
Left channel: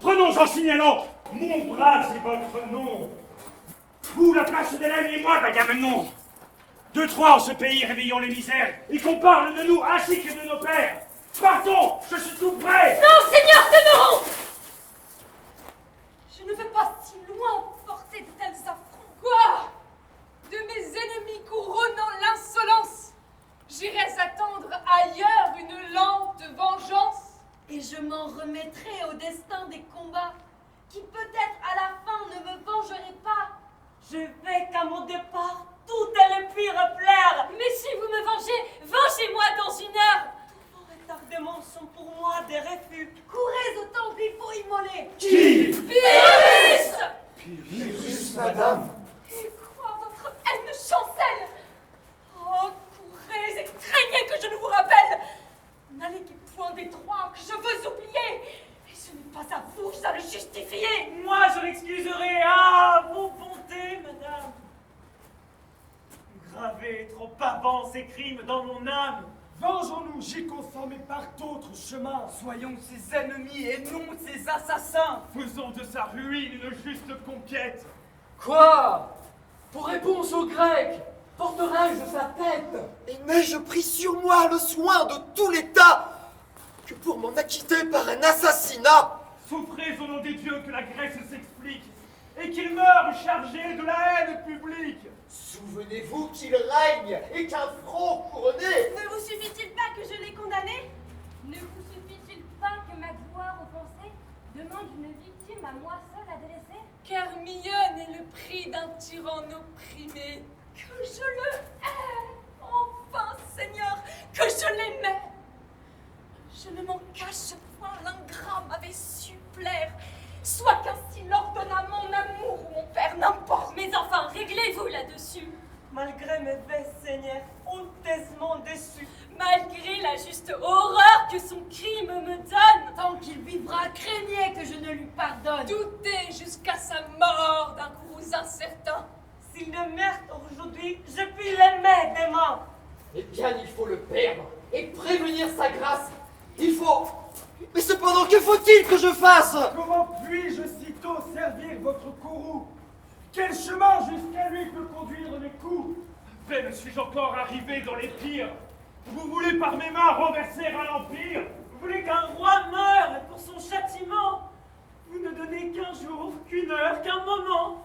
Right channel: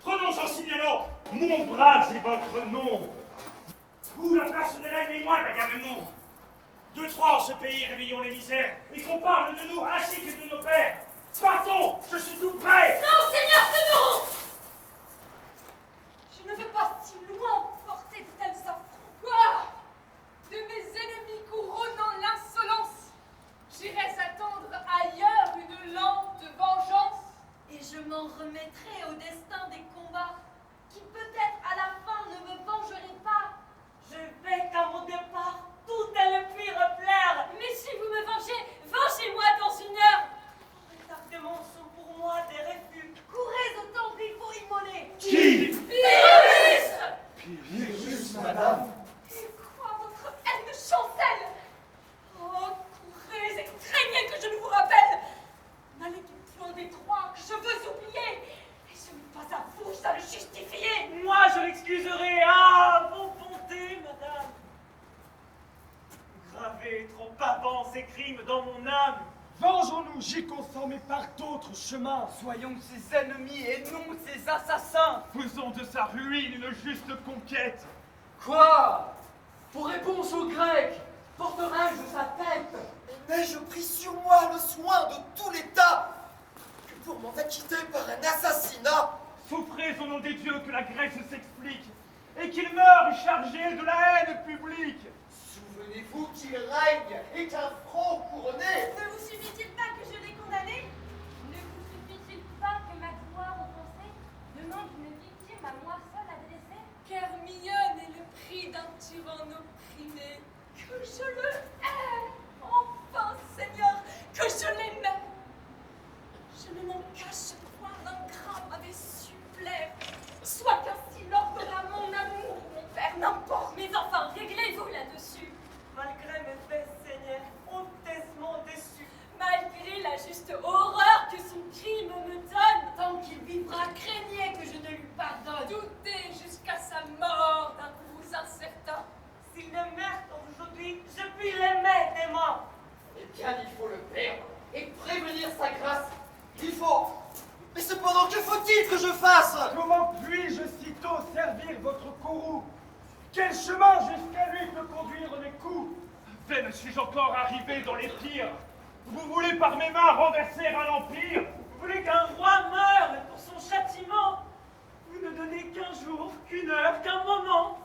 Prenons en signalant mon bras et votre nom. Ou la place d'Hélène et moi, Agamemnon. 2-3 en ce pays, réveillons les misères, et qu'on parle de nous ainsi que de nos pères. Partons, je suis tout prêt. Non, Seigneur, demeurons! Je ne veux pas si loin porter de tels affronts. Quoi? De mes ennemis couronnant l'insolence, j'irais attendre ailleurs une lente vengeance. Et je m'en remettrai au destin des combats, qui peut-être à la fin ne me vengerait pas. Je vais qu'à mon départ, tout les pires plaire. Mais si vous me vengez, vengez-moi dans une heure. Vos retardements sont pour moi des refus. Courez au temple, il faut immoler. Qui? Pyrrhus! Pyrrhus, madame. Et quoi, votre haine chancelle? Oh, courez et craignez que je ne vous rappelle. N'allez point des trois que je veux oublier. Et ce n'est pas à vous à le justifier. Moi, je l'excuserai. Ah, vos bontés, madame. Gravé trop avant ces crimes dans mon âme. Vengeons-nous, j'y consens, mais par d'autres chemins. soyons ses ennemis et non ses assassins. Faisons de sa ruine une juste conquête. Quoi? Pour réponse aux Grecs, porterai-je sa tête? Et n'ai-je pris sur moi le soin de tout l'État que pour m'en acquitter par un assassinat? Souffrez au nom des dieux que la Grèce s'explique, et qu'il meure chargé de la haine publique. Souvenez-vous qu'il règne et qu'un front couronné. Ne vous suffit-il pas que je l'ai condamné? Ne vous suffit-il pas que ma gloire offensée demande une victime à moi seule adressée? Car Myone est le prix d'un tyran opprimé. Que je le hais! Enfin, Seigneur, que je l'aimais! Je ne m'en cache point, l'ingrat m'avait su plaire. Soit qu'ainsi l'ordonna mon amour ou mon père, n'importe. Mais enfin, réglez-vous là-dessus. Malgré mes faits, Seigneur, honteusement déçu. Malgré la juste horreur que son crime me donne. Tant qu'il vivra, craignez que je ne lui pardonne. Doutez jusqu'à sa mort d'un coup incertain. S'il le meurt aujourd'hui, je puis l'aimer demain. Eh bien, il faut le perdre et prévenir sa grâce. Il faut. Mais cependant, que faut-il que je fasse? Comment puis-je sitôt servir votre courroux? Quel chemin jusqu'à lui peut conduire mes coups? À peine suis-je encore arrivé dans les pires. Vous voulez par mes mains renverser un empire? Vous voulez qu'un roi meure pour son châtiment? Vous ne donnez qu'un jour, qu'une heure, qu'un moment.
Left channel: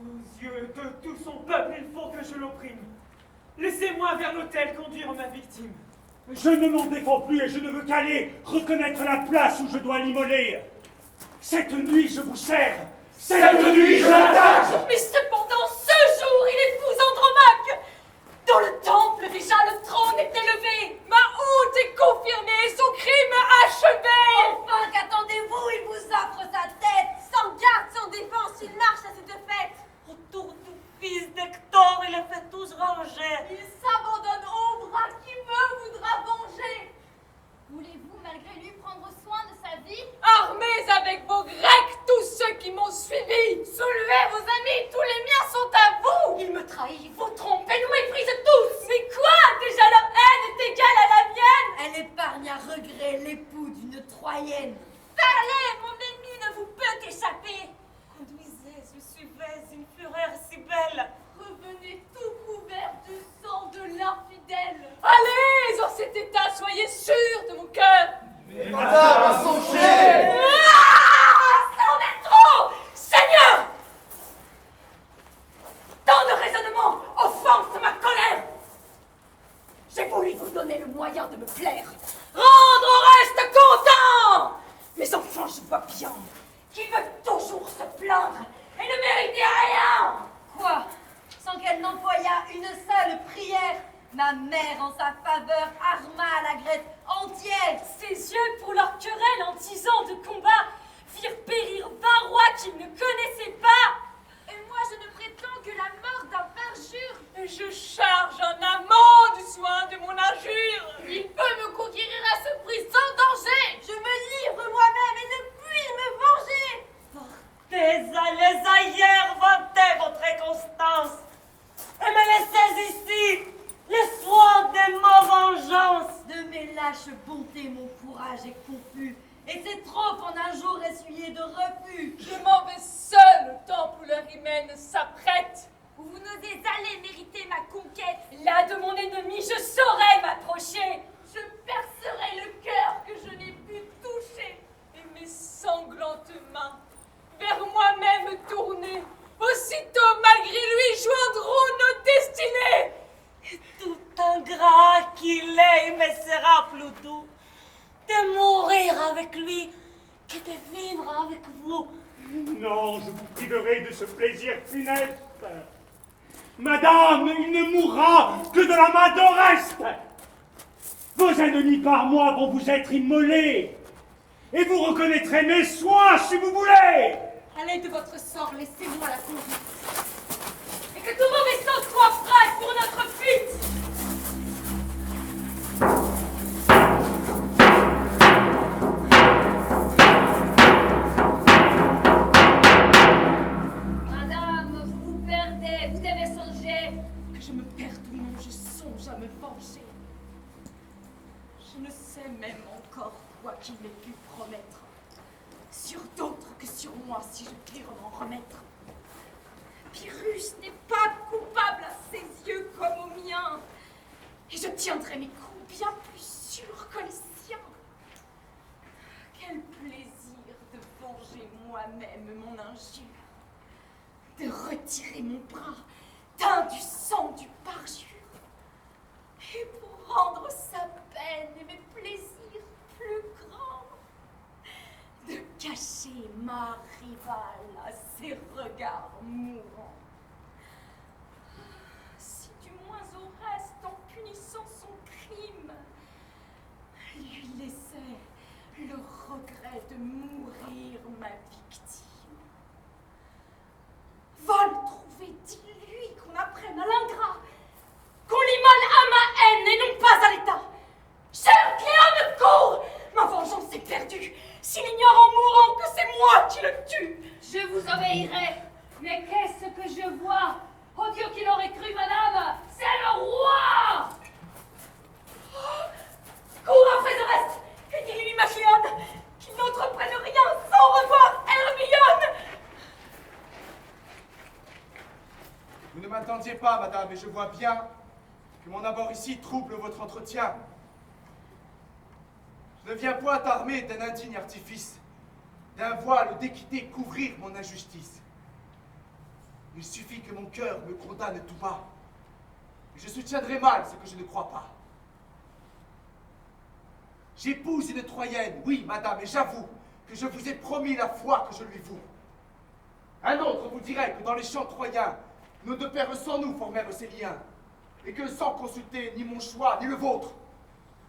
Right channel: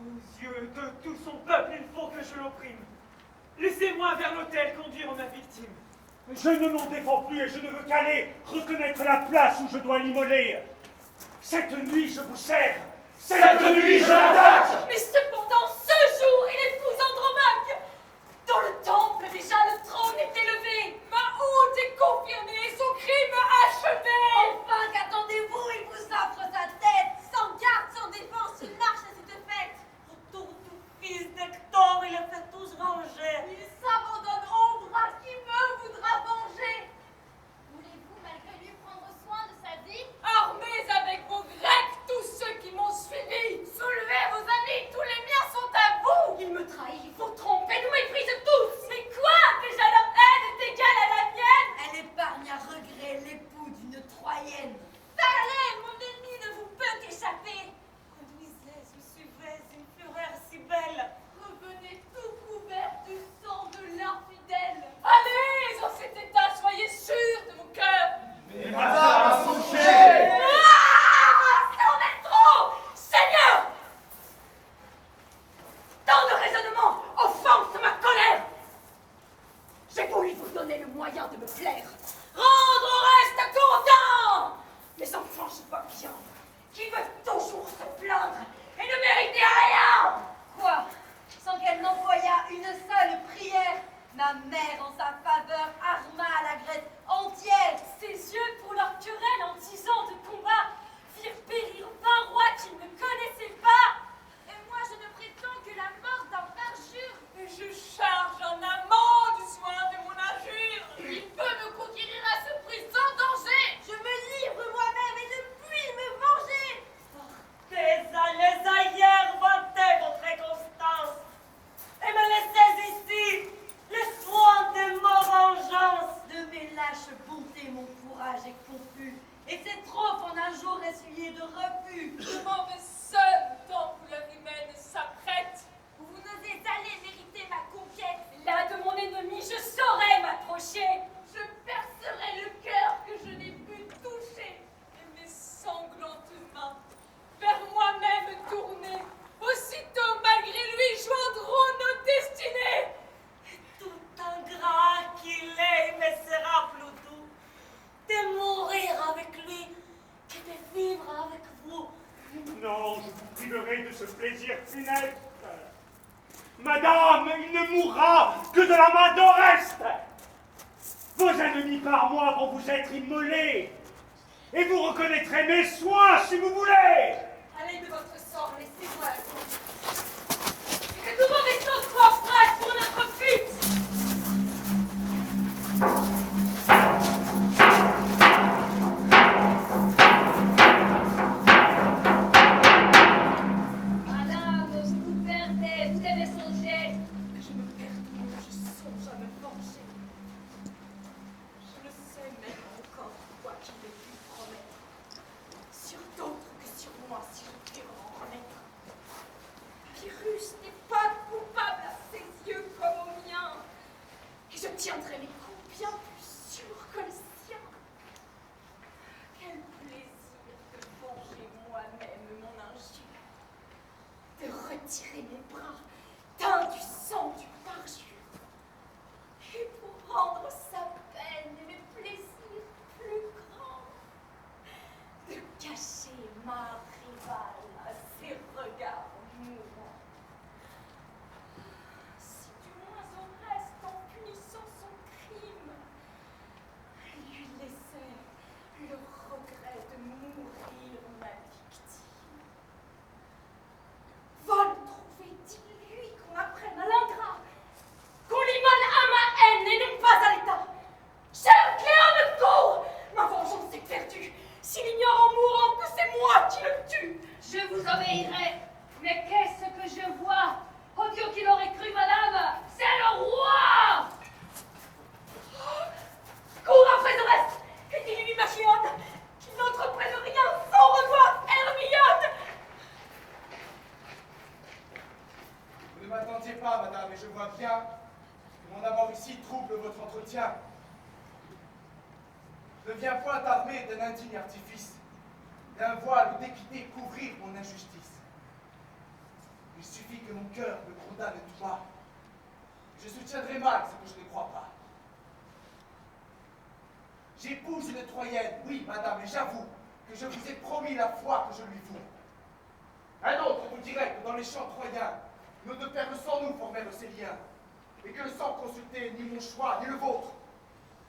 Aux yeux de tout son peuple, il faut que je l'opprime. Laissez-moi vers l'autel conduire ma victime. Je ne m'en défends plus et je ne veux qu'aller reconnaître la place où je dois l'immoler. Cette nuit, je vous sers. Cette nuit, je l'attaque. Mais cependant, ce jour, il épouse Andromaque. Dans le temple, déjà, le trône est élevé. Ma honte est confirmée, son crime achevé. Enfin, qu'attendez-vous? Il vous offre sa tête. Sans garde, sans défense, il marche à cette fête. Autour du fils d'Hector, il a fait tous ranger. Il s'abandonne au bras qui me voudra venger. Voulez-vous malgré lui prendre soin de sa vie? Armés avec vos Grecs, tous ceux qui m'ont suivi. Soulevez vos amis, tous les miens sont à vous. Il me trahit. Vous trompez, nous méprisez tous. Mais quoi? Déjà leur haine est égale à la mienne. Elle épargne à regret l'époux d'une Troyenne. Parlez, mon ennemi ne vous peut échapper. Conduisez, je suivais une fureur si belle. Revenez tout couvert du sang de moyen de me plaire. Rendre reste content. Mes enfants, je vois bien qu'ils veulent toujours se plaindre et ne mériter rien. Quoi? Sans qu'elle n'employât une seule prière, ma mère en sa faveur arma la Grèce entière. Ses yeux, pour leur querelle en 10 ans de combat, firent périr 20 rois qu'ils ne connaissaient pas. Et moi, je ne prétends que la mort d'un parjure. Je charge un amant du soin de mon injure. Il peut me conquérir à ce prix sans danger. Je me livre moi-même et ne puis me venger. Partez allez ailleurs, vantez votre inconstance, et me laissez ici, le soin de ma vengeance. De mes lâches bontés, mon courage est confus, et c'est trop en un jour essuyé de refus. Je m'en vais seul au temps où leur hymen s'apprête. Où vous n'osez aller mériter ma conquête. Là de mon ennemi, je saurais m'approcher. Je percerai le cœur que je n'ai pu toucher. Et mes sanglantes mains, vers moi-même tournées, aussitôt malgré lui joindront nos destinées. Et tout ingrat qu'il est, il me sera plus doux de mourir avec lui que de vivre avec vous. Non, je vous priverai de ce plaisir funeste. Madame, il ne mourra que de la main d'Oreste. Vos ennemis par moi vont vous être immolés, et vous reconnaîtrez mes soins si vous voulez. Allez de votre sort, laissez-moi la conduite. Et que tous vos vaisseaux soient prêts pour notre fuite. Madame, vous vous perdez, vous devez songer. Que je me perde ou non, je songe à me venger. Je ne sais même encore quoi qu'il ait pu promettre. Sur d'autres que sur moi, si je puis m'en remettre. Pyrrhus n'est pas coupable à ses yeux comme aux miens. Et je tiendrai mes coups bien plus sûrs que les siens. Quel plaisir de venger moi-même mon injure. De retirer mon bras, teint du sang du parjure. Et pour rendre sa peine et mes plaisirs plus grands, de cacher ma rivale à ses regards mourants. Si du moins au reste, en punissant son crime, lui laissait le regret de mourir ma victime. Va le trouver, dis-lui qu'on apprenne à l'ingrat, qu'on l'immole à ma haine et non pas à l'État. Cher Cléone, cours! Ma vengeance est perdue. S'il ignore en mourant que c'est moi qui le tue. Je vous obéirai. Mais qu'est-ce que je vois? Oh Dieu, qu'il aurait cru, madame! C'est le roi! Cours après Oreste et dis-lui, ma Cléone, qu'il n'entreprenne rien sans revoir Hermione. Vous ne m'attendiez pas, madame, et je vois bien que mon abord ici trouble votre entretien. Je ne viens point armé d'un indigne artifice, d'un voile d'équité couvrir mon injustice. Il suffit que mon cœur me condamne tout bas, et je soutiendrai mal ce que je ne crois pas. J'épouse une Troyenne, oui, madame, et j'avoue que je vous ai promis la foi que je lui voue. Un autre vous dirait que dans les champs troyens, nos deux pères sans nous formèrent ces liens, et que sans consulter ni mon choix, ni le vôtre,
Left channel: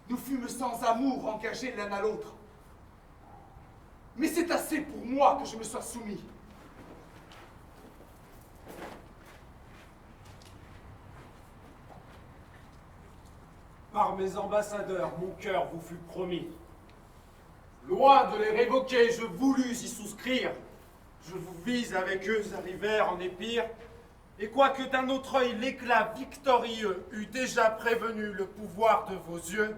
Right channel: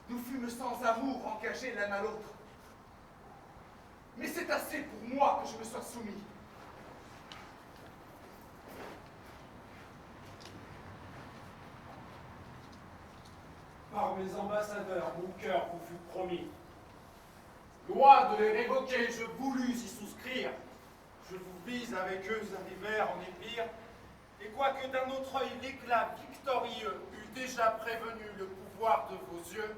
nous fûmes sans amour engagés l'un à l'autre. Mais c'est assez pour moi que je me sois soumis. Par mes ambassadeurs, mon cœur vous fut promis. Loin de les révoquer, je voulus y souscrire. Je vous vis avec eux arrivèrent en Épire, et quoique d'un autre œil l'éclat victorieux eût déjà prévenu le pouvoir de vos yeux,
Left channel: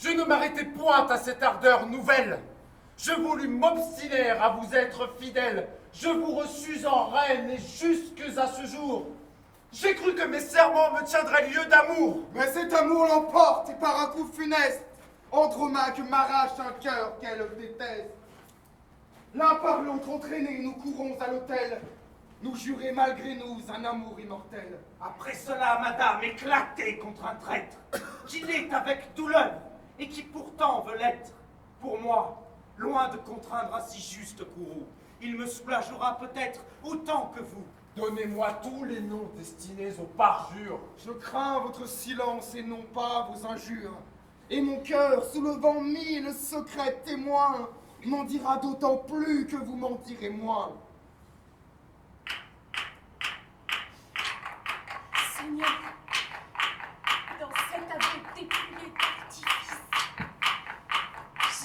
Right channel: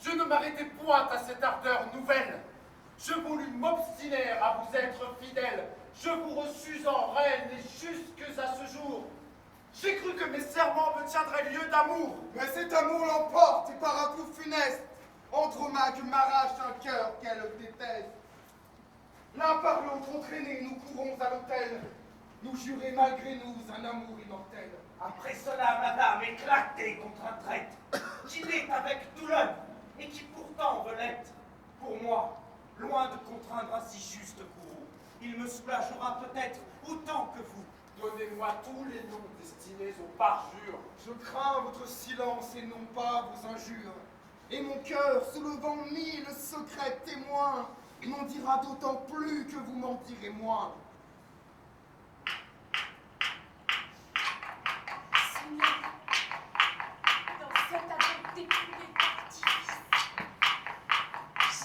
je ne m'arrêtai point à cette ardeur nouvelle. Je voulus m'obstiner à vous être fidèle. Je vous reçus en reine et jusque à ce jour. J'ai cru que mes serments me tiendraient lieu d'amour. Mais cet amour l'emporte et par un coup funeste, Andromaque m'arrache un cœur qu'elle déteste. L'un par l'autre entraînés, nous courons à l'autel, nous jurer malgré nous un amour immortel. Après cela, madame, éclatez contre un traître. qui l'est avec douleur, et qui pourtant veut l'être. Pour moi, loin de contraindre un si juste courroux, il me soulagera peut-être autant que vous. Donnez-moi tous les noms destinés aux parjures. Je crains votre silence et non pas vos injures. Et mon cœur, soulevant 1000 secrets témoins, m'en dira d'autant plus que vous m'en direz moins. Seigneur, dans cet aveu dépouillé d'artifice,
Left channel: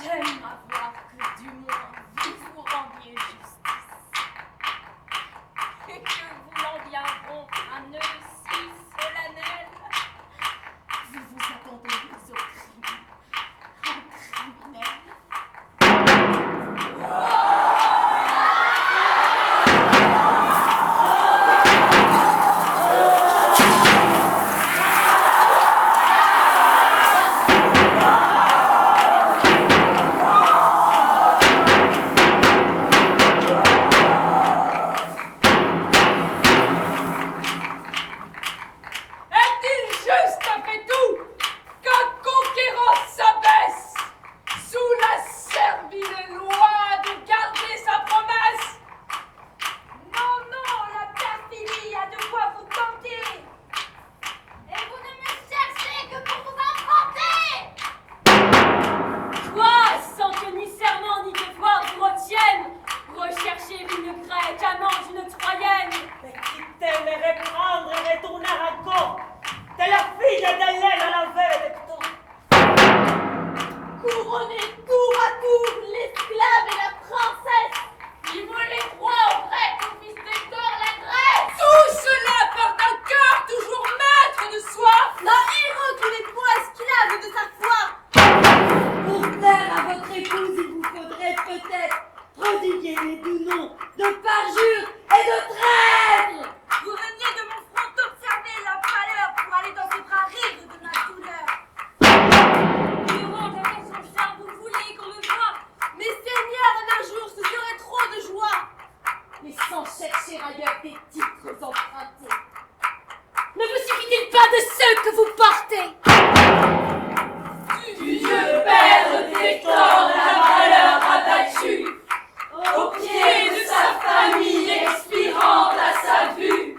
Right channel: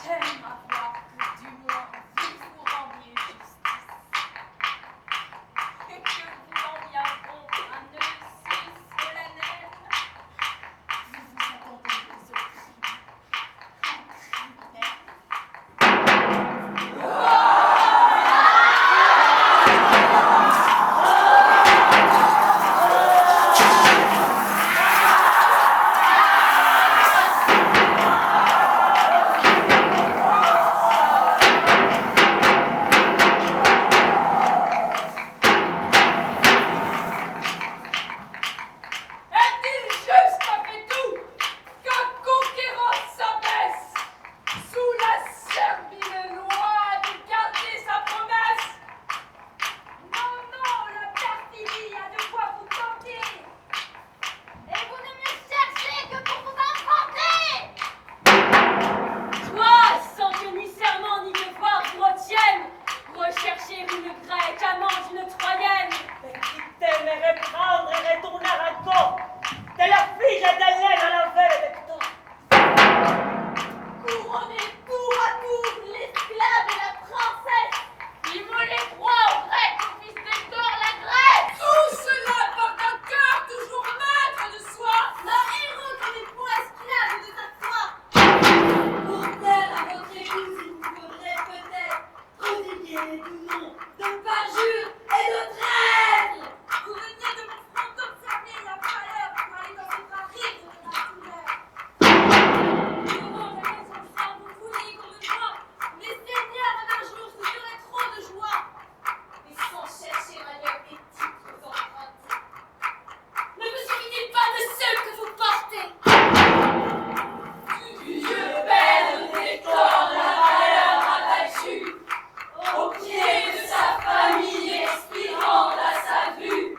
j'aime avoir que du moins vous vous rendiez justice. Et que vous en viendront un nœud si solennel, vous vous attendez au crime, un criminel. Est-il juste après tout qu'un conquérant s'abaisse sous la servile loi de garder sa promesse? Non, non, la perfidie a de quoi vous tenter. Et vous ne me cherchez que pour vous affronter. Toi, sans que ni serment ni devoir vous retiennent, rechercher une grecque, amant d'une troyenne. Mais quitter mes reprendre et retourner à Gand, de la fille d'Hélène à la veille d'Hector. Couronnez tour à tour l'esclave et la princesse. Ils me les croient au grec, au fils d'Hector, la Grèce. Tout cela part d'un cœur toujours maître de soi. D'un héros qui n'est point esclave de sa foi. Pour plaire à votre épouse, il vous faudrait peut-être prodiguer les doux noms de parjure et de traître. Vous veniez de mon front observer la pâleur pour aller dans ses bras rire de ma douleur. Durant la raison ça, vous vouliez qu'on me voie. Mais Seigneur, un jour, ce serait trop de joie. Mais sans chercher ailleurs des titres empruntés. Ne vous suffit-il pas de ceux que vous portez? Du vieux père d'Hector, la valeur abattue, au pied de sa famille expirante à sa vue,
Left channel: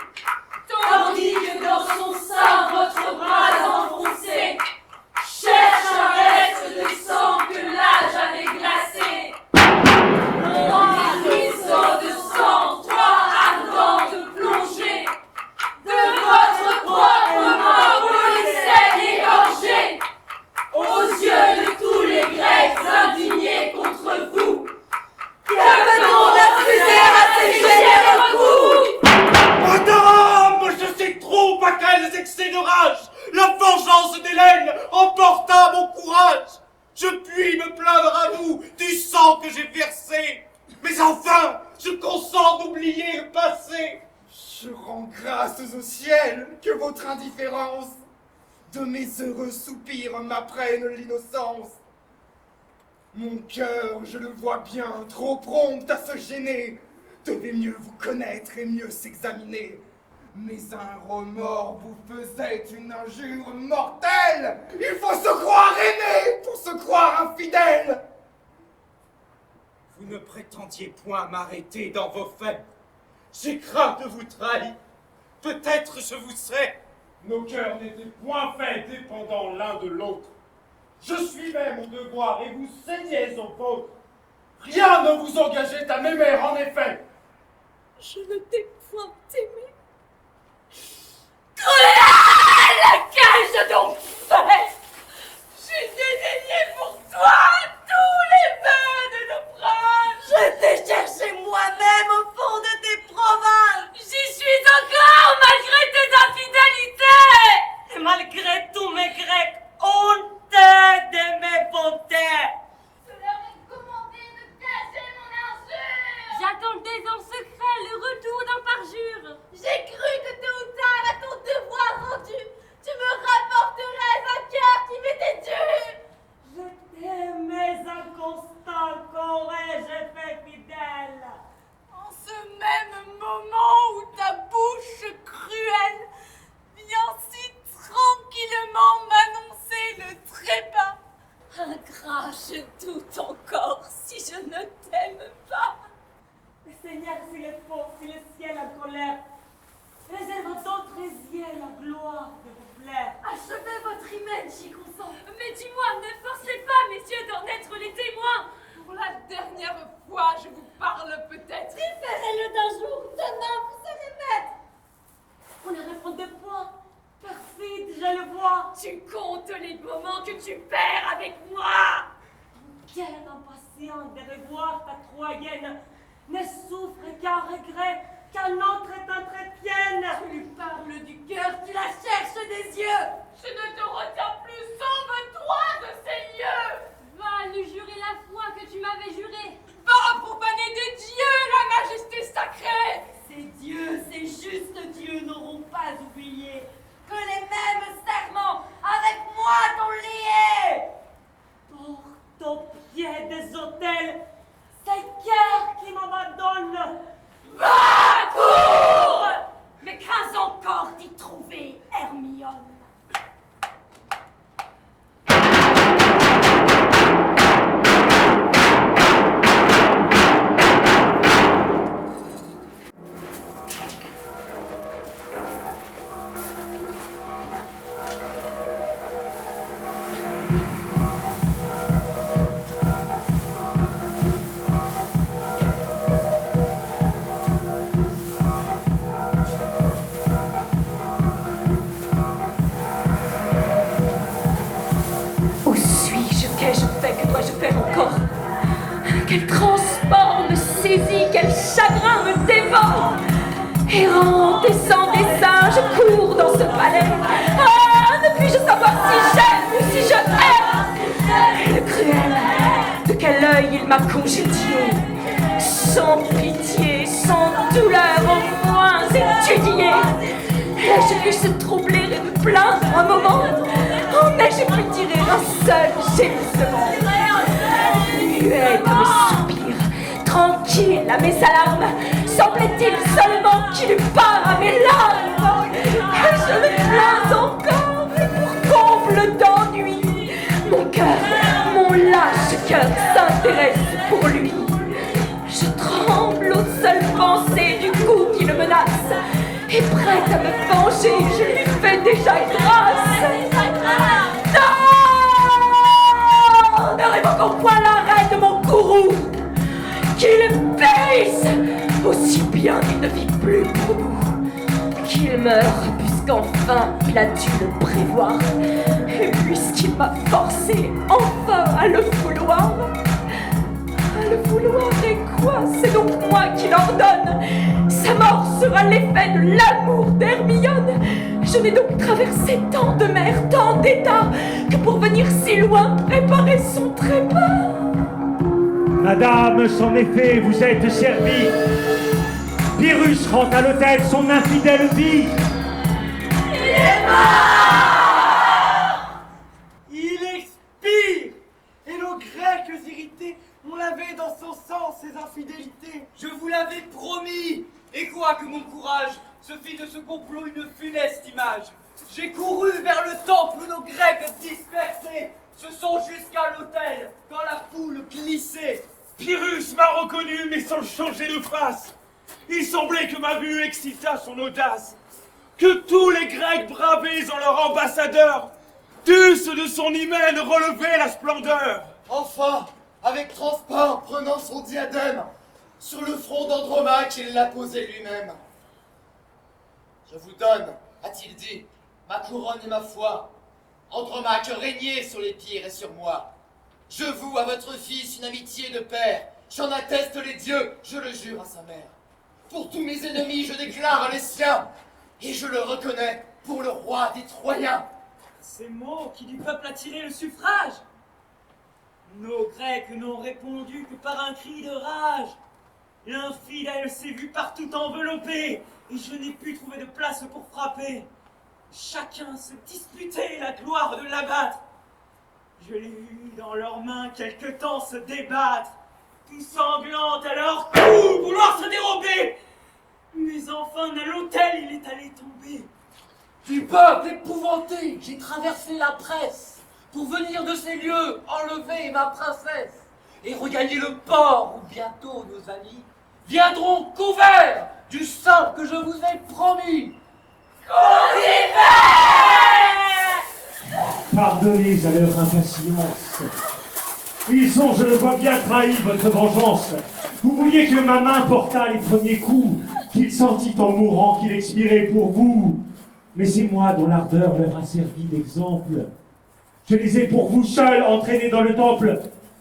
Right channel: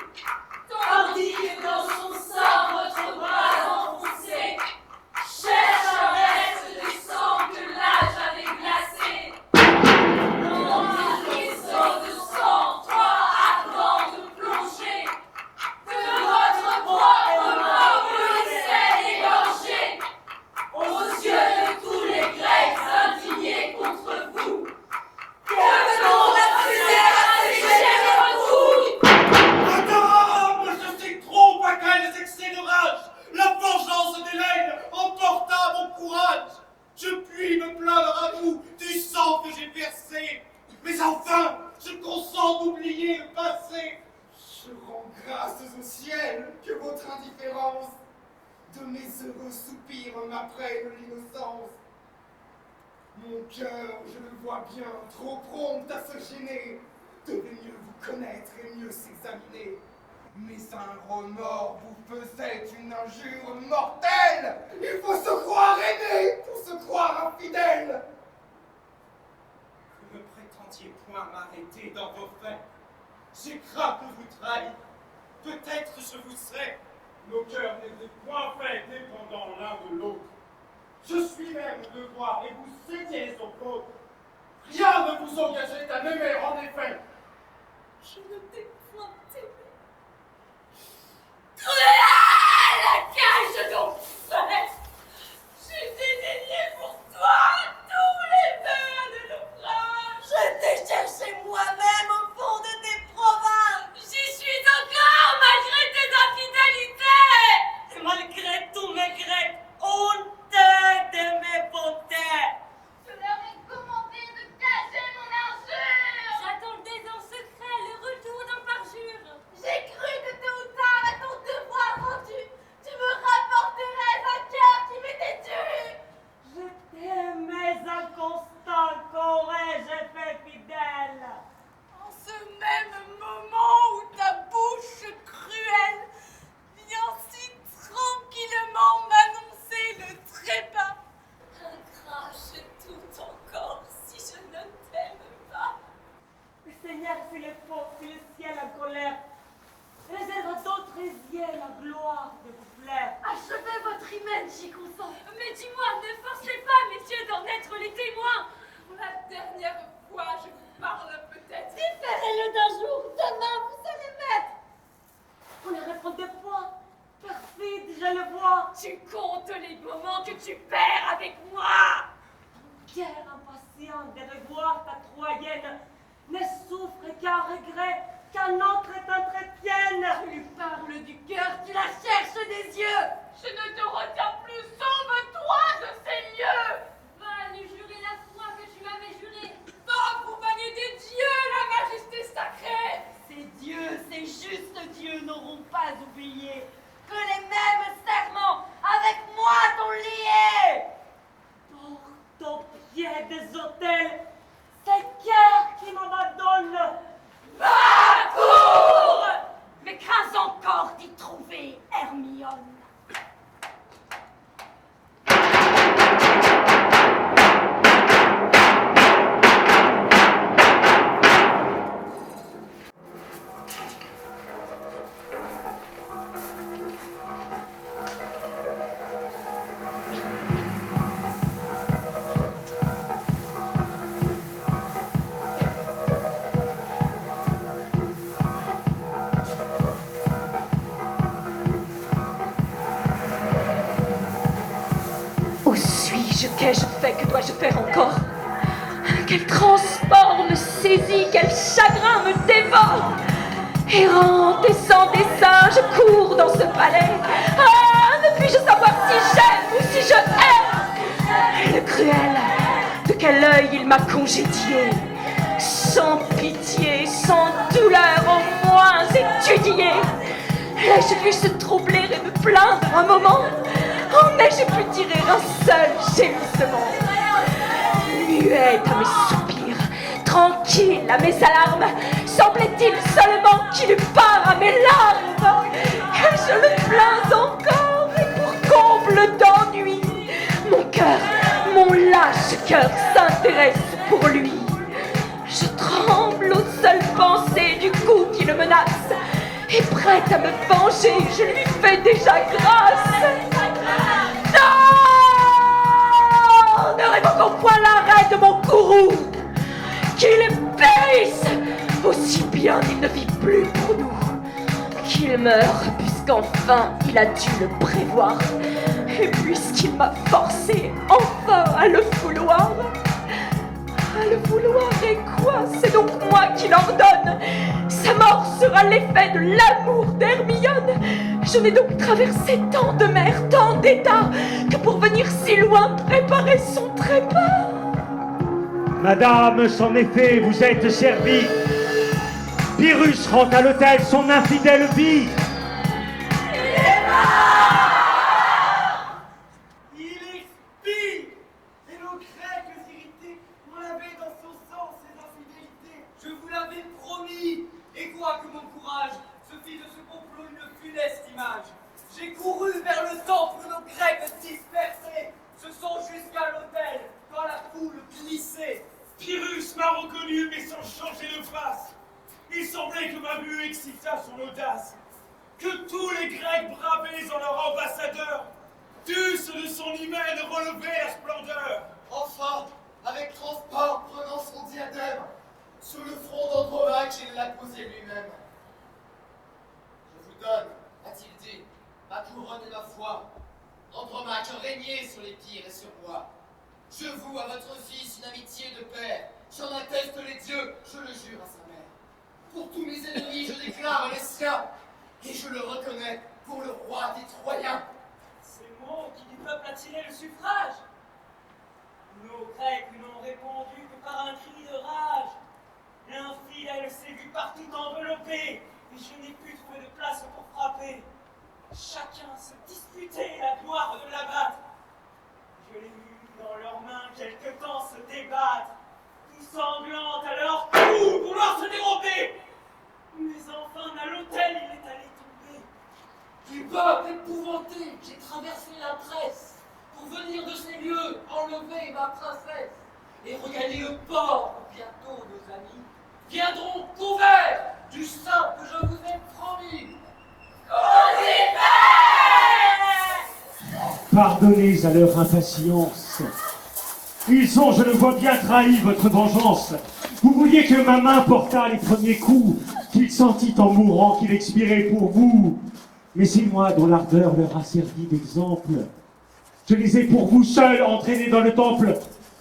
tandis que dans son sein votre bras enfoncé cherche un reste de sang que l'âge avait glacé. Trois ruisseaux de sang, trois ardentes plongées, de votre propre mort policière égorgée, aux yeux de tous les Grecs indignés contre vous. Que peut-on refuser à ces généreux coups? Madame, je sais trop à quels excès de rage la vengeance d'Hélène emporta mon courage. Je puis me plaindre à vous du sang que j'ai versé, mais enfin, je consens d'oublier le passé. Je rends grâce au ciel que votre indifférence de mes heureux soupirs m'apprenne l'innocence. Mon cœur, je le vois bien, trop prompt à se gêner, devait mieux vous connaître et mieux s'examiner. Mais un remords vous faisait une injure mortelle. Il faut se croire aimé pour se croire infidèle. Vous ne prétendiez point m'arrêter dans vos faits. J'ai craint de vous trahir. Peut-être je vous sais. Nos cœurs n'étaient point faits dépendants l'un de l'autre. Je suivais mon devoir et vous cédiez au vôtre. Rien ne vous engageait à m'aimer en effet. Je ne t'ai point aimé. Cruel! Qu'ai-je donc fait? J'ai dédaigné pour toi tous les vœux de nos proches. Je t'ai cherché moi-même au fond de tes provinces. J'y suis encore malgré tes infidélités. Et malgré tous mes Grecs, honte de mes bontés. Je leur ai commandé de cacher mon injure. J'attendais en secret le retour d'un parjure. gloire de vous plaire. Achevez votre hymen, j'y consens. Mais dis-moi, ne forcez pas, messieurs, d'en être les témoins. Pour la dernière fois, je vous parle peut-être. Différez-le d'un jour, demain vous serez maître. On ne répond de point. Perfide, je le vois. Tu comptes les moments que tu perds avec moi. Guerre impatiente de revoir ta Troyenne ne souffre qu'un regret qu'un autre t'entretienne. Tu lui parles du cœur, tu la cherches des yeux. Je ne te retiens plus, sauve-toi de ces lieux. Va lui jurer la foi que tu m'avais jurée. Va profaner des dieux la majesté sacrée. Ces dieux, ces justes dieux n'auront pas oublié que les mêmes serments avec moi t'ont lié. Porte au pied des autels ces cœurs qui m'abandonnent. Va, cours! Mais crains encore d'y trouver Hermione. Où suis-je? Qu'ai-je fait? Que dois-je faire encore? Quel transport me saisit, quel chagrin me dévore! Errant et sans dessein, je cours dans ce palais. Ah, ne puis-je savoir si j'aime ou si je hais? Le cruel, de quel œil il m'a congédié? Sans pitié, sans douleur, au moins étudié. L'ai-je vu se troubler et me plaindre un moment? En ai-je pu tirer un seul gémissement? Muet à mes soupirs, tranquille à mes alarmes, semblait-il seulement qu'il eût part à mes larmes? Que je le plains encore, et pour comble d'ennui, mon cœur, mon lâche cœur s'intéresse pour lui. Je tremble aux seules pensées du coup qui le menace, et prête à me venger, je lui fais déjà grâce. Non! Ne révoquons point l'arrêt de mon courroux. Qu'il périsse, aussi bien il ne vit plus pour nous. Qu'il meure, puisqu'enfin il a dû le prévoir, et puisqu'il m'a forcé enfin à le vouloir. À le vouloir, et quoi? C'est donc moi qui l'ordonne. Sa mort sera l'effet de l'amour d'Hermione. Je n'ai donc traversé tant de mers, tant d'états, que pour venir si loin préparer son trépas. Madame, son effet, vous êtes servie. Pyrrhus rend à l'autel son infidèle vie. Il expire! Et nos Grecs irrités ont lavé dans son sang ses infidélités. Je vous l'avais promis. Et quoi que mon courage se fit de ce complot une funeste image. J'ai couru vers le temple où nos Grecs dispersés se sont jusqu'à l'autel quand la foule glissait. Pyrrhus m'a reconnu, mais sans changer de face. Il semblait que ma vue excita son audace, que tous les Grecs bravés en leur ambassadeur dussent de son hymen relever la splendeur. Enfin, avec transport, prenant son diadème, sur le front d'Andromaque, il l'a posé lui-même. Je vous donne, a-t-il dit, ma couronne et ma foi. Andromaque, régnez sur les pires et sur moi. Je voue à votre fils une amitié de père. J'en atteste les dieux, je le jure à sa mère. Pour tous mes ennemis, je déclare les siens. Et je le reconnais pour le roi des Troyens. Ces mots qui du peuple a tiré le suffrage. Nos Grecs n'ont répondu que par un cri de rage. L'infidèle s'est vu partout enveloppé, et je n'ai pu trouver de place pour frapper. Chacun se disputait la gloire de l'abattre. Je l'ai vu dans leurs mains quelque temps se débattre, tout sanglantes à leur cou, vouloir se dérober. Mais enfin, à l'autel, il est allé tomber. Du peuple épouvanté, j'ai traversé la presse pour venir de ces lieux enlever ma princesse et regagner le port où bientôt nos amis viendront couverts du sang que je vous ai promis. Crucifix! pardonnez à leur impatience. Ils ont, je le vois bien, trahi votre vengeance. Vous vouliez que ma main portât les premiers coups, qu'il sentit en mourant qu'il expirait pour vous. Mais c'est moi dont l'ardeur leur a servi d'exemple. Je les ai pour vous seuls entraînés dans le temple.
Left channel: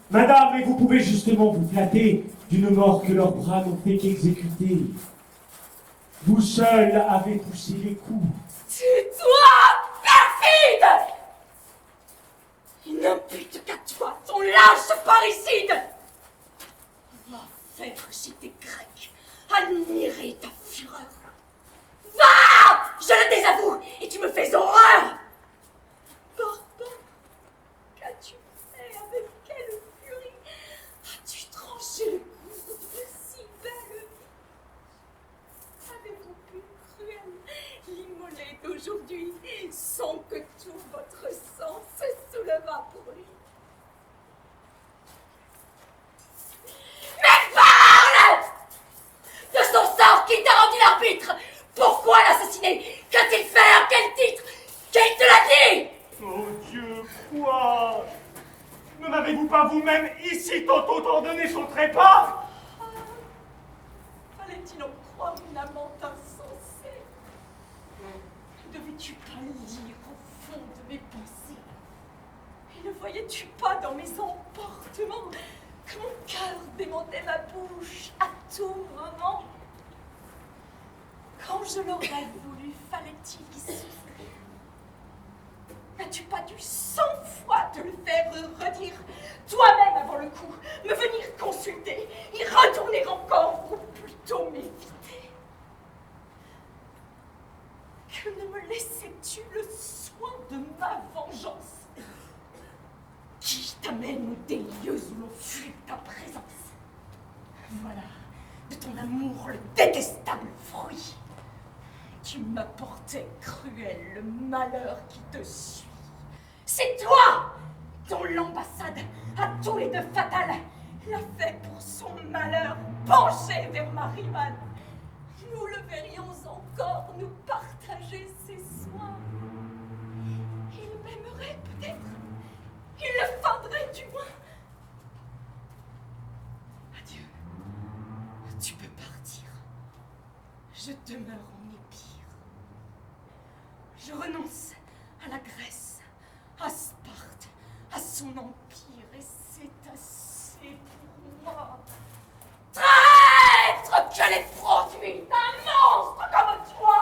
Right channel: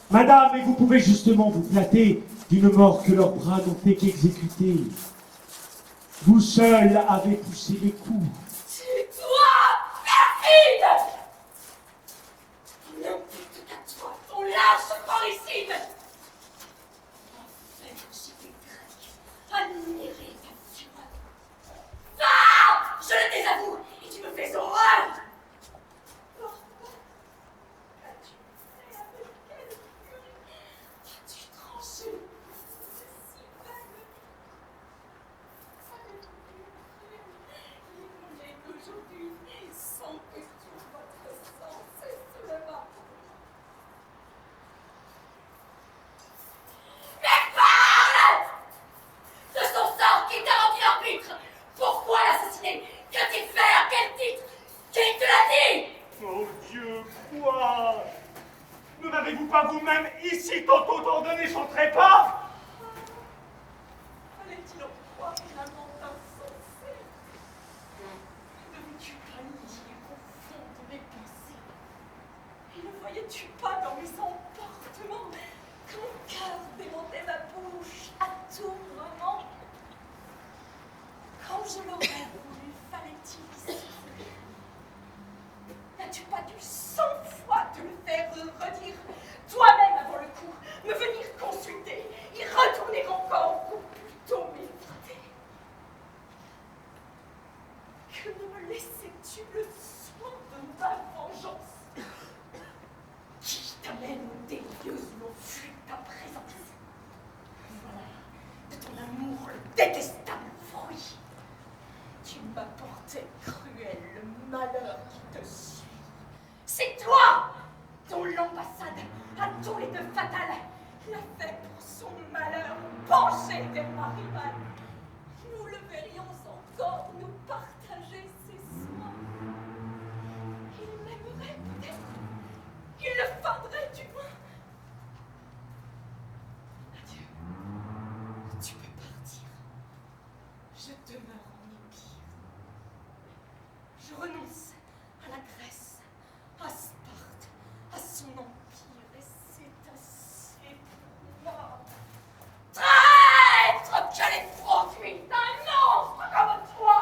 Madame, et vous pouvez justement vous flatter d'une mort que leurs bras n'ont fait qu'exécuter. Vous seuls avez poussé les coups. Tue-toi, perfide! Il n'impute qu'à toi, ton lâche parricide! Va faire chez tes Grecs, admirer ta fureur. Va! Je le désavoue, et tu me fais horreur! Barbare, qu'as-tu fait? Avec quelle furie as-tu tranché le cou de si belle? Avez-vous pu cruel l'immoler d'aujourd'hui sans que tout votre sang se soulevât pour lui? Mais parle! De son sort qui t'a rendu l'arbitre! Pourquoi l'assassiner? Qu'a-t-il fait? À quel titre? Qui te l'a dit? Oh Dieu, quoi? Ne m'avez-vous pas vous-même ici tantôt ordonné son trépas? Fallait-il en croire une amante insensée? Ne devais-tu pas lire au fond de mes pensées? Et ne voyais-tu pas dans mes emportements que mon cœur démentait ma bouche à tout moment? Quand je l'aurais voulu, fallait-il y souffrir? N'as-tu pas dû 100 fois te le faire redire toi-même avant le coup, me venir consulter, y retourner encore, ou plutôt m'éviter? Que ne me laissais-tu le soin de ma vengeance, qui t'amène au délieuse où l'on fuit ta présence? Voilà, de ton amour le détestable fruit. Tu m'apportais cruel le malheur qui te suit. C'est toi dont l'ambassade, à tous les deux fatale, l'a fait pour son malheur penché vers ma rivale. Nous le verrions encore nous partager ses soins. Il m'aimerait peut-être, il le feindrait du moins. Adieu, tu peux partir. Je demeure en Épire. Je renonce à la Grèce, à Sparte, à son empire, et c'est assez pour moi. Traître, que les produits d'un monstre comme toi!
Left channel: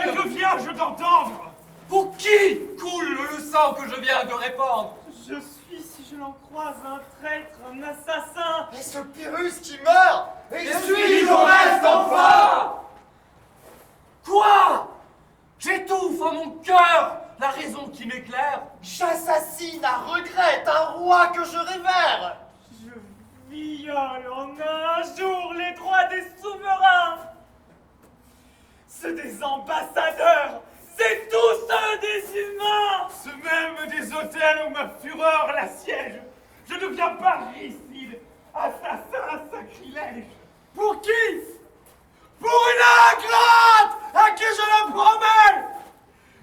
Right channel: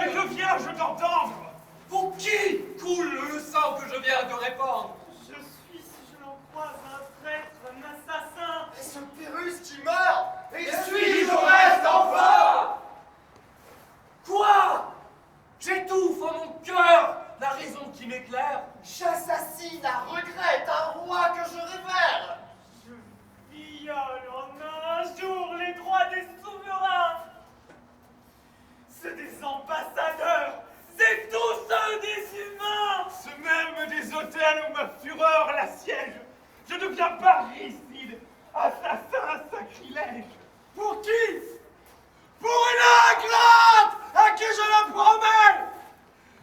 Et que viens-je d'entendre? Pour qui coule le sang que je viens de répandre? Je suis, si je l'en croise, un traître, un assassin. Est-ce Pyrrhus qui meurt? Et suis-je au reste enfin? Quoi? J'étouffe en mon cœur la raison qui m'éclaire. J'assassine à regret un roi que je révère. Je viole en un jour les droits des souverains. Ceux des ambassadeurs, c'est tous ceux des humains. Ceux même des hôtels où ma fureur l'assiège. Je deviens parricide, assassin, sacrilège. Pour qui? Pour une ingrate à qui je le promets,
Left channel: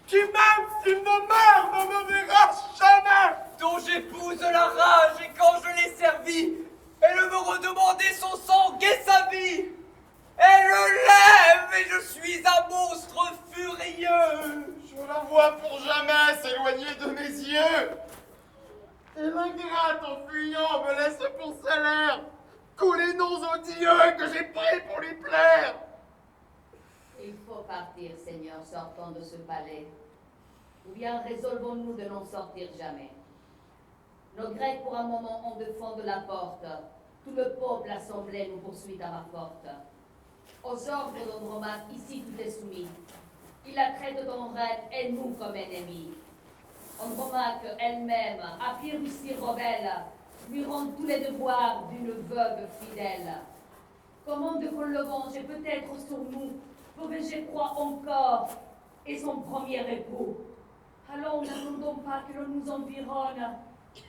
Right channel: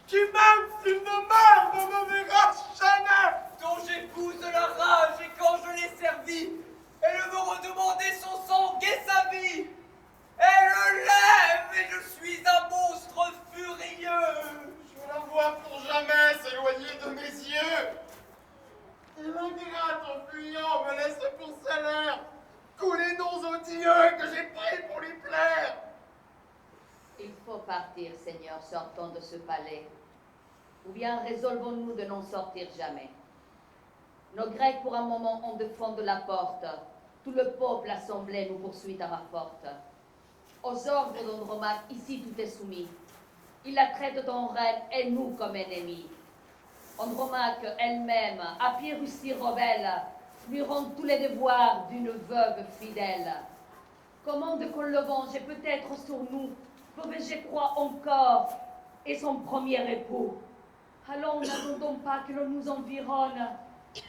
Qui même s'il ne meurt ne me verra jamais. dont j'épouse la rage et quand je l'ai servi, elle me redemandait son sang et sa vie. Elle lève et je suis un monstre furieux. Je la vois pour jamais s'éloigner de mes yeux. Et l'ingrate en fuyant me laisse pour salaire tous les noms odieux que j'ai pris pour lui plaire. Il faut partir, Seigneur, sortons de ce palais. Ou bien résolvons-nous de n'en sortir jamais. Nos Grecs, pour un moment, ont de fond de la porte. Tout le peuple assemblé nous poursuit à ma porte. Aux ordres d'Andromaque, ici tout est soumis. Il la traite en reine et nous comme ennemis. Andromaque elle-même, à Pyrrhus rebelle, lui rendre tous les devoirs d'une veuve fidèle. Commande qu'on le venge peut-être sur nous, pouvais-je croire encore, et son premier époux. Allons, n'attendons pas que l'on nous environne.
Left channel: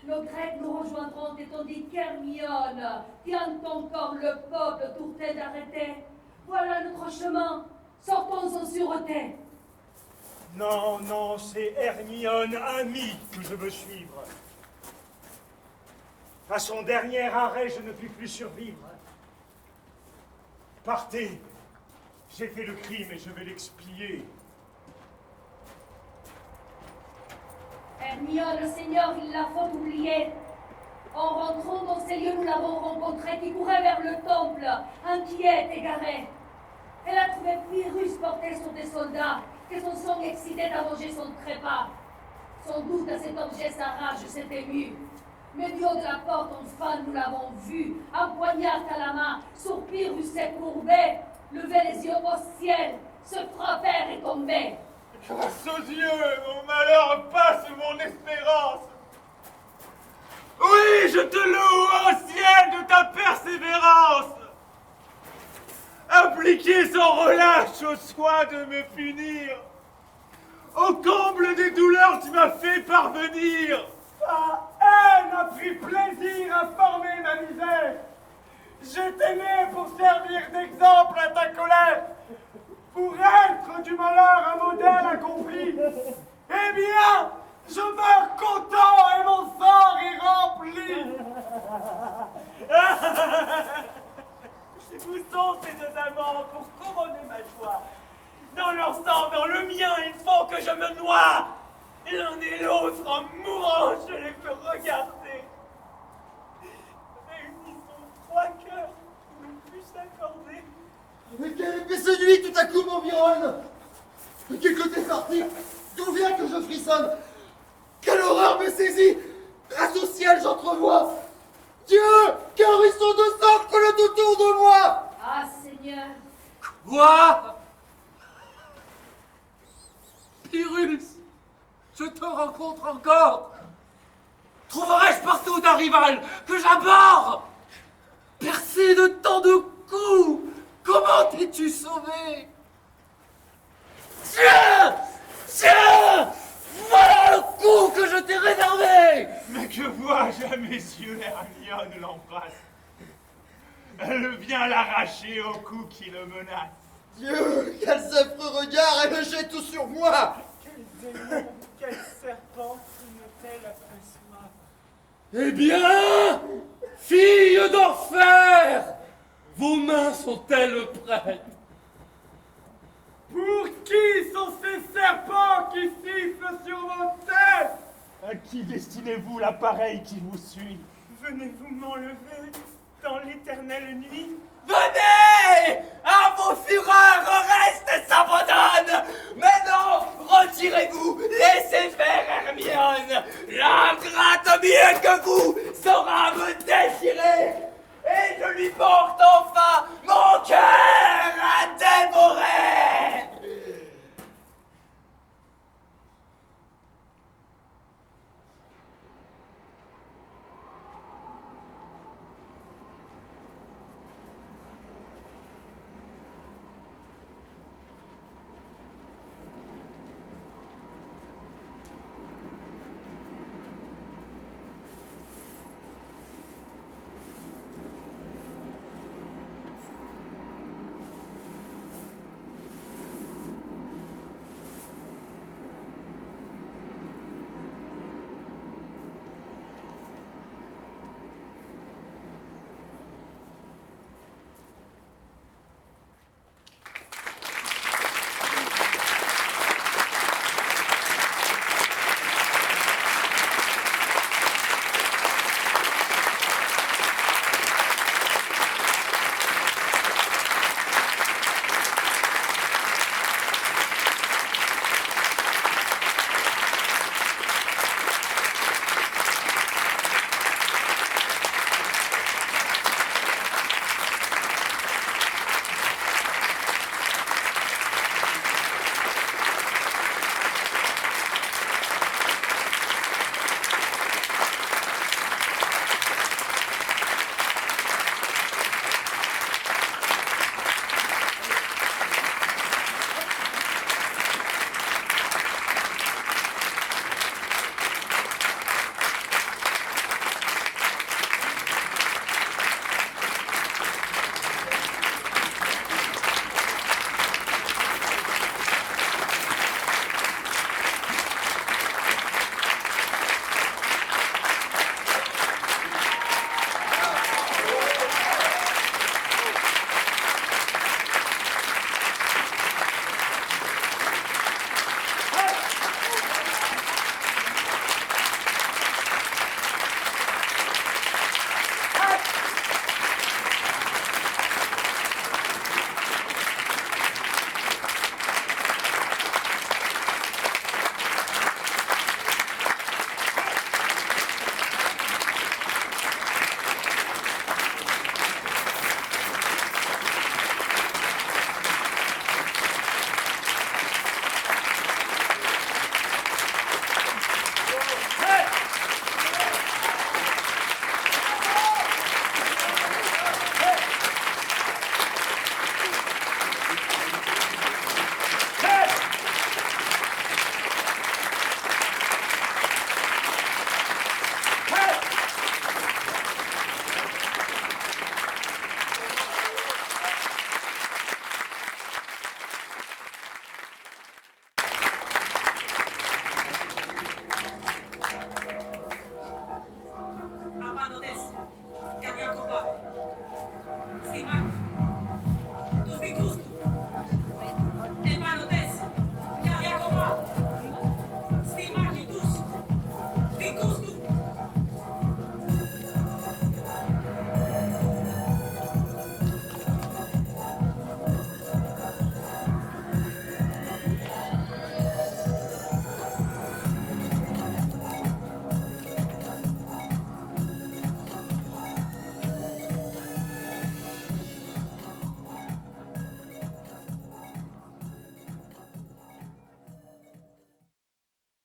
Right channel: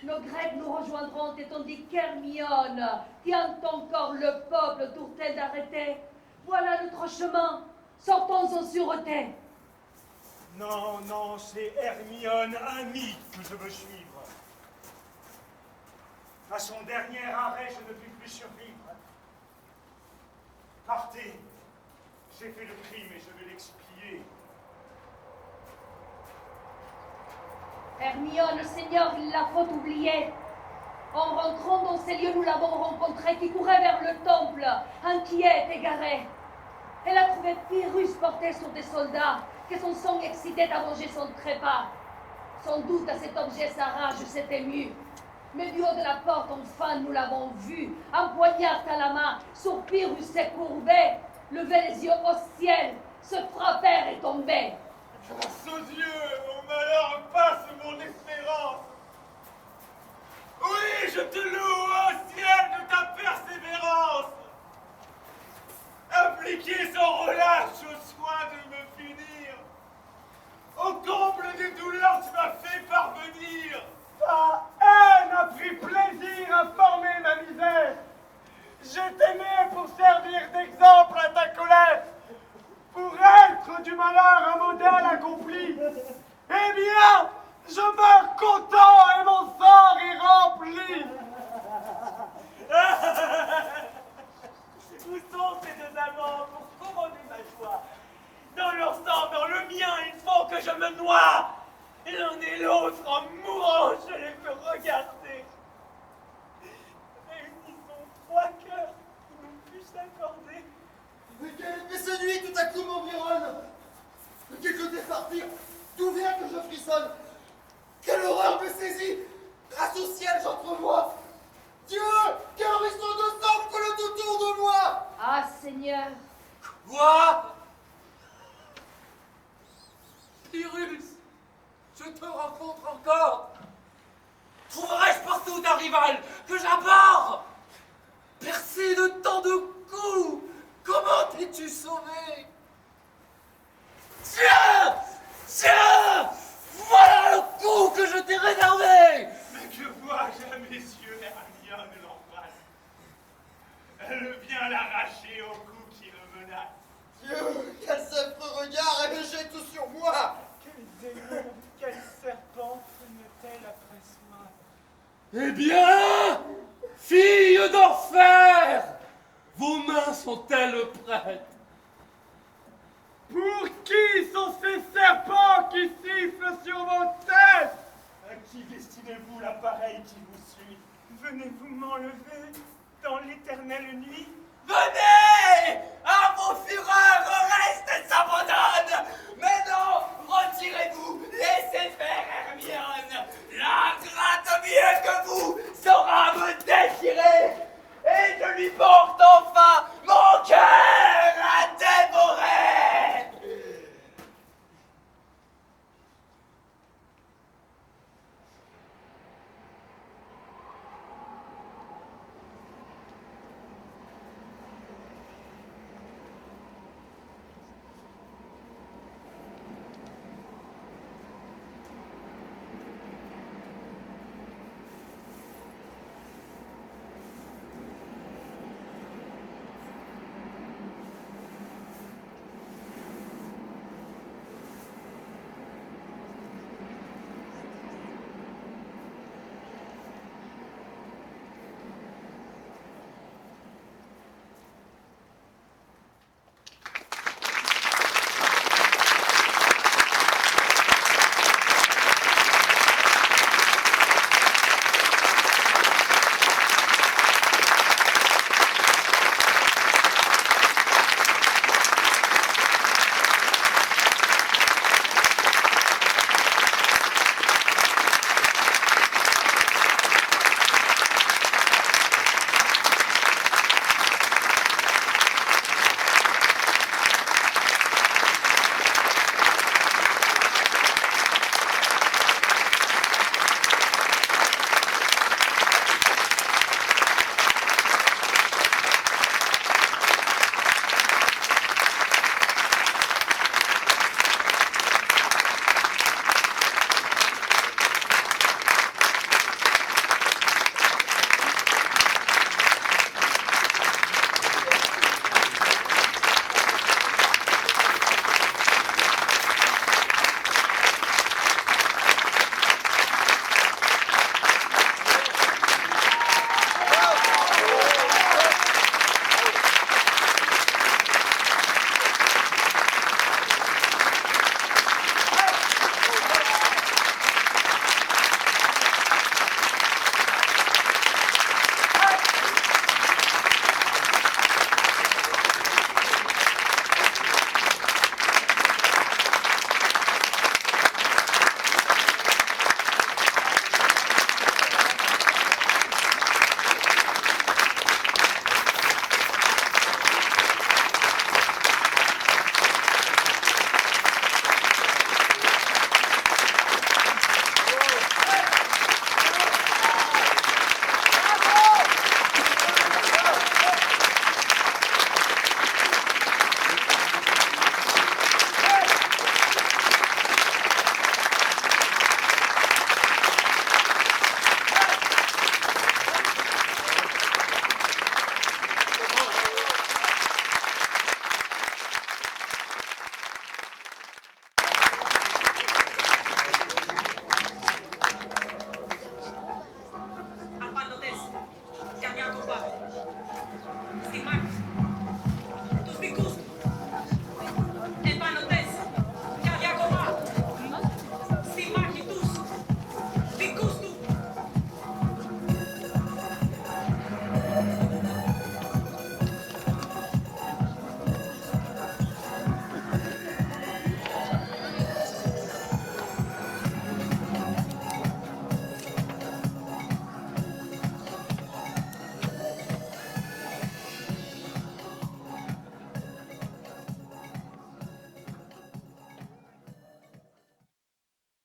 Nos Grecs nous rejoindront, et tandis qu'Hermione tient encore le peuple tourtel d'arrêter. Voilà notre chemin, sortons en sûreté. Non, non, c'est Hermione, amie, que je veux suivre. À son dernier arrêt, je ne puis plus survivre. Partez, j'ai fait le crime et je vais l'expier. Hermione, Seigneur, il la faut oublier. En rentrant dans ces lieux, nous l'avons rencontrée qui courait vers le temple, inquiète, égarée. Elle a trouvé Pyrrhus porté sur des soldats, que son sang excitait à venger son trépas. Sans doute à cet objet sa rage s'est émue. Mais du haut de la porte, enfin, nous l'avons vu, un poignard à la main, sur Pyrrhus s'est courbé, levé les yeux au ciel, se frapper et tomber. Grâce aux yeux, mon malheur passe mon espérance. Oui, je te loue au ciel de ta persévérance. Appliqué sans relâche au soin de me punir. Au comble des douleurs, tu m'as fait parvenir. Ta haine a pris plaisir à former ma misère. Je t'ai né pour servir d'exemple à ta colère, pour être du malheur un modèle accompli. Eh bien, je meurs content et mon sort est rempli. Où sont ces deux amants pour couronner ma joie? Dans leur sang, dans le mien, il faut que je me noie. L'un et l'autre, en mourant, je les peux regarder. Réunissons trois cœurs qui n'ont pu s'accorder. Mais quelle épée ce nuit tout à coup m'environne? De quel côté sortir? D'où vient que je frissonne? Quelle horreur me saisit? Grâce au ciel, j'entrevois Dieu, qu'un ruisseau de sang coule autour de moi. Ah, Seigneur. Quoi? Pyrrhus, je te rencontre encore. Trouverai-je partout un rival que j'aborde? Percé de tant de coups, comment t'es-tu sauvé? Tiens! Tiens! Voilà le coup que je t'ai réservé! Mais que vois-je à mes yeux, Hermione l'embrasse. Elle vient l'arracher au cou qui le menace. Dieu, quel affreux regard, elle me jette tout sur moi. Quel démon, quel serpent me-t-elle après moi? Eh bien, fille d'Orphère, vos mains sont-elles prêtes? Pour qui sont ces serpents qui sifflent sur vos têtes? À qui destinez-vous l'appareil qui vous suit? Venez-vous m'enlever dans l'éternelle nuit? Venez! À vos fureurs, reste s'abandonne! Mais non! Retirez-vous! Laissez faire Hermione! L'ingrate mieux que vous saura me déchirer! Et je lui porte enfin mon cœur!